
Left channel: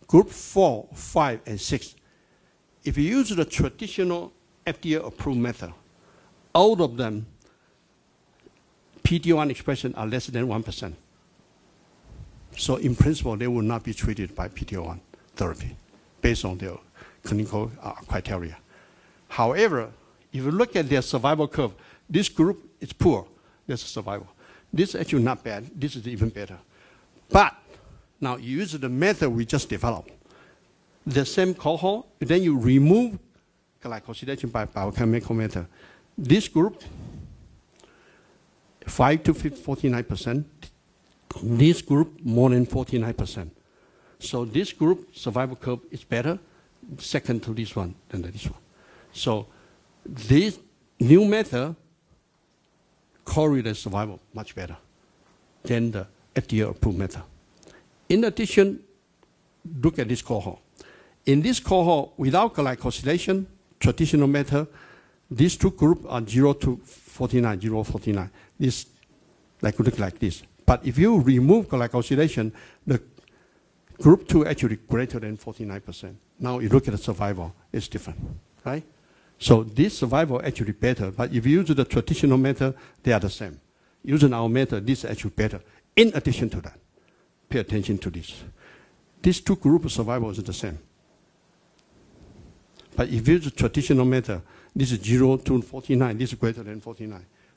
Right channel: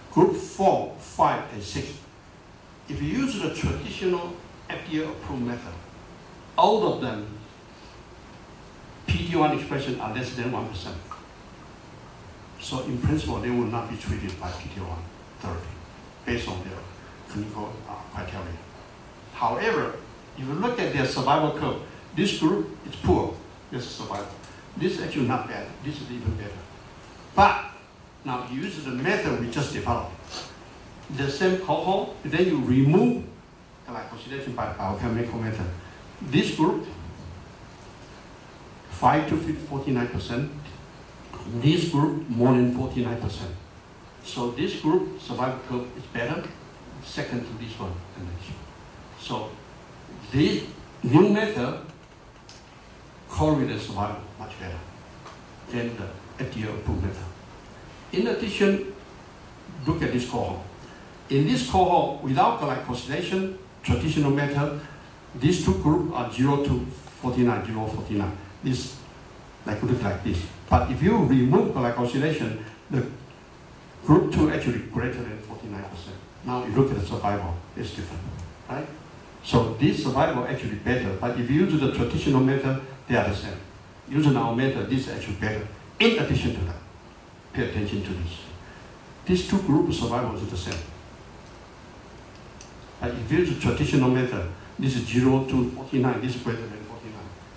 group 4, 5, and 6, if you use the traditional FDA-approved method, all of them, PD-L1 expression are less than 1%. So in principle, they will not be treated by PD-L1 therapy based on their clinical criteria. However, if you look at their survival curve, this group is poor, this is survival. This is actually not bad, this is even better. But now you use the method we just developed. The same cohort, then you remove glycosylation by biochemical method. This group, 5 to 49%. This group, more than 49%. So this group, survival curve is better, second to this one and this one. So this new method correlates survival much better than the FDA-approved method. In addition, look at this cohort. In this cohort, without glycosylation, traditional method, these two groups are 0 to 49, 0, 49. This look like this. But if you remove glycosylation, the group 2 actually greater than 49%. Now you look at the survival, it's different, right? So this survival actually better, but if you use the traditional method, they are the same. Using our method, this is actually better. In addition to that, pay attention to this. These two groups survival is the same. But if you use the traditional method, this is 0 to 49, this is greater than 49.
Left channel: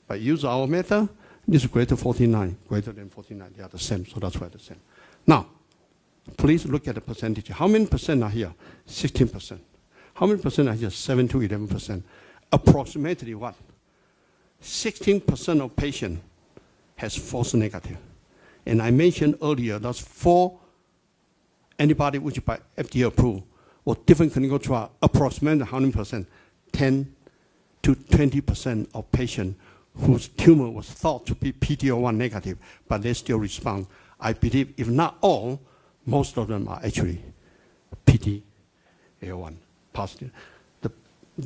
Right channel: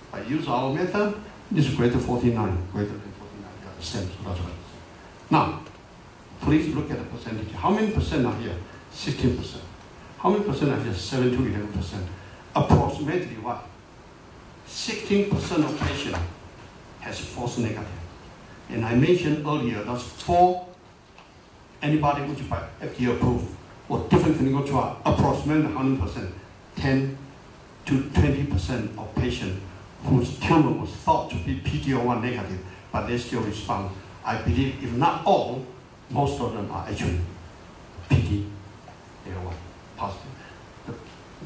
But use our method, this is greater than 49, greater than 49, they are the same, so that's what it's saying. Now, please look at the percentage. How many percent are here? 16%. How many percent are here? 7 to 11%. Approximately what? 16% of patients has false negative. And I mentioned earlier that's 4 antibody which by FDA approved or different clinical trial, approximately 100%, 10 to 20% of patients whose tumor was thought to be PD-L1 negative, but they still respond. I believe if not all, most of them are actually PD-L1 positive.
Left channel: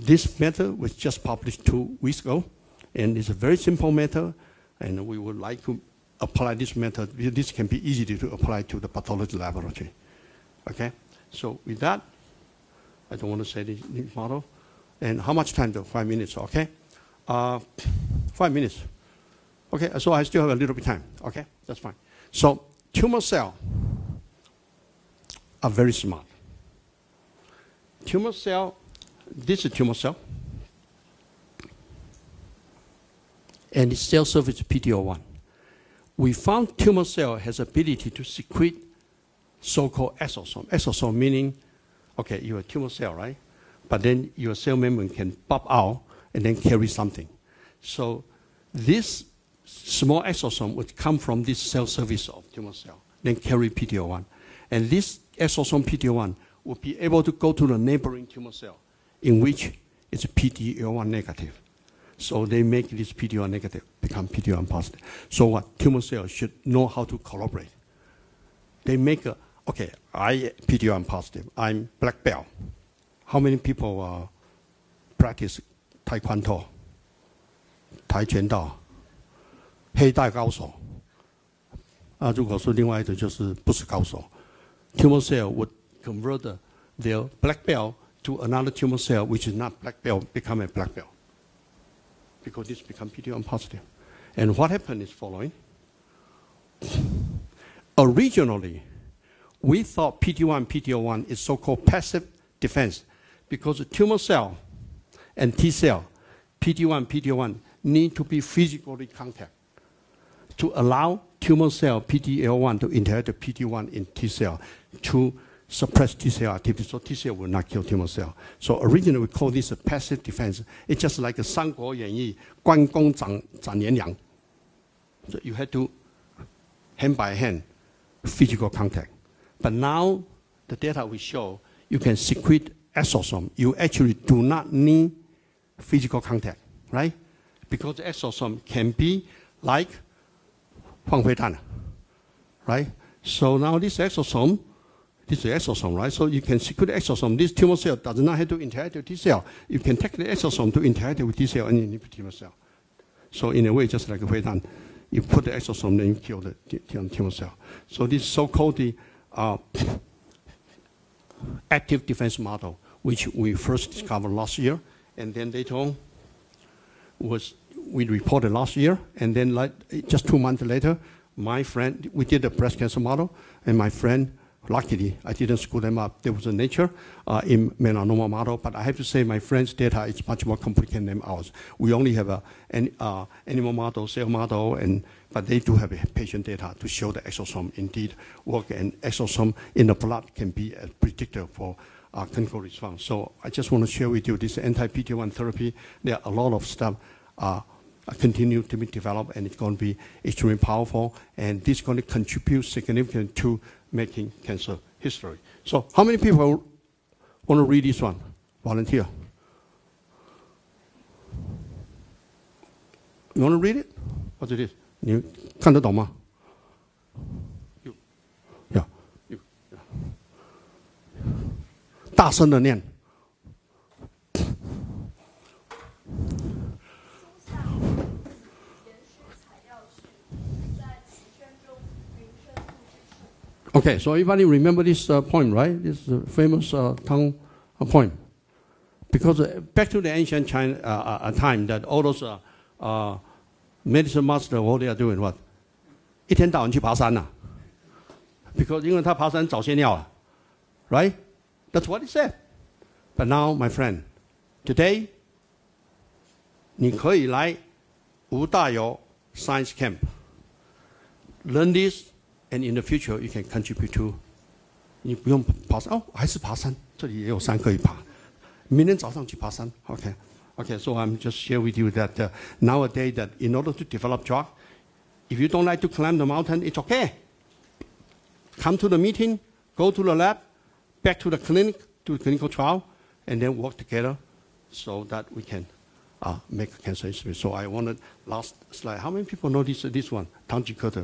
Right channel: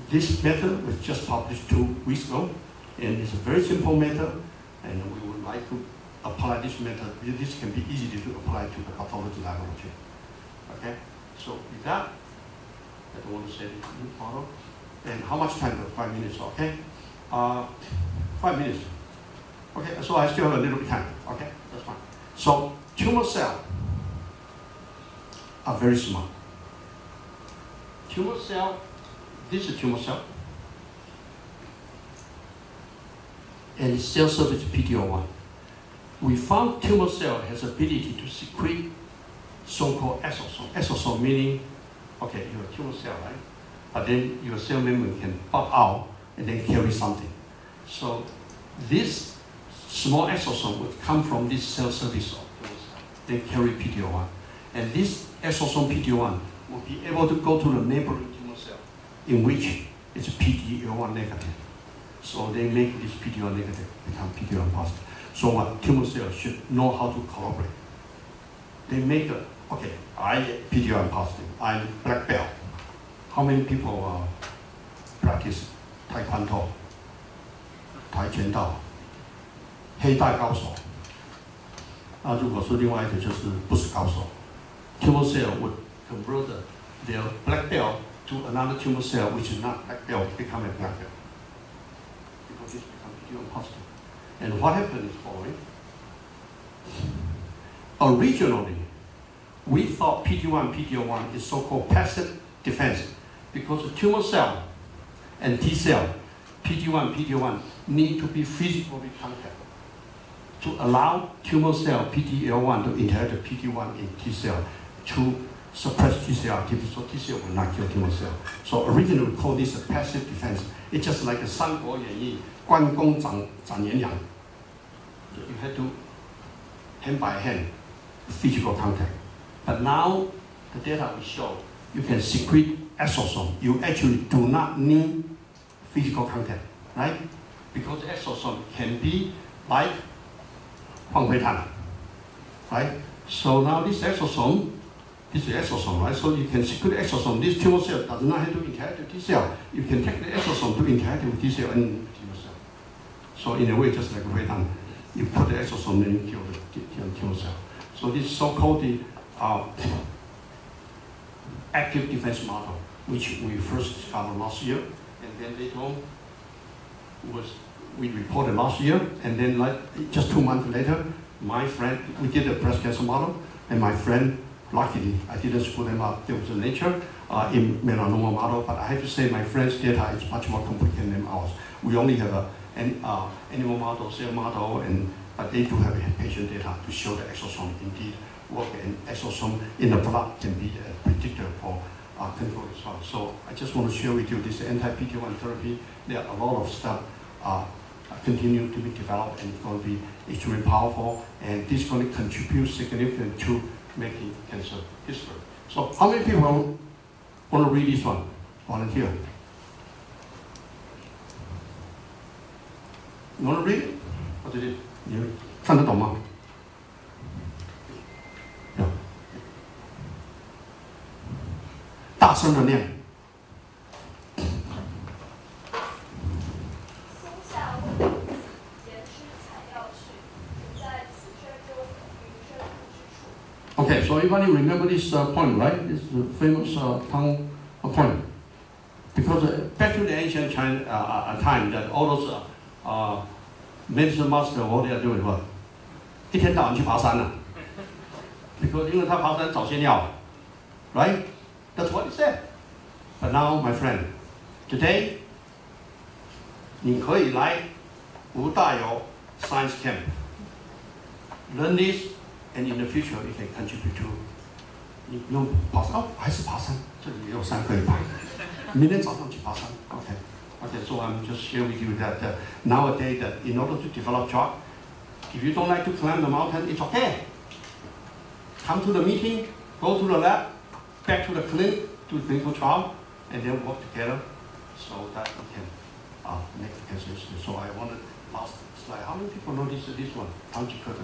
This method was just published 2 weeks ago, and it's a very simple method, and we would like to apply this method. This can be easy to apply to the pathology laboratory. Okay, so with that, I don't want to say this model. And how much time? 5 minutes, okay? 5 minutes. Okay, so I still have a little bit of time. Okay, that's fine. So tumor cells are very smart. Tumor cell, this is tumor cell. And its cell surface is PD-L1. We found tumor cell has ability to secrete so-called exosome. Exosome meaning, okay, you're a tumor cell, right? But then your cell membrane can pop out and then carry something. So this small exosome would come from this cell surface of tumor cell, then carry PD-L1. And this exosome PD-L1 will be able to go to the neighboring tumor cell, in which it's PD-L1 negative. So they make this PD-L1 negative become PD-L1 positive. So what tumor cells should know how to collaborate. They make a, okay, I PD-L1 positive, I'm black belt. How many people practice Taekwondo, 跆拳道、黑带高手？如果是另外一种就是不是高手 ，tumor cell would convert their black belt to another tumor cell which is not black belt, become a black belt, because this become PD-L1 positive. And what happened is following. Originally, we thought PD-1 is so-called passive defense, because the tumor cell and T cell, PD-1 need to be physically contact to allow tumor cell PD-L1 to interact with PD-1 in T cell to suppress T cell activity, so T cell will not kill tumor cell. So originally we call this a passive defense. It's just like a 三国演义 关公斩颜良. So you had to hand by hand physical contact. But now the data will show you can secrete exosome. You actually do not need physical contact, right? Because exosome can be like 换灰炭, right? So now this is exosome, right? So you can secrete exosome. This tumor cell does not have to interact with T cell. You can take the exosome to interact with T cell and tumor cell. So in a way, just like a 灰炭, you put the exosome, then you kill the tumor cell. So this so-called active defense model, which we first discovered last year, and then later on we reported last year, and then just 2 months later, my friend, we did a breast cancer model, and my friend, luckily, I didn't screw them up. There was a Nature in melanoma model, but I have to say my friend's data is much more complicated than ours. We only have an animal model, cell model, but they do have patient data to show the exosome indeed work, and exosome in the blood can be a predictor for clinical response. So I just want to share with you this anti-PD-1 therapy. There are a lot of stuff continue to be developed, and it's going to be extremely powerful, and this is going to contribute significantly to making cancer history. So how many people want to read this one? Volunteer. You want to read it? What is it? 你看得懂吗？有。大声的念。Okay, so everybody remember this point, right? This is a famous tongue point. Because back to the ancient China time, that all those medicine masters, all they are doing what? 一天到晚去爬山了 because 因为他爬山找仙药 right? That's what he said. But now, my friend, today, 你可以来吴大猷 Science Camp. Learn this, and in the future, you can contribute to. 你不用爬山哦，还是爬山，这里也有山可以爬。明天早上去爬山 Okay, so I'm just share with you that nowadays, that in order to develop drug, if you don't like to climb the mountain, it's okay. Come to the meeting, go to the lab, back to the clinic, do a clinical trial, and then work together so that we can make cancer history. So I wanted last slide. How many people know this one? 唐吉诃德。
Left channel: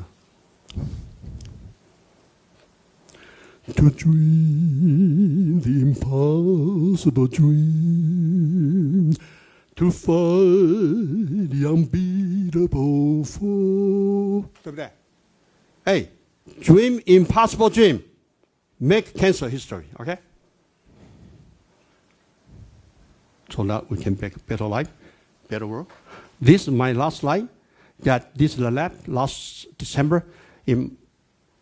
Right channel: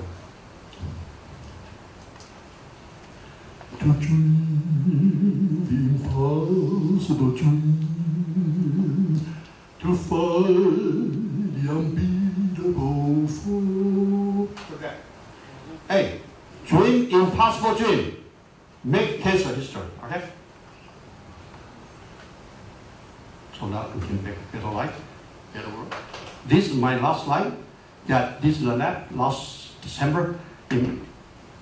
to dream the impossible dream, to find the unbeatable foe. Look at that. Hey, dream impossible dream. Make cancer history, okay? So now we can make better life, better world. This is my last slide. That this is the lab last December in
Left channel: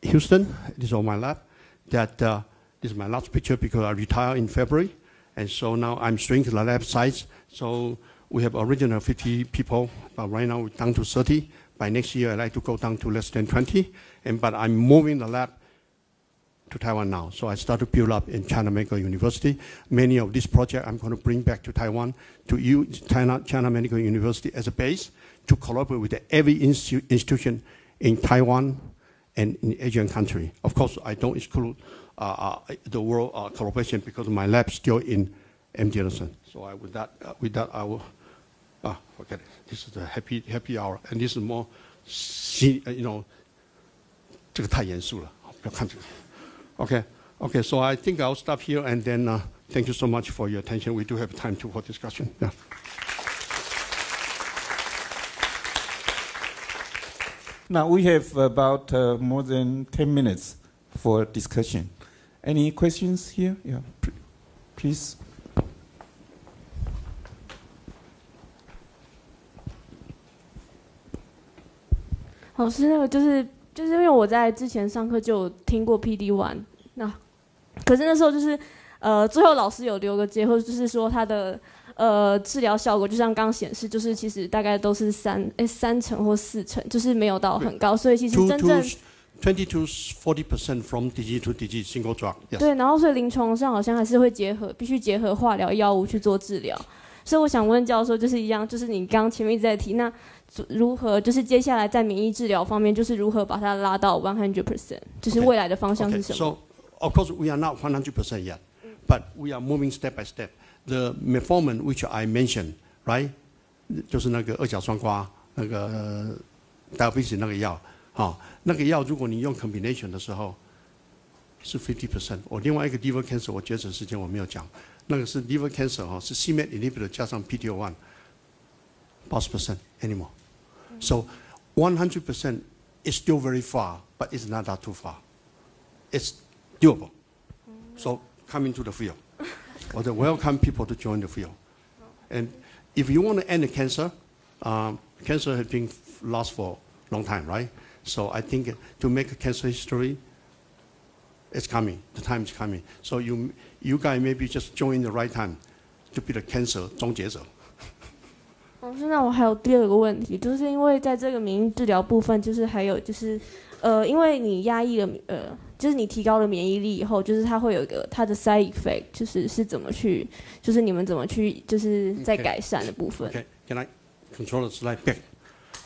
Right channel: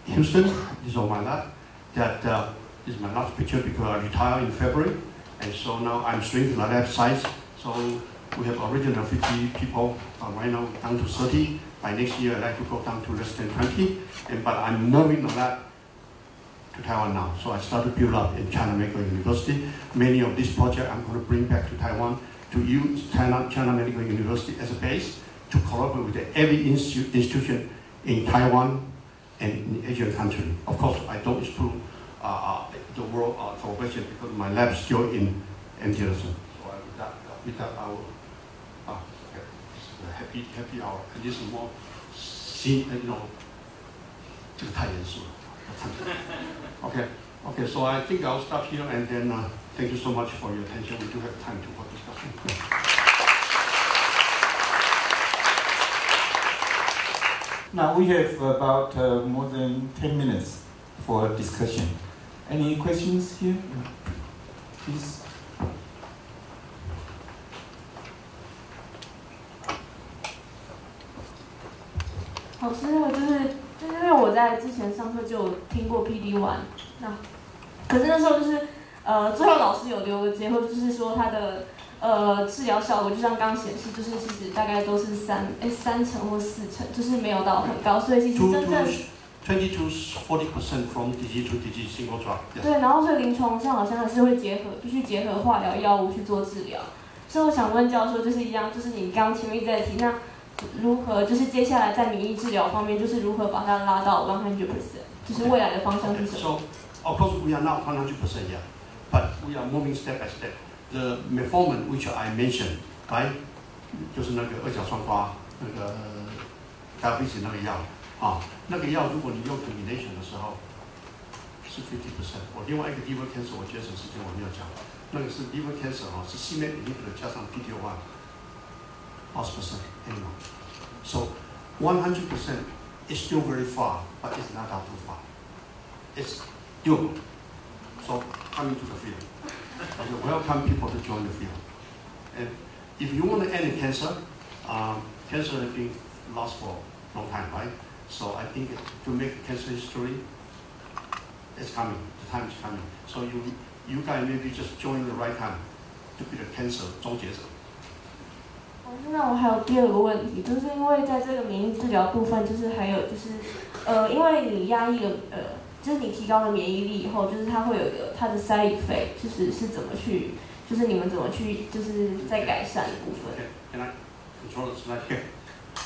Houston. This is all my lab. That this is my last picture because I retired in February, and so now I'm shrinking the lab size. So we have originally 50 people, but right now down to 30. By next year, I'd like to go down to less than 20. But I'm moving the lab to Taiwan now. So I started build up in China Medical University. Many of these projects I'm going to bring back to Taiwan to use China Medical University as a base to collaborate with every institution in Taiwan and in Asian country. Of course, I don't exclude the world collaboration because my lab is still in MD Anderson. So with that, I will. Okay, this is a happy hour, and this is more,这个太严肃了，要看。Okay, so I think I'll stop here, and then thank you so much for your attention. We do have time for discussion. Now we have about more than 10 minutes for discussion. Any questions here? Yeah, please. 老师，那个就是因为我在之前上课就有听过 PD-1， 那可是那时候就是最后老师有留个结，或者就是说它的治疗效果就像刚刚显示，就是其实大概都是3成或4成，就是没有到很高，所以其实真正20 to 40% from disease to disease single drug. Yes. 对，然后所以临床上好像还是会必须结合化疗药物去做治疗。所以我想问教授，就是一样，就是你刚刚前面一直在提，那如何就是接下来在免疫治疗方面，就是如何把它拉到100%，就是未来的方向是什么 So of course we are not 100% yet, but we are moving step by step. The metformin which I mentioned, right? 就是那个2甲双胍那个diabetes 那个药啊，那个药如果你用 combination 的时候是 50%。我另外一个 liver cancer 我节省时间我没有讲，那个是 liver cancer 哈，是 c-MET inhibitor 加上 PD-1 80% anymore. So 100% is still very far, but it's not that too far. It's doable. So come into the field. I welcome people to join the field. And if you want to end the cancer, cancer has been lost for a long time, right? So I think to make a cancer history, it's coming. The time is coming. So you guys maybe just join the right time to be the cancer 终结者。老师，那我还有第二个问题，就是因为在这个免疫治疗部分，就是还有就是因为你压抑了就是你提高了免疫力以后，就是它会有一个它的 side effect， 就是怎么去，就是你们怎么去，就是在改善的部分。Okay, can I control the slide?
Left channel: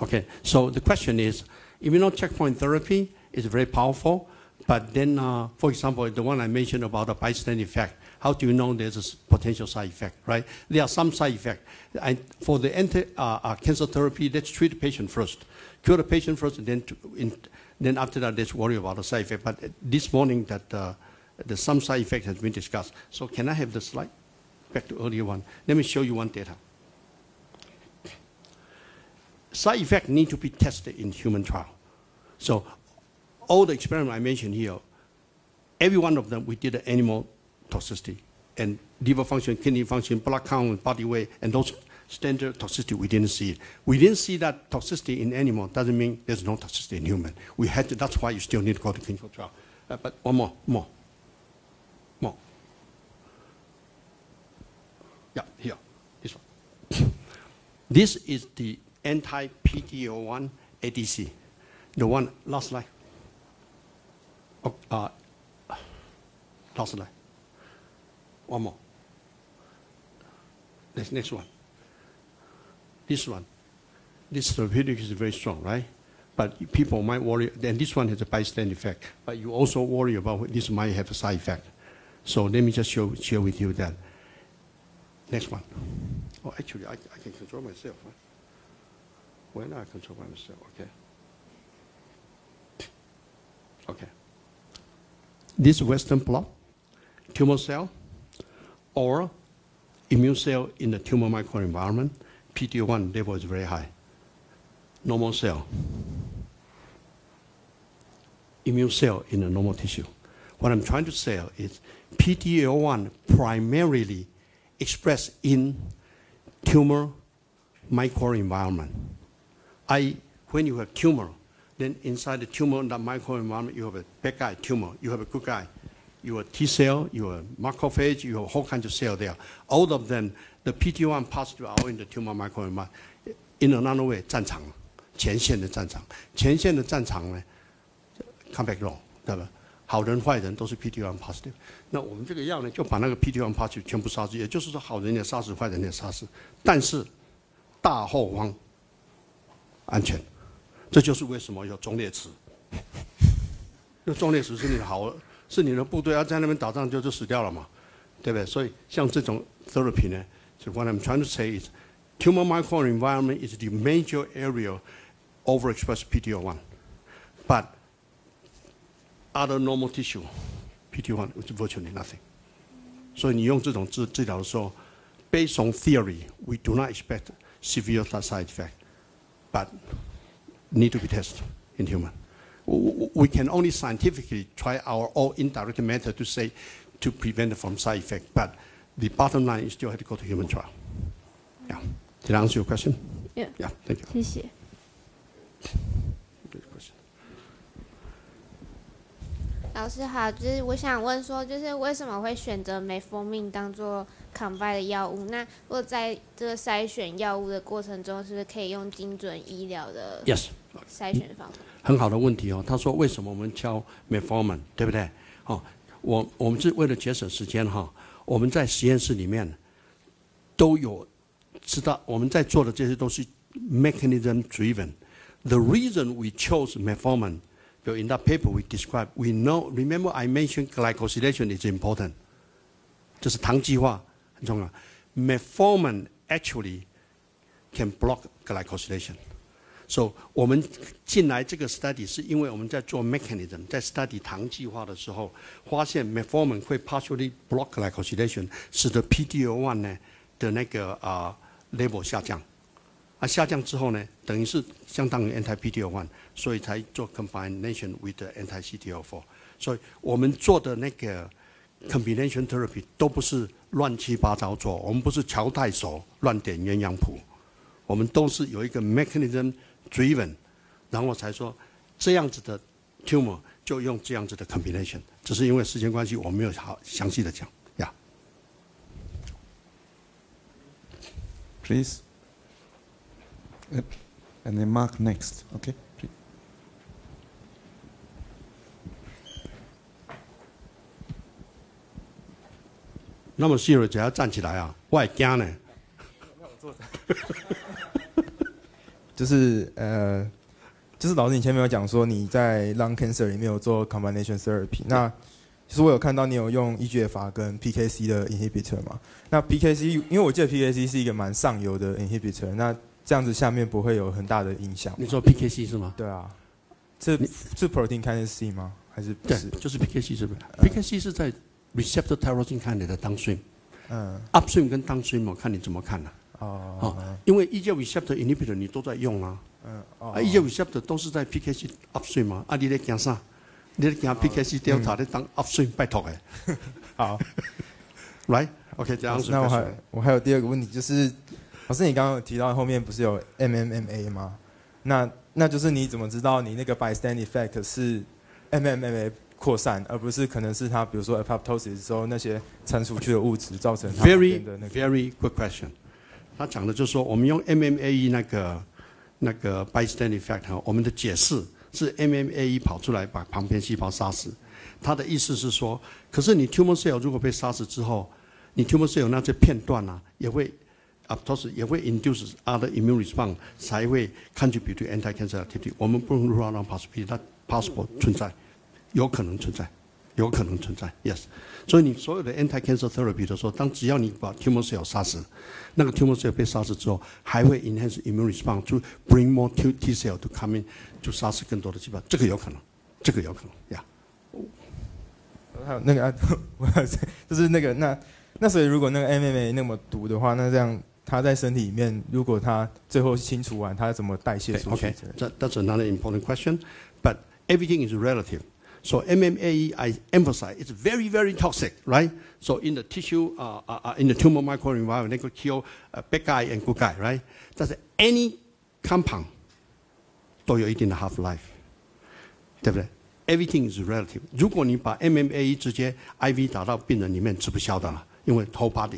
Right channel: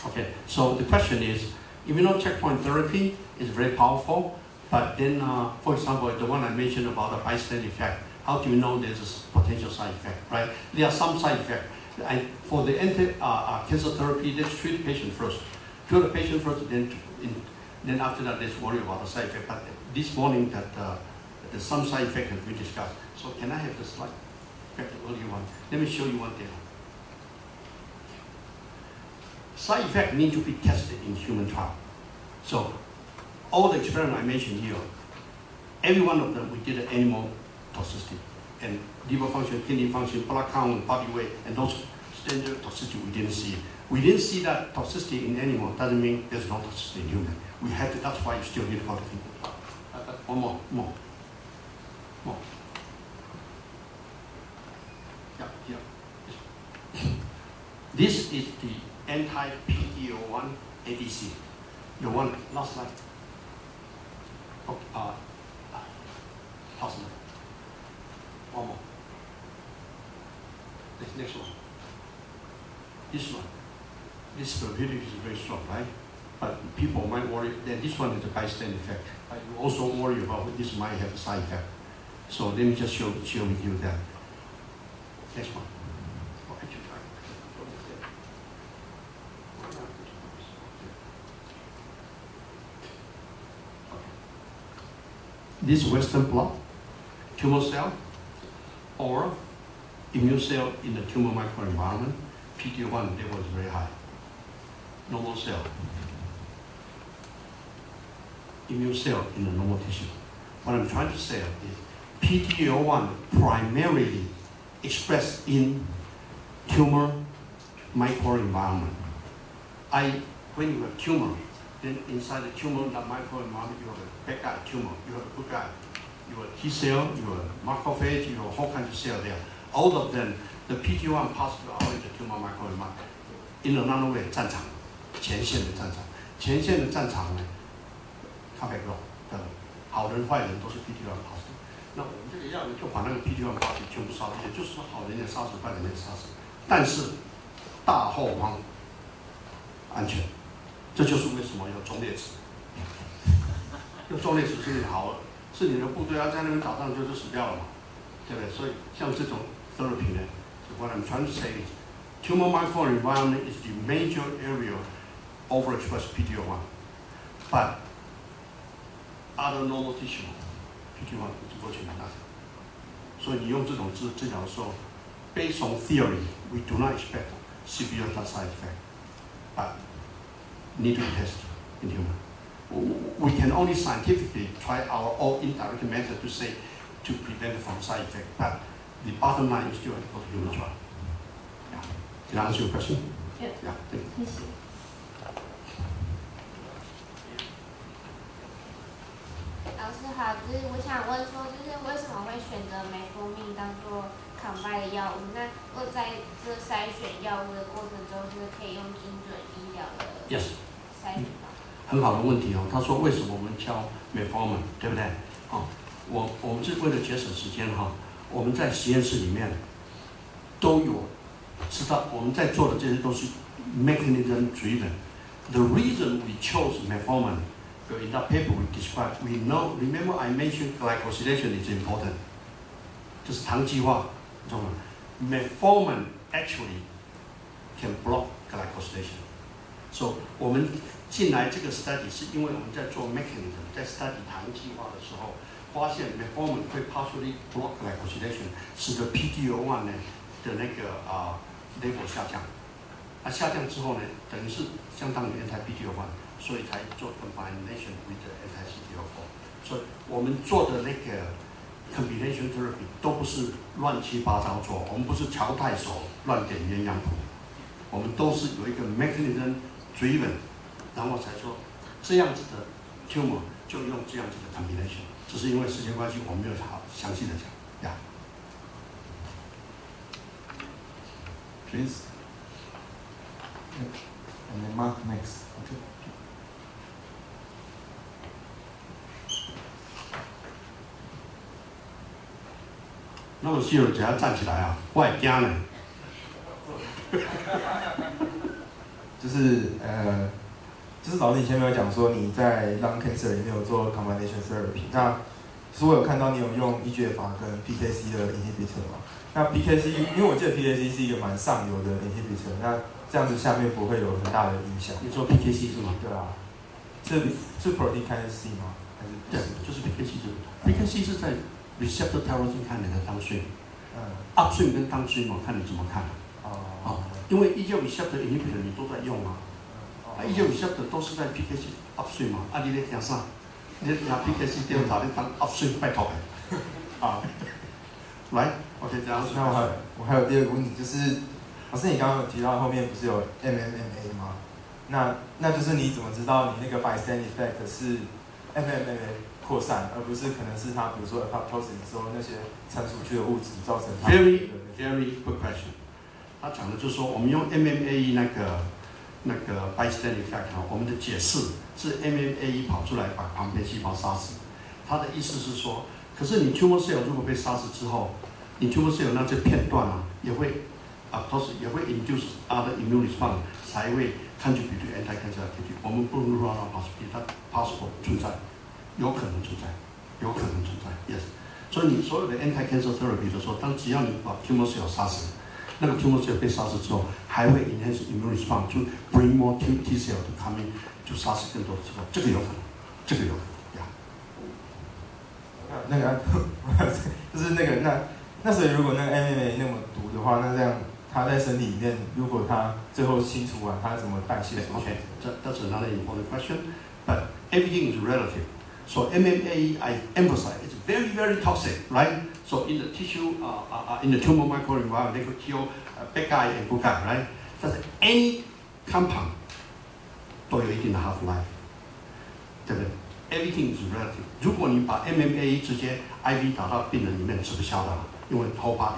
Okay, so the question is, immune checkpoint therapy is very powerful, but then, for example, the one I mentioned about the bystander effect, how do you know there's a potential side effect, right? There are some side effects. And for the anti-cancer therapy, let's treat the patient first. Cure the patient first, then after that, let's worry about the side effect. But this morning, there's some side effect has been discussed. So can I have the slide? Back to earlier one. Let me show you one data. Side effects need to be tested in human trial. So all the experiments I mentioned here, every one of them, we did an animal toxicity. And liver function, kidney function, blood count, body weight, and those standard toxicity we didn't see. We didn't see that toxicity in animal. Doesn't mean there's no toxicity in human. We had to, that's why you still need to go to clinical trial. But one more. Yeah, here. This is the anti-PD-L1 ADC. The one last slide. Last slide. One more. Next one. This one. This therapeutic is very strong, right? But people might worry, then this one is a bystander effect. But you also worry about this might have a side effect. So let me just share with you that. Next one. Oh, actually, I can control myself. Why not control myself? Okay. this Western blot, tumor cell, or immune cell in the tumor microenvironment, PD-L1 level is very high. Normal cell, immune cell in the normal tissue. What I'm trying to say is PD-L1 primarily expressed in tumor microenvironment. When you have tumor, then inside the tumor, the microenvironment, you have a bad guy tumor, you have a good guy. You have T cell, you have macrophage, you have a whole kind of cell there. All of them, the PD-1 positive are in the tumor microenvironment. In another way, 战场，前线的战场，前线的战场呢 ，come back raw， 对吧？好人坏人都是 PD-1 positive。那我们这个药呢，就把那个 PD-1 positive 全部杀死，也就是说，好人也杀死，坏人也杀死，但是大后方安全。这就是为什么有忠烈祠。这忠烈祠是你好，是你的部队要在那边打仗就死掉了嘛，对不对？所以像这种 therapy 呢，就 what I'm trying to say is, tumor microenvironment is the major area overexpressed PD-L1, but other normal tissue, PD-1 is virtually nothing. 所以你用这种治疗的时候 ，based on theory, we do not expect severe side effect, but need to be tested in human. We can only scientifically try our own indirect method to say to prevent from side effect, but the bottom line is still to go to human trial. Yeah. Did I answer your question? Yeah. Yeah. Thank you. 谢谢。老师好，就是我想问说，就是为什么会选择metformin当做 combine 的药物？那如果在这个筛选药物的过程中，是不是可以用精准医疗的 Yes. 筛选方法？很好的问题哦。他说为什么我们教 metformin， 对不对？哦，我们是为了节省时间哈，我们在实验室里面都有知道，我们在做的这些都是 mechanism driven. The reason we chose metformin, in that paper we described, we know. Remember I mentioned glycosylation is important. 这是糖基化，你知道吗 ？Metformin actually can block glycosylation. So 我们进来这个 study 是因为我们在做 mechanism， 在 study 糖基化的时候，发现 metformin 会 partially block glycosylation， 使得 PD-L1 呢的那个level 下降。下降之后呢，等于是相当于 anti-PD-L1， 所以才做 combination with the anti-CTLA4。所以我们做的那个 combination therapy 都不是乱七八糟做，我们不是乔太守乱点鸳鸯谱，我们都是有一个 mechanism driven， 然后才说这样子的 tumor 就用这样子的 combination。只是因为时间关系，我没有好详细的讲呀。Please. Yep. And then Mark next. Okay. 那么细蕊只要站起来啊，我也惊呢。就是老师以前没有讲说你在 lung cancer 里面有做 combination therapy， 那其实我有看到你有用 EGFR 跟 PKC 的 inhibitor 嘛？那 PKC 因为我记得 PKC 是一个蛮上游的 inhibitor， 那这样子下面不会有很大的影响。你说 PKC 是吗？对啊，是 protein kinase C 吗？还是对，就是 PKC 是 PKC 是在 receptor tyrosine kinase 的downstream。upstream 跟 downstream 我看你怎么看？因为 EGFR receptor inhibitor 你都在用啊。EGFR receptor 都是在 PKC upstream 嘛，你在讲啥？你在讲 PKC delta 你当 upstream 拜托的。好 ，right？ OK， 这样。那我还有第二个问题，就是老师你刚刚有提到后面不是有 MMMA 吗？那就是你怎么知道你那个 bystander effect 是 MMMA 扩散，而不是可能是它比如说 apoptosis 之后那些掺出去的物质造成它的very good question。他讲的就是说，我们用 MMAE 那个 bystander effect 我们的解释是 MMAE 跑出来把旁边细胞杀死。他的意思是说，可是你 tumor cell 如果被杀死之后，你 tumor cell 那些片段也会也会 induce other immune response， 才会 contribute to anti-cancer activity。我们不能 rule out possibility， 它 possible 存在，有可能存在 ，yes。所以你所有的 anti-cancer therapy 的时候，只要你把 tumor cell 杀死，那个 tumor cell 被杀死之后，还会 enhance immune response to bring more T cell to come in， to 杀死更多的细胞，这个有可能呀。那个就是那个那所以如果那个 MMA 那么毒的话，那这样它在身体里面，如果它最后清除完，它怎么代谢出去 Okay, that's another important question. But everything is relative. So MMA, I emphasize, it's very, very toxic, right? So in the tissue, in the tumor microenvironment, they could kill bad guy and good guy, right? That's any compound 都有一定的 half life, 对不对 ？Everything is relative. 如果你把 MMA 直接 IV 打到病人里面，吃不消的嘛，因为 whole body，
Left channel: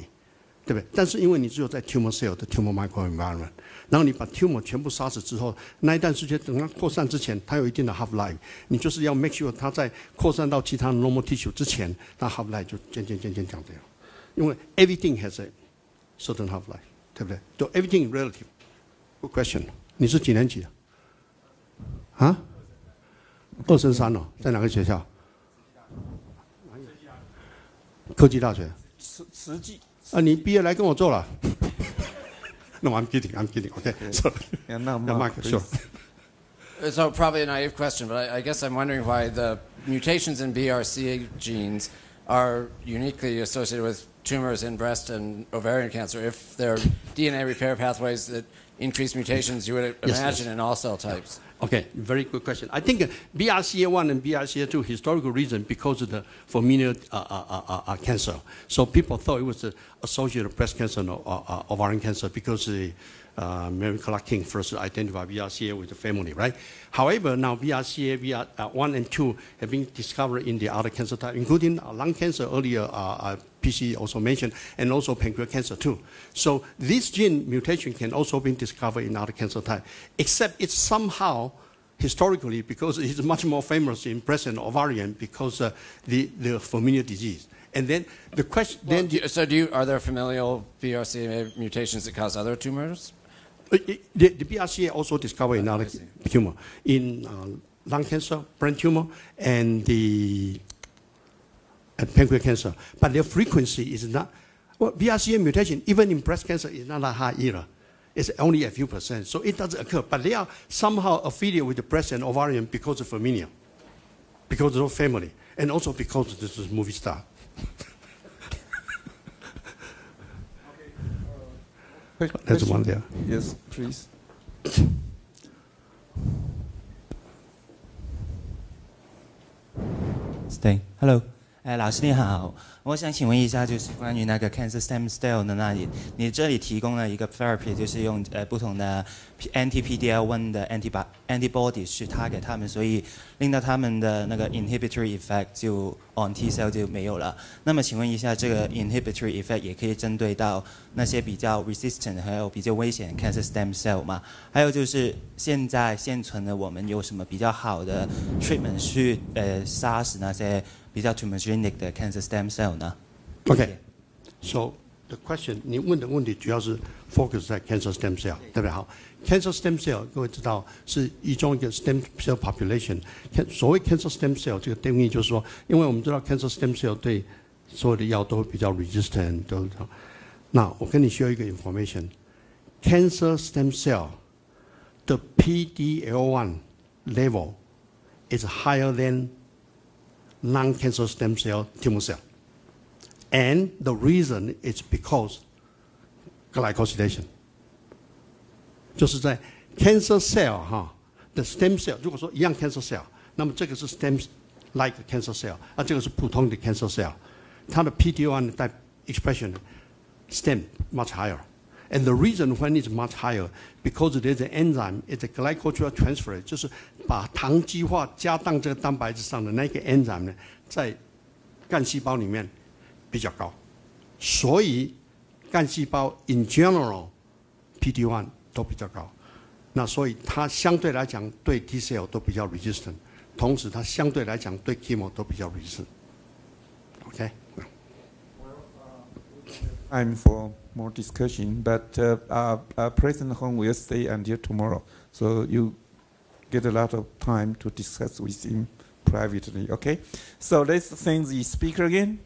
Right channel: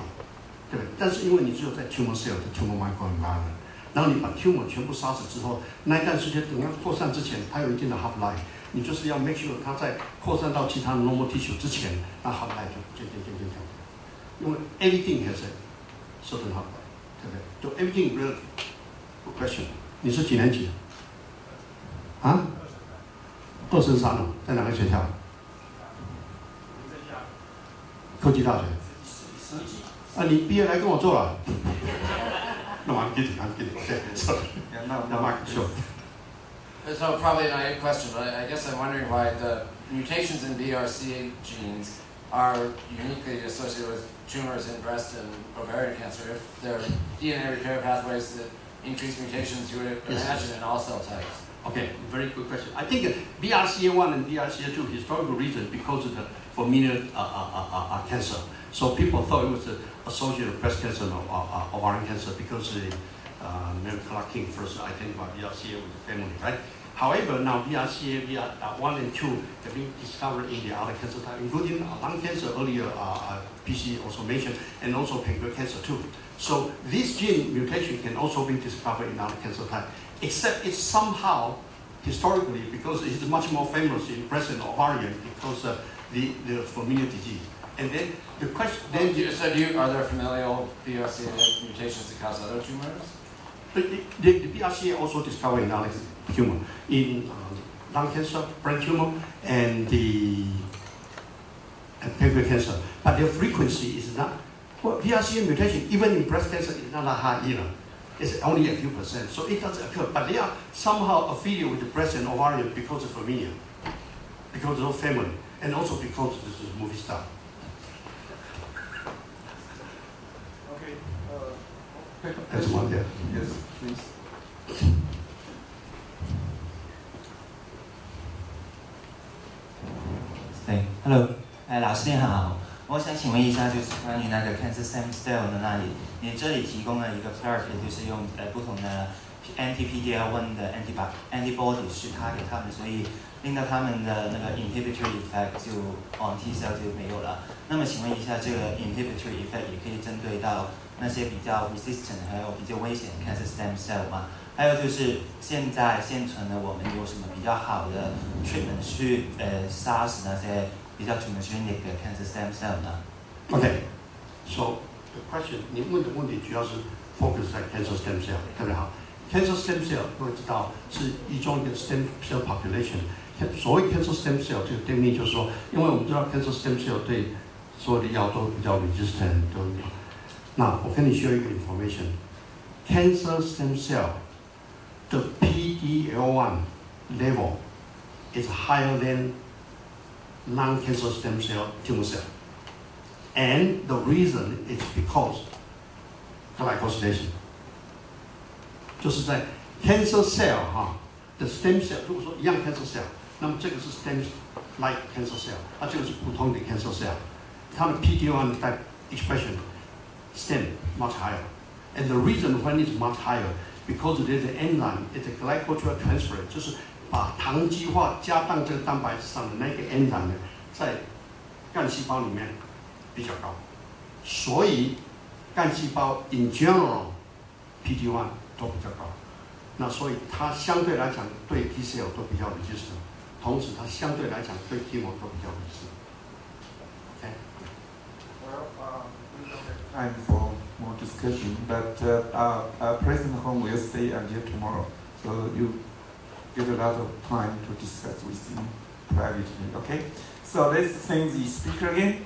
对不对？但是因为你只有在 tumor cell 的 tumor microenvironment， 然后你把 tumor 全部杀死之后，那一段时间等它扩散之前，它有一定的 half life。你就是要 make sure 它在扩散到其他 normal tissue 之前，那 half life 就渐降低。因为 everything has a certain half life， 对不对？就 everything relative。Good question。你是几年级？啊？2升3了，在哪个学校？科技大学。10级。啊，你毕业来跟我做了。No, I'm kidding. Okay, so the Mark, sure. So probably a naive question, but I guess I'm wondering why the mutations in BRCA genes are uniquely associated with tumors in breast and ovarian cancer. If there are DNA repair pathways that increase mutations, you would imagine in all cell types. Okay, very good question. I think BRCA1 and BRCA2 historical reason because of the familial cancer. So people thought it was associated with breast cancer or ovarian cancer because Mary Clark King first identified BRCA with the family, right? However, now BRCA1 and 2 have been discovered in the other cancer types, including lung cancer earlier, PC also mentioned, and also pancreatic cancer too. So this gene mutation can also be discovered in other cancer types, except it's somehow, historically, because it's much more famous in breast and ovarian because the familial disease. And then the question. Are there familial BRCA mutations that cause other tumors? The BRCA also discovered in other tumor, in lung cancer, brain tumor, and pancreatic cancer. But their frequency is not. Well, BRCA mutation, even in breast cancer, is not that high either. It's only a few percent, so it does occur. But they are somehow affiliated with the breast and ovarian because of familial, because of family, and also because this is movie star. That's one there. Yes, please. Hello， 老师你好，我想请问一下，就是关于那个 cancer stem cell 的那里，你这里提供了一个 therapy， 就是用不同的 anti-PD-L1 的 antibody 去 target 他们，所以令到他们的那个 inhibitory effect 就 on T cell 就没有了。那么请问一下，这个 inhibitory effect 也可以针对到那些比较 resistant 还有比较危险 cancer stem cell 吗？还有就是现存的我们有什么比较好的 treatment 去杀死那些比较 tumorigenic 的 cancer stem cell 呢 ？Okay, so the question 你问的问题主要是 focus 在 cancer stem cell， 对不对？好 ，cancer stem cell 各位知道是一种一个 stem cell population。所谓 cancer stem cell 这个定义就是说，因为我们知道 cancer stem cell 对所有的药都比较 resistant 都。那我跟你说一个 information，cancer stem cell 的 PD-L1 level is higher than non-cancer stem cell tumor cell, and the reason is because glycosylation， 就是在 cancer cell 的 stem cell， 如果说一样 cancer cell， 那么这个是 stem like cancer cell， 那这个是普通的 cancer cell， 它的 PD-L1 expression stem much higher, and the reason when it's much higher because there's an enzyme, it's a glycosyl transfer， 就是把糖基化加到这个蛋白质上的那个 enzyme 呢，在干细胞里面比较高，所以干细胞 in general PD-1 都比较高，那所以它相对来讲对 T cell 都比较 resistant， 同时它相对来讲对 chemo 都比较 resistant。OK。Time for more discussion, but President Hong will stay until tomorrow, so you get a lot of time to discuss with him privately. Okay, so let's thank the speaker again.